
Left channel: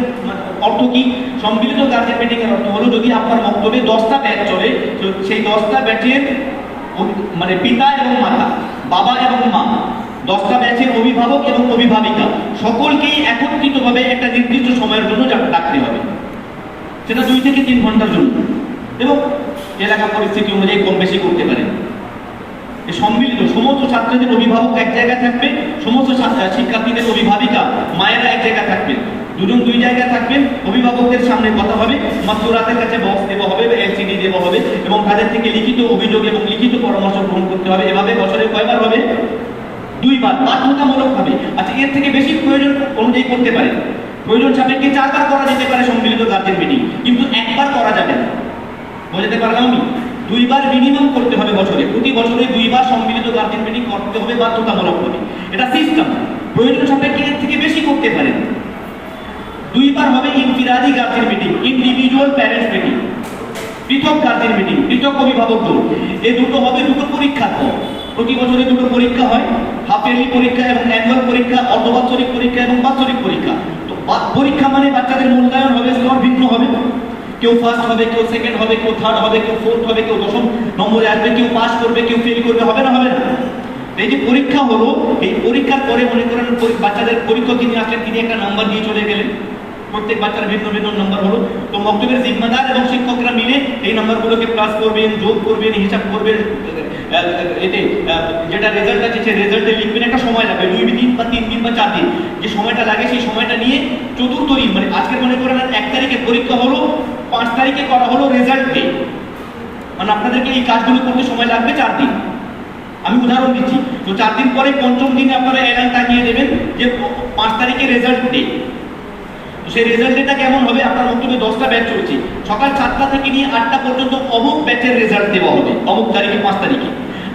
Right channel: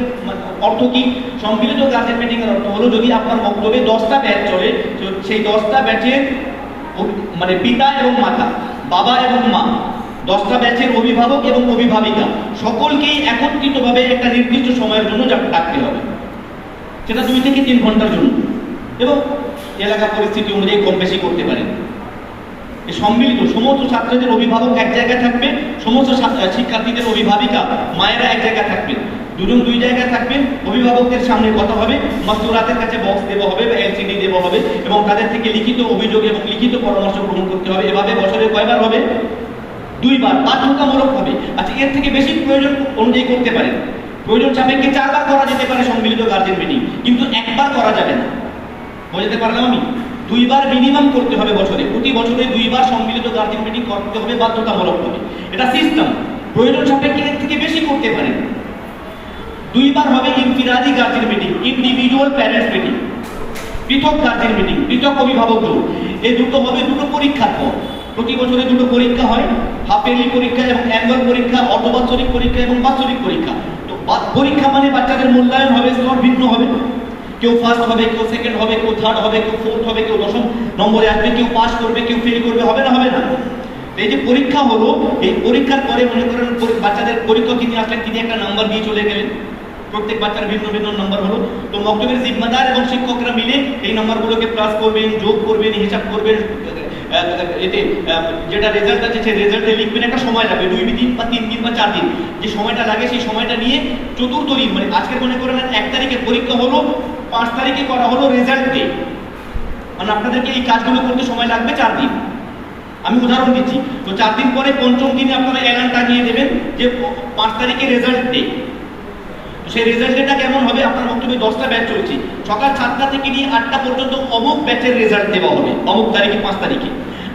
অর্থ কি? সম্মিলিত গার্জেন মিটিং এর অর্থ হলো, যদি আপনার বক্তব্যে 10টা ব্যাচ চলে, সেই 10টা ব্যাচের মানে পিতা এবং মাতা, বাবা এবং মা, 10টা ব্যাচের অভিভাবক এবং অভিভাবিকা সকলকেই একত্রিতভাবে একটা নির্দিষ্ট সময়ের জন্য ডাকতে হবে। সেটা 2 থেকে 3 ঘন্টার জন্য, এবং এলাকা পরিস্থিতি অনুযায়ী কম বেশি করতে পারেন। সম্মিলিত সমস্ত ছাত্রদের অভিভাবক এক জায়গায় থাকবে, সমস্ত শিক্ষার্থীদের অভিভাবিকা মায়েরা এক জায়গায় থাকবেন, দুজন 2 জায়গায় থাকবেন। অভিভাবকদের সামনে কথা হবে, মাস্তুরাতের কাছে বক্স দেওয়া হবে বা এলসিডি দেওয়া হবে, এবং তাদের থেকে লিখিত অভিযোগ এবং লিখিত পরামর্শ গ্রহণ করতে হবে। এভাবে বছরে কয়বার হবে? 2 বার, বাধ্যতামূলক হবে। আচ্ছা, এর থেকে বেশি প্রয়োজন অনুযায়ী করতে পারেন। প্রয়োজন সাপেক্ষে 4 বার করা যেতে পারে সম্মিলিত গার্জেন মিটিং, কিন্তু 1 বার করা যাবে না। বুঝতে পারলাম আমি? 2 বার মিনিমাম করতে হবে বছরে। প্রতি বছরে 2 বার সম্মিলিত গার্জেন মিটিং করতে হবে বাধ্যতামূলক হবে। এটা সিস্টেম। প্রয়োজন সাপেক্ষে এর থেকে বেশি করতে পারেন। 2 বার হবে ইনফিরাদি guardian meeting, individual parents meeting, পৃথক গার্জেন মিটিং, পৃথক অভিভাবক জোট। এই দুটো হবে দুটো পরীক্ষার পর। প্রতি বছরে দুটো পরীক্ষা হয়, হাফ ইয়ারলি পরীক্ষা এবং অ্যানুয়াল পরীক্ষা, অর্ধবাৎসরিক পরীক্ষা এবং বাৎসরিক পরীক্ষা। তো পরীক্ষা মানে বাচ্চাদের মূল্যায়ন হবে, স্তর ভিন্ন হবে। কেউ ফার্স্ট হবে, কেউ সেকেন্ড হবে, কেউ থার্ড হবে, কেউ ফোর্থ হবে, কেউ 10ম নম্বরে আসবে, কেউ পাস করবে, কেউ ফেল করবে। হবে না? হবে না? এই যে পরীক্ষা হলো, এই পরীক্ষার পরে মনে করেন বাচ্চাদের পরীক্ষক যিনি আসলেন, তিনি একটা নাম্বার দিয়ে চলে গেলেন। প্রত্যেক বাচ্চার ভিন্ন ভিন্ন নাম্বার হলো। তো মক্তবের জিম্মাদার এবং শিক্ষকরা মিলে এই নাম্বারগুলোকে প্লাস করবেন, যোগ করবেন, হিসাব করবেন। এতে যেটা রেজাল্ট আছে সেই রেজাল্টে লিখবেন। একটা সময় লাগবে, 2 দিন বা 3 দিন বা 4 দিন, যে সময়টা লাগে সেই সময়টা নিয়ে 4th দিন, মানে আজকের মনে করেন 1 তারিখে পরীক্ষা হলো, 5 তারিখে করা হলো রেজাল্ট ডে, মানে আপনাদেরকে এই কাজগুলো করতে সময় লাগবে 4 দিন। আমি উদাহরণ দিচ্ছি। তো 4 দিন পরে 5ম দিনে আপনারা এলান টাঙিয়ে দেবেন যে 5 তারিখে রেজাল্ট ডে। সেই রেজাল্ট ডেটা কেমন হবে? আপনার বক্তব্যে 10টা ব্যাচ চলছে, সকাল 7টা থেকে নিয়ে 8টা পর্যন্ত অমুক ব্যাচের রেজাল্ট দেওয়া হবে অমুক তারিখে 5 তারিখে।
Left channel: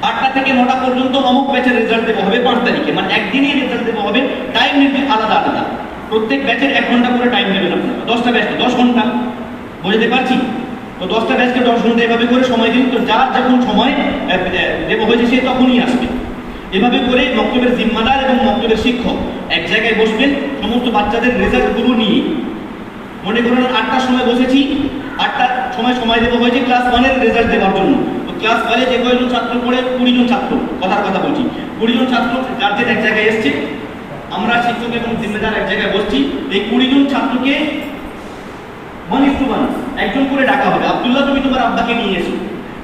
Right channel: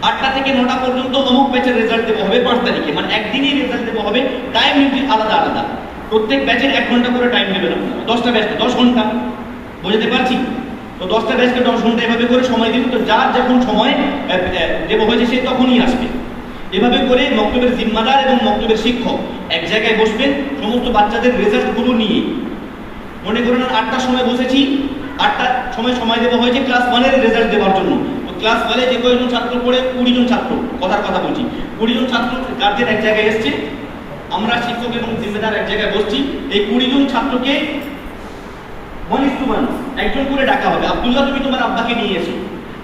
8টা থেকে 9টা পর্যন্ত অমুক ব্যাচের রেজাল্ট দেওয়া হবে 5 তারিখে, মানে একদিনই রেজাল্ট দেওয়া হবে। টাইম লিমিট আলাদা আলাদা, প্রত্যেক ব্যাচের 1 ঘন্টা করে টাইম দেবেন আপনারা। 10টা ব্যাচ 10 ঘন্টা। বুঝতে পারছি? তো 10টা ব্যাচকে 10 ঘন্টা এভাবে করে সময় দিন। তো যার যখন সময় দেওয়া হয়েছে সে তখনই আসবে। এভাবে করে মক্তবের জিম্মাদার এবং মক্তবের শিক্ষক এক জায়গায় বসবেন সমস্ত বাচ্চাদের রেজাল্টগুলো নিয়ে। মনে করেন 8টার সময় বসেছি, 8টার সময় দেওয়া হয়েছে ক্লাস 1-এর রেজাল্ট দেওয়ার জন্য। তো ক্লাস 1-এ যে কয়জন ছাত্র পড়ে 20 জন ছাত্র, কথার কথা বলছি, 20 জন ছাত্র গার্জেন এক জায়গায় এসছে, আমরা শিক্ষক এবং জিম্মেদার এক জায়গায় বসছি। এই 20 জন ছাত্রকে 1:1 একজন করে ডাকা হবে। আব্দুল্লাহ, তুমি তোমার আব্বাকে নিয়ে এসো।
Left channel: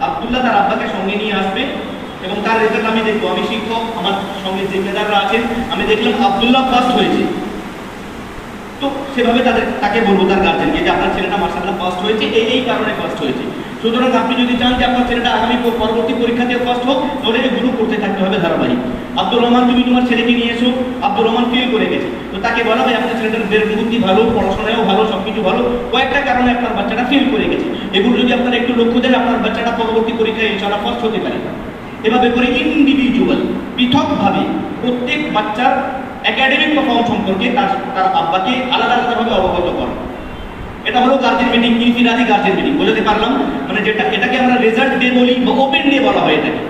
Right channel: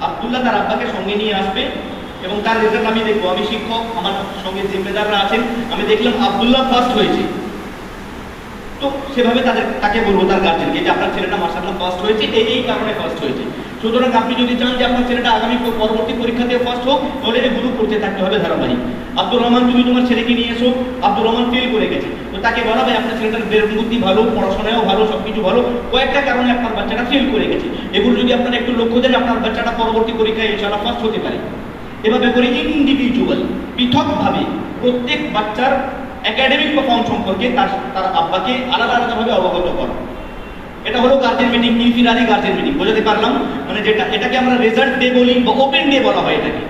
আব্দুল্লাহ তার আব্বাকে সঙ্গে নিয়ে আসবে এবং তার রেজাল্ট আমি দেখবো। আমি শিক্ষক, আমার সঙ্গে জিম্মেদাররা আছেন, আমি দেখলাম আব্দুল্লাহ ফার্স্ট হয়েছে, তো সেভাবে তাকে বলবো তার গার্জেনকে যে আপনার ছেলেটা মাশাআল্লাহ ফার্স্ট হয়েছে, এই কারণে ফার্স্ট হয়েছে। সুতরাং আপনি যদি চান যে আপনার ছেলেটা আগামী পরবর্তী পরীক্ষাতে ফার্স্ট হোক, তাহলে এগুলো করতে থাকতে হবে ধারাবাহিক। আব্দুর রহমান, তুমি তোমার ছেলেকে নিয়ে এসো। আব্দুর রহমান ফেল করে গেছে, তো তাকে বলা ভাই আপনার ছেলেটার বুদ্ধি ভালো, পড়াশোনায়ও ভালো, সবকিছু ভালো, কয়েকটা কারণে আপনার বাচ্চাটা ফেল করে গেছে, এগুলো যদি আপনারা একটু লক্ষ্য দেন আপনার বাচ্চাটা পরবর্তী পরীক্ষায় ইনশাআল্লাহ ফার্স্ট হতে পারে। এভাবে করে ইন্ডিভিজুয়াল, পৃথকভাবে প্রত্যেক বাচ্চার একাডেমিক পারফর্ম সম্পর্কে তার আব্বাকে আলাদা আলাদাভাবে অবগত করে। এটা হলো গার্জেন মিটিং, ইনফিরাদি গার্জেন মিটিং। বোঝাতে পারলাম? মানে এটাকে আমরা রেজাল্ট ডে বলি বা ওপেন ডে বলা হয়, এটাকে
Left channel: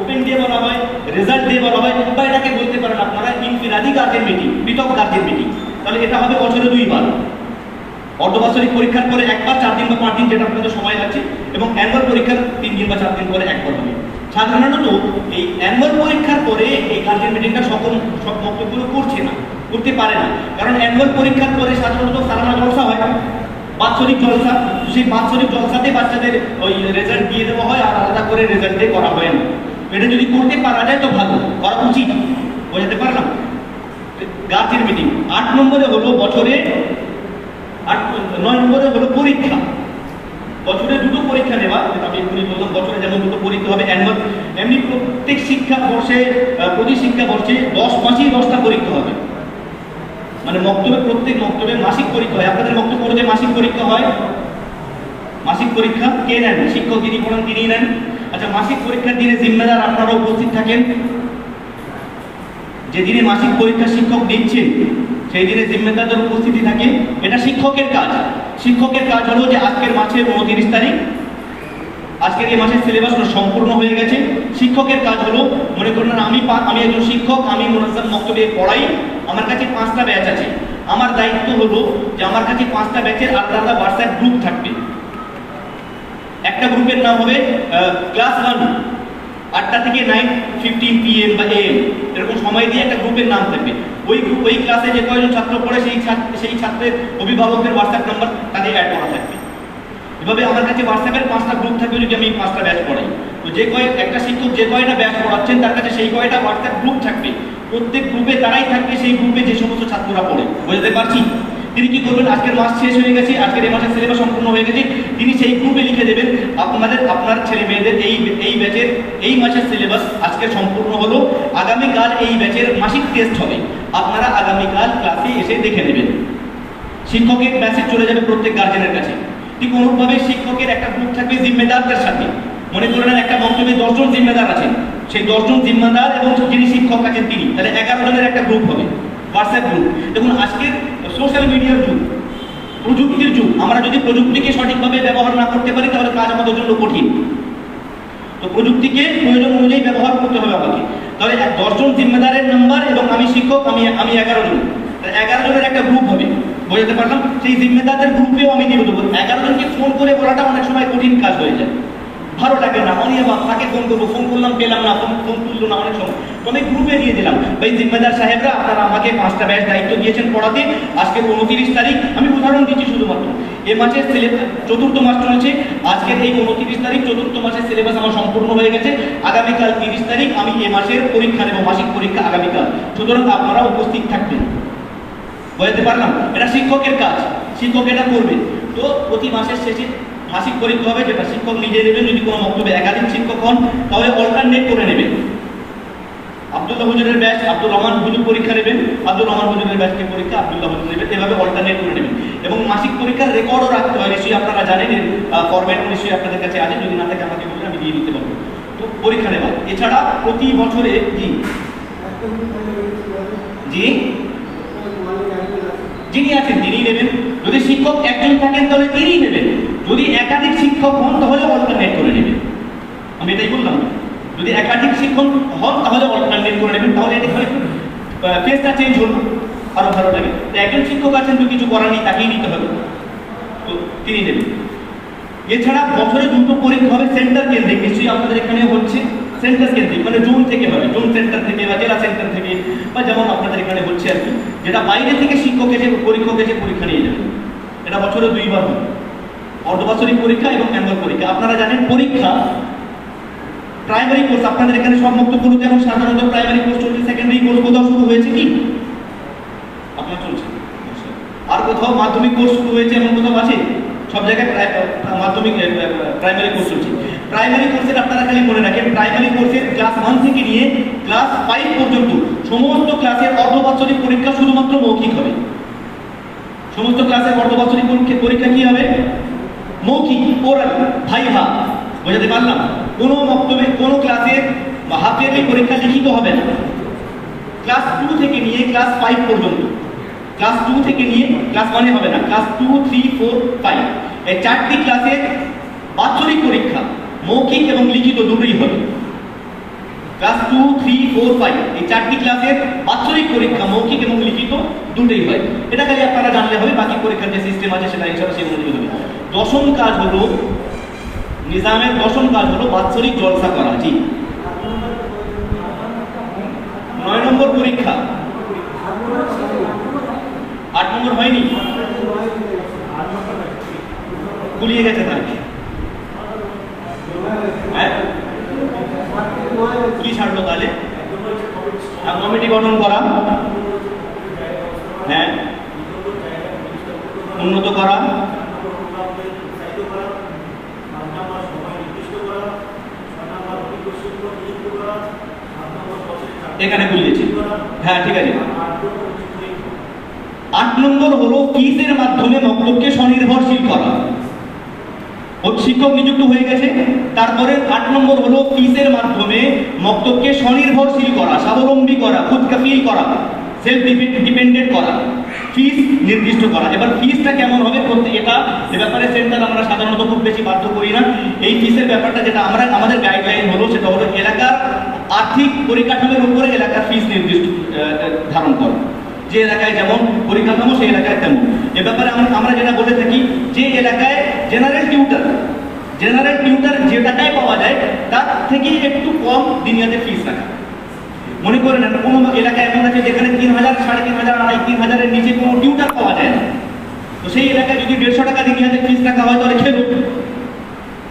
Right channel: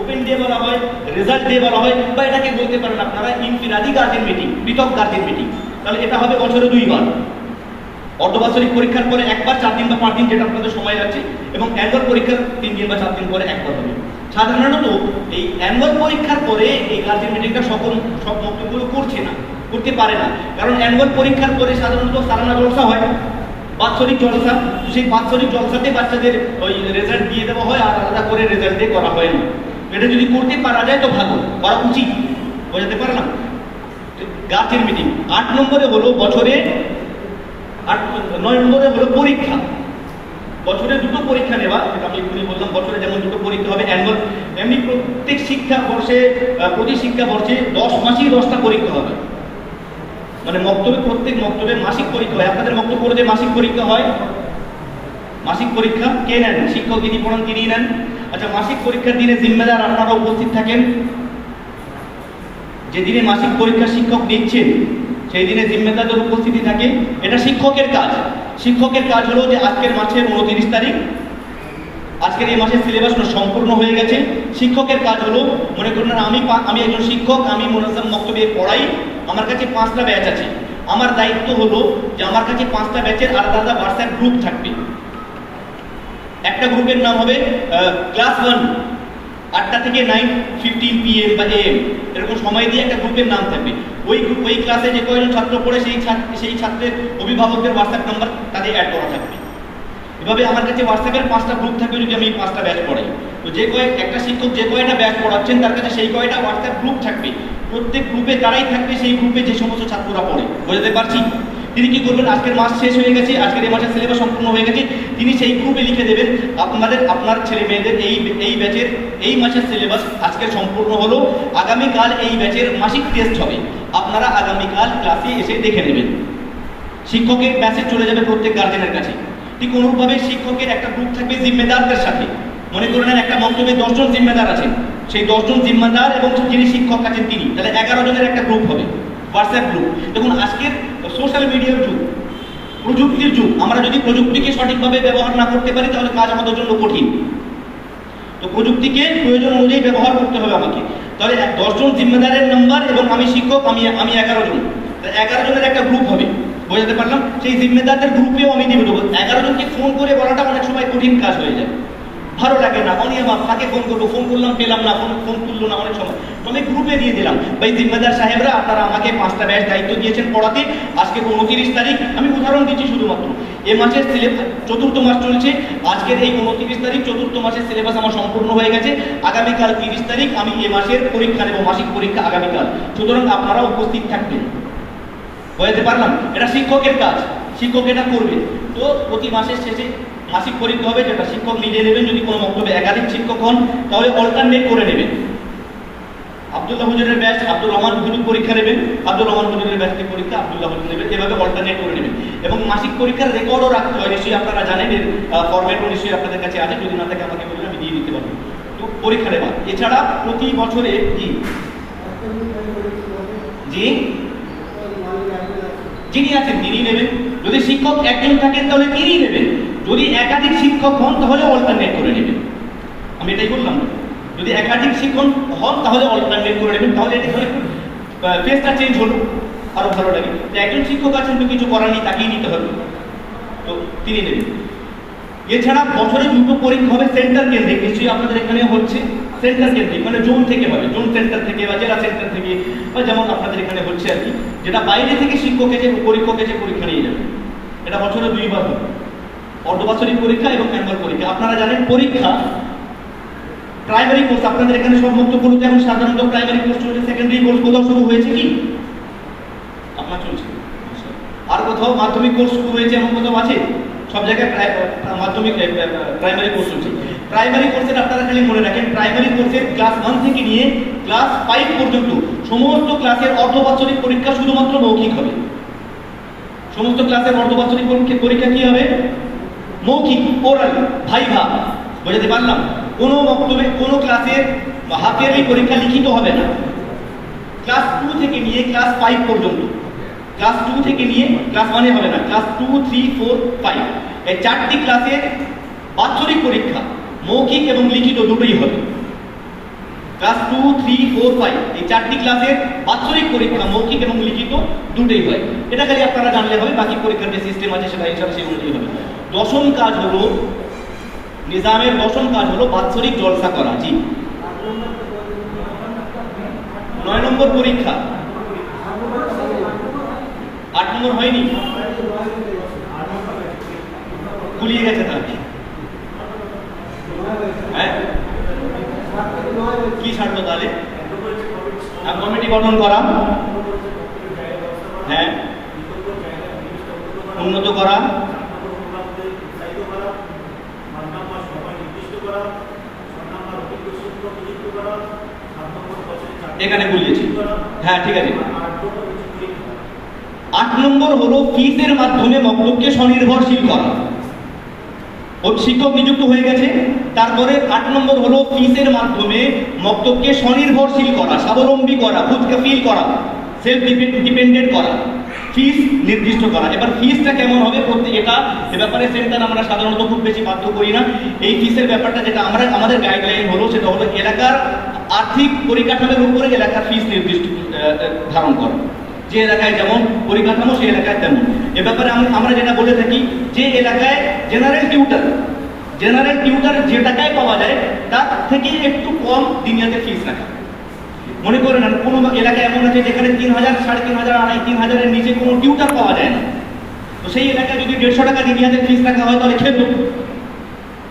ওপেন ডে বলা হয়, রেজাল্ট ডে বলা হয়, বা এটাকে বলতে পারেন আপনারা ইনফিরাদি গার্জেন মিটিং, পৃথক গার্জেন মিটিং। তাহলে এটা হবে বছরে 2 বার, অর্ধবার্ষিক পরীক্ষার পরে একবার, 4 দিন বা 5 দিন যেটা আপনাদের সময় আছে, এবং অ্যানুয়াল পরীক্ষার 3 দিন বা 4 দিন পরে একবার হবে। সাধারণত এই অ্যানুয়াল পরীক্ষার পরে এই গার্জেন মিটিংটা সব বক্তব্যগুলো করতে পারে না, কারণ অ্যানুয়াল পরীক্ষার পরে সাধারণত সালানা জলসা হয়, বাৎসরিক জলসা। সেই বাৎসরিক জলসাতে বাচ্চাদের ওই রেজাল্ট দিয়ে দেওয়া হয়, আর আলাদা করে রেজাল্ট দিয়ে করা হয় না। এটা যদি করতে পারা যায় তো ভালো, করা উচিত। বোঝাতে পারলাম? Guardian meeting. 8 নম্বরে হলো বছরে 9 নম্বরে হলো পরীক্ষা। বছরে 2টো পরীক্ষা নেওয়া, যেটা আমি এখনই বললাম, বছরে যেমন 2টো পরীক্ষা হবে অ্যানুয়াল, এমনি প্রত্যেক শিক্ষাবর্ষে প্রতি শিক্ষাবর্ষে 10 মাসেই 10টা পরীক্ষা হবে। মানে প্রত্যেক মক্তবে মাসিক পরীক্ষা হয়। আপনাদের মক্তব পড়তে মাসিক পরীক্ষা হয়? মাসিক পরীক্ষা কে নেন? শিক্ষক যিনি পড়ান তিনি নেন। আচ্ছা, মাসিক পরীক্ষার দিনে জিম্মেদার আপনারা উপস্থিত থাকেন। যেদিনে মাসিক পরীক্ষা শিক্ষক দিচ্ছেন সেই দিনে জিম্মেদারদের উপস্থিতি থাকে। এটা শিক্ষকের কাজ। শিক্ষকের কাজ হলো যে আজকের মাসের 29 তারিখ, আজকের এই মাসের সিলেবাস সম্পূর্ণ হয়ে গেছে। শিক্ষকের কাজ হলো, মনে করুন আমি একজন শিক্ষক, আমি মুনাজ্জাম মক্তবে পড়াই, আমার কাছে 5টা ব্যাচ আছে। আমার দায়িত্ব হলো যে আমার কাছে 5টা ব্যাচের আলাদা আলাদা হোয়াটসঅ্যাপ গ্রুপ থাকবে। একটা গ্রুপের নাম হবে ক্লাস 1, 8টা থেকে 9:15 PM বা AM এরকম সময় দিয়ে একটা গ্রুপের নাম থাকবে। ওই ক্লাসে যে কয়জন ছাত্র পড়ে সেই ছাত্রের অভিভাবকদের হোয়াটসঅ্যাপ নাম্বার তাদের অ্যাড করা থাকবে। এভাবে আমার কাছে হোয়াটসঅ্যাপের 5টা গ্রুপ থাকবে যদি আমি 5টা ব্যাচ পড়াই। তো একটা শিক্ষক যে কয়টা ব্যাচ পড়াচ্ছেন তার কাছে সেই কয়টা হোয়াটসঅ্যাপ গ্রুপ থাকবে। প্রত্যেক গ্রুপে তারাই থাকবে সেই গ্রুপে যে সমস্ত ছাত্ররা পড়ে। বুঝতে পারছি? তিনি কি করবেন, আজকের মাস শেষ হয়ে গেছে, আজকের এই মাসের সিলেবাস সম্পূর্ণ হয়ে গেছে, তিনি সেই গ্রুপে লিখে দেবেন আপনার ছেলে মেয়েদের এই ব্যাচের এই মাসের সিলেবাস আজকে সম্পূর্ণ হলো, আগামীকাল এই ব্যাচের মাসিক টেস্ট হবে, আপনারা আগামীকাল ক্লাসে এসে দেখে নেবেন। শিক্ষকের মেসেজ চলে যাবে প্রত্যেক গার্জেনের কাছে। ঠিক অনুরূপভাবে শিক্ষকের একটা গ্রুপ থাকবে জিম্মেদারদের সাথে। মনে করে নেন একটা মক্তবে 10 জন জিম্মেদার আছেন, সেই 10 জন জিম্মেদার এবং যিনি শিক্ষক আছেন তিনি, তাহলে 11 জনের একটা গ্রুপ হবে, হোয়াটসঅ্যাপ গ্রুপ। দেখুন, আজকের সোশ্যাল মিডিয়ার যুগ, প্রযুক্তির যুগ, আমরা যদি প্রযুক্তিকে সঠিকভাবে ব্যবহার না করতে পারি তাহলে কাজ আমাদের জন্য কঠিন। তো প্রযুক্তিকে প্রয়োজন অনুযায়ী ব্যবহার করতে হবে আমাকে। তাহলে 10 জন জিম্মেদারের নাম্বার এবং আমি শিক্ষক, আমি 11 জন, 11 জনের একটা গ্রুপ হবে। বুঝতে পারলাম? সেই জিম্মেদারদের গ্রুপেও আমি দিয়ে দেবো। 11 জনকে ফোন করে বলাটা অনেক সময় কঠিন কাজ হয়ে যায়, ভালো লাগে না, অনিয়ম, তাকে ফোন করবো, ফোন করলাম পেলাম না, ফোন তুললো না, অনেক সময় আমি গ্রুপে দিয়ে দিলাম, ভাই জিম্মেদার সাহেবরা আপনারা আমাকে 5টা ব্যাচ দায়িত্ব দিয়েছেন পড়াতে, আজকে 29 তারিখ, আমি উদাহরণ দিচ্ছি শুধুমাত্র, এ মাসের সিলেবাস 4র্থ মাস চলছে, আজকের এই 29 তারিখ 4র্থ মাসের সিলেবাস আমার সম্পূর্ণ হয়ে গেছে, আগামীকাল 30 তারিখ আমি এ মাসের পরীক্ষা নেব, মাসিক পরীক্ষা আগামীকাল, সুতরাং আপনারা উপস্থিত থাকবেন। বুঝতে পারলাম? এটা শিক্ষকের কাজ, শিক্ষক এটা করবে। তো প্রতি মাসের শেষে মাসিক পরীক্ষা হবে, যেটা শিক্ষক নিজে নেবেন। যদি কোনো মক্তবে একাধিক শিক্ষক হন তাহলে অল্টারনেট করে নেবেন। আব্দুল্লাহ হুজুরের ব্যাচ আব্দুর রহমান হুজুর পরীক্ষা নেবেন, আব্দুর রহমান হুজুরের ব্যাচকে পরীক্ষা আব্দুল্লাহ হুজুর নেবেন, এভাবে অল্টারনেট করে নেবেন। এবং মাসিক পরীক্ষার রেকর্ডও রাখতে হয়, নিশ্চয়ই আপনারা জানেন, এর ফরম্যাটও নিশ্চয়ই আপনাদের কাছে আছে, যদি না থাকে আমাকে বলবেন, আমি দিয়ে দিতে পারবো। তো পরীক্ষা নেওয়া এছাড়া প্রতি বছরে যিনি আছেন তিনি নেবেন। যদি শিক্ষক একজন থাকেন তাহলে তিনি নেবেন, যদি একাধিক শিক্ষক হন তাহলে অল্টারনেট করে নেবেন। আমি এটাই বললাম। যদি একাধিক শিক্ষক হন তাহলে অল্টারনেট করে নেবেন, তাহলে এটা পেজটা চেঞ্জ হলো, আরো ভালো লাগে। তো একজন শিক্ষক আছেন তো কিছু করার নেই, তাকেই নিতে হবে, তো তিনি নেবেন। এছাড়া বছরে 2টো পরীক্ষা হবে সেন্টার কেন্দ্রিক, নিশ্চয়ই আপনাদের এখানে হচ্ছে সেন্টার কেন্দ্রিক, মানে জোন থেকে হবে, জোন সেন্টার থেকে বা জেলা সেন্টার থেকে, বা যেমন আপনাদের এখানে হচ্ছে আর কি, যেটা বাইরে থেকে শিক্ষক এসে পরীক্ষক এসে পরীক্ষা নিয়ে যাবে। এটা বছরে 2বার হবে, অর্ধবার্ষিক পরীক্ষা এবং অ্যানুয়াল পরীক্ষা। আপনারা জানেন পরীক্ষা প্রাইমারি কোর্স আপনাদের এখানে সব মুক্তগুলোতে এখন সাধারণত প্রাইমারি কোর্স চলছে, সেকেন্ডারি কোর্স কোথাও শুরু হয়েছে কি আপনার চলছে? আর কোথাও মাধ্যমিক কোর্স শুরু হয়েছে এমন কোথাও আছে? সব জায়গায় মাধ্যমিক প্রাইমারি কোর্স চলছে। প্রাইমারি কোর্সের আপনারা খালি মনে রাখেন, প্রাইমারি কোর্সের ক্লাস 1 থেকে নিয়ে ক্লাস 5 পর্যন্ত সমস্ত ক্লাসের অর্ধবার্ষিক পরীক্ষা শুধুমাত্র মৌখিক হবে। সমস্ত ক্লাসের অর্ধবার্ষিক পরীক্ষা কি হবে? মৌখিক, ওরাল, ভাইভা। বোঝাতে পারলাম? কোনো বক্তব্যে কোনো ক্লাসের হাফ ইয়ারলি পরীক্ষা লিখিত হবে না। ক্লাস 2 থেকে নিয়ে ক্লাস 5 পর্যন্ত, ক্লাস 2 থেকে নিয়ে ক্লাস 1 হবে না, ক্লাস 2, 3, 4, 5 এই 4টি ক্লাসের বাৎসরিক পরীক্ষা মৌখিক এবং লিখিত দুটোই হবে। ক্লাস 2, 3, 4, 5 এই 4টি ক্লাসের বাৎসরিক পরীক্ষা মৌখিক এবং লিখিত দুটোই হয়। এটা খালি আপনারা জানলে হবে, বাকি পরীক্ষার যে সিস্টেম আছে সেটা ইনশাআল্লাহ সেই অনুযায়ী হবে। দশম কাজ হলো, নিজামের দশম কাজ হলো বাৎসরিক জলসা করা। জি, 9 নম্বর পরীক্ষা, 8 নম্বর হয়নি, গুলিয়ে গেছে তার হ্যাঁ, কি ছাড়লো তাহলে? কমিটি গঠন করা, হ্যাঁ, উন্নত করা, এখানে গুলিয়েছি, হ্যাঁ ঠিক আছে। 8 নম্বর হলো ফিসের মাধ্যমে মক্তবকে স্বনির্ভরশীল করা। শিক্ষক নিযুক্ত হয়ে গেছে, তারপরে 8 নম্বর হলো ফিসের মাধ্যমে মক্তবকে স্বনির্ভরশীল করা, স্বাবলম্বী করা, খুদকাফিল করা, সেলফ ডিপেন্ডেন্ট করা, ফিস নির্দিষ্ট করা। এবার ফিসটা কেমন হবে এটা এ ব্যাপারে সেন্টার আমরা সাধারণত খুব বেশি বাধ্য করি না। এই ফিসের ব্যাপারটা যেটা আমাদের গাইডলাইন হলো সেটা হলো এলাকার আর্থিক পরিকাঠামোর উপরে এলাকার ফিস নির্দিষ্ট ধারণ করা। যে এলাকায় যেমন পরিকাঠামো সেই এলাকায় তেমন। এ ব্যাপারে আমরা যেটা বলে থাকি, যে এলাকায় জেনারেল টিউটার যে টাকায় পাওয়া যায় তার থেকে একটু কম দিনিয়াতের ফিস রাখা। মনে করে নেন কোনো এলাকায় এমন আছে যেখানে 3,000, 3,500, 3,500-এর নিচে কোনো টিউটার পাওয়া যায় না, তো সেই এলাকায় যদি 150 টাকা দিনিয়াতের ফিস রাখা হয় তাহলে খেলো,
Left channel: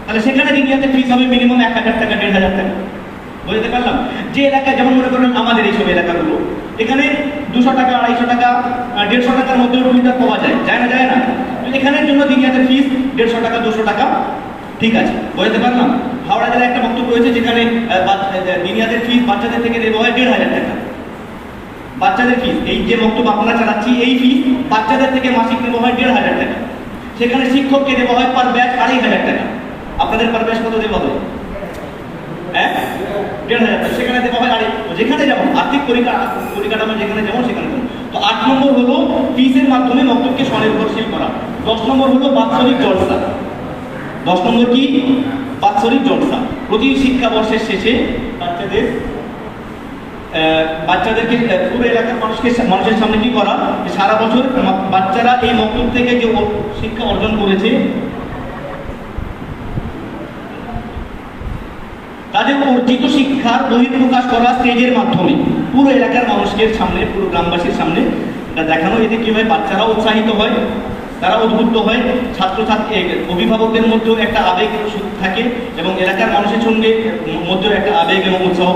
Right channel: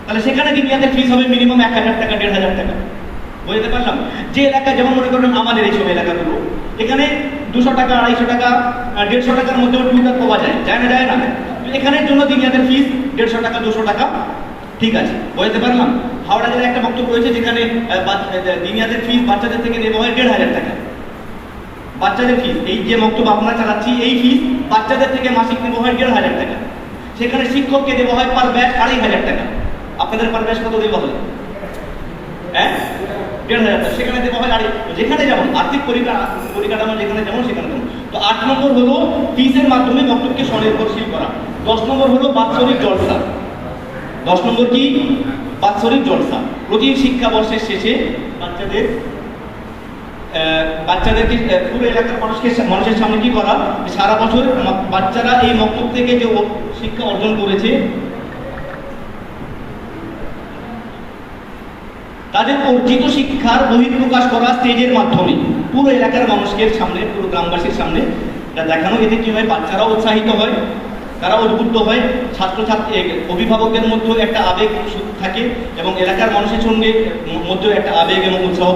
তাহলে সেখানে দিনিয়াতের ফিস হবে মিনিমাম 1,000 টাকা, 1,500 টাকা। বুঝতে পারলাম? যে এলাকায় যেমন মনে করেন আমাদের এইসব এলাকাগুলো, এখানে 200 টাকা, 250 টাকা, 150 টাকার মধ্যেও টিউটার পাওয়া যায়, যায় না? এখানের জন্য দিনিয়াতের ফিস 150 টাকা, 200 টাকা, ঠিক আছে। বুঝতে পারলাম? হাওড়া জেলায় একটা বক্তব্য রয়েছে যেখানে দিনিয়াতের ফিস বাচ্চাদের থেকে দেওয়া হয় 1,500 টাকা। বাচ্চাদের ফিস, এই যে বক্তব্য আমরা চালাচ্ছি, এই ফিস বাচ্চাদের থেকে মাসিক দেওয়া হয় 1,500 টাকা। সেখানে শিক্ষককে দেওয়া হয় পার ব্যাচ 2,500 টাকা। আপনাদের পার ব্যাচ কত দেওয়া হয়? হ্যাঁ, 1,500 টাকা। সেখানে দেওয়া হয় যেখানে যেমন আর্থিক পরিকাঠামো যেখানে যেমন সেখানে যেমন। তো 8 নম্বর হলো ফিসের মাধ্যমে মক্তবকে স্বনির্ভরশীল করা। 10 নম্বর হলো বাৎসরিক জলসা। 10 নম্বর কি? বাৎসরিক জলসা। প্রতি শিক্ষাবর্ষের শেষে বাচ্চাদেরকে পুরো এলাকার মানুষের সামনে কি করা, সারা বছর বাচ্চারা এই মক্তব থেকে যে শিক্ষা অর্জন করেছে তাদের অর্জিত শিক্ষার বহিঃপ্রকাশ করা স্টেজের মাধ্যমে পুরো এলাকার মানুষের সামনে, পুরো গ্রামবাসীর সামনে এটা দেখানো। এতে কি হয়? বাচ্চারাও উৎসাহিত হয়, তারা উদ্বুদ্ধ হয়, ছাত্রছাত্রী অভিভাবকের মধ্যেও একটা আবেগ থাকে এবং এলাকার মানুষের সঙ্গে মধ্যেও একটা আবেগ এবং উৎসাহ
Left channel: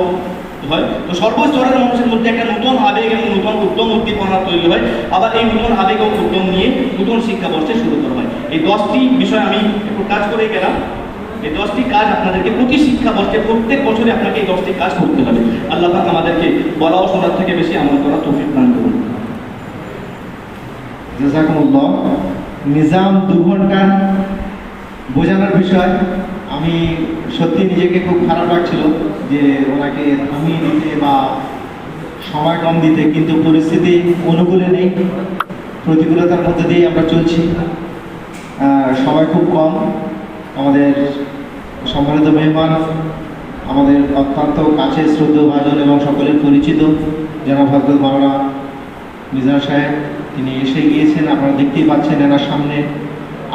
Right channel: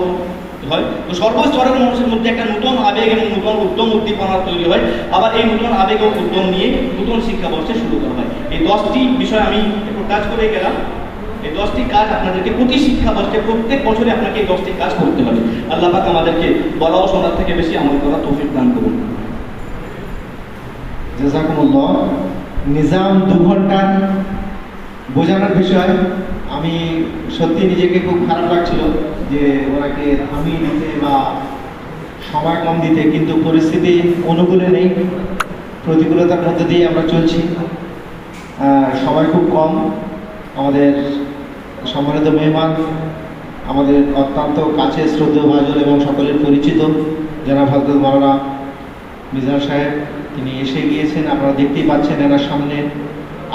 হয়। তো সর্বস্তরের মানুষের মধ্যে একটা নতুন আবেগ এবং নতুন উদ্যম উদ্দীপনা তৈরি হয়। আবার এই নতুন আবেগ ও উদ্যম নিয়ে নতুন শিক্ষাবর্ষে শুরু করা হয়। এই 10টি বিষয় আমি একটু কাজ করে গেলাম। এই 10টি কাজ আপনাদেরকে প্রতি শিক্ষাবর্ষে প্রত্যেক বছরে আপনাকে এই 10টি কাজ করতে হবে। আল্লাহ পাক আমাদেরকে বলা ও শোনার থেকে বেশি আমল করার তৌফিক দান করুন। জাযাকুমুল্লাহ। নিজাম 2 ঘন্টা বোঝানোর বিষয়, আমি সত্যি নিজেকে খুব খারাপ লাগছিল যে ওনাকে থামিয়ে দিতে বা সময় কম দিতে, কিন্তু পরিস্থিতি অনুকূলে নেই, প্রতিকূলতার মধ্যে দিয়ে আমরা চলছি। সময় খুব কম। আমাদের সম্মানিত মেহমান আমাদের অত্যন্ত কাছের শ্রদ্ধেয় ভাজন এবং সকলের পরিচিত জনাব হযরত মাওলানা মিজান সাহেব, তিনি এসে গিয়েছেন, আপনারা দেখতেই পাচ্ছেন এনার সামনে।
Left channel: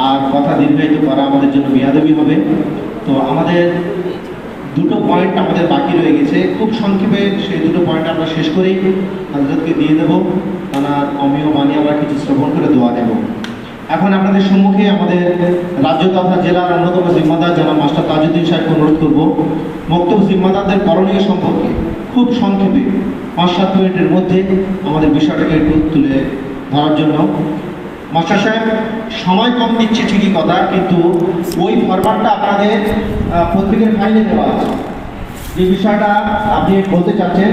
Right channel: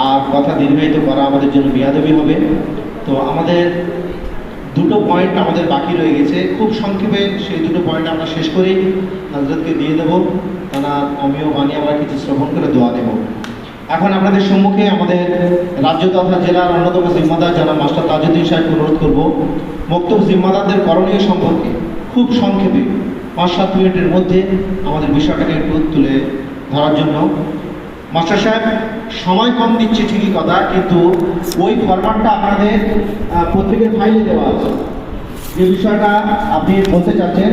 আর কথা দীর্ঘায়িত করা আমাদের জন্য বেয়াদবি হবে। তো আমাদের দুটো পয়েন্ট আমাদের বাকি রয়ে গেছে, খুব সংক্ষেপে সেই দুটো পয়েন্ট আমরা শেষ করেই হযরতকে দিয়ে দেবো। তার অমীয় বাণী আমরা কিছু শ্রবণ করে দোয়া দেব। এখন আপনাদের সম্মুখে আমাদের রাজ্য তথা জেলার অন্যতম জিম্মাদার জনাব মাস্টার তাজউদ্দিন সাহেবকে অনুরোধ করব বক্তব্য জিম্মাদারদের করণীয় সম্পর্কে খুব সংক্ষেপে 5-7 মিনিটের মধ্যে আমাদের বিষয়টাকে একটু তুলে ধরার জন্য। মাস্টার সাহেব, সময় কম দিচ্ছে ঠিকই কথা, কিন্তু ওই ফরম্যাটটা আপনাদের পত্রিকার ফাইলে দেওয়া আছে। যে বিষয়টা আপনি বলতে চাচ্ছেন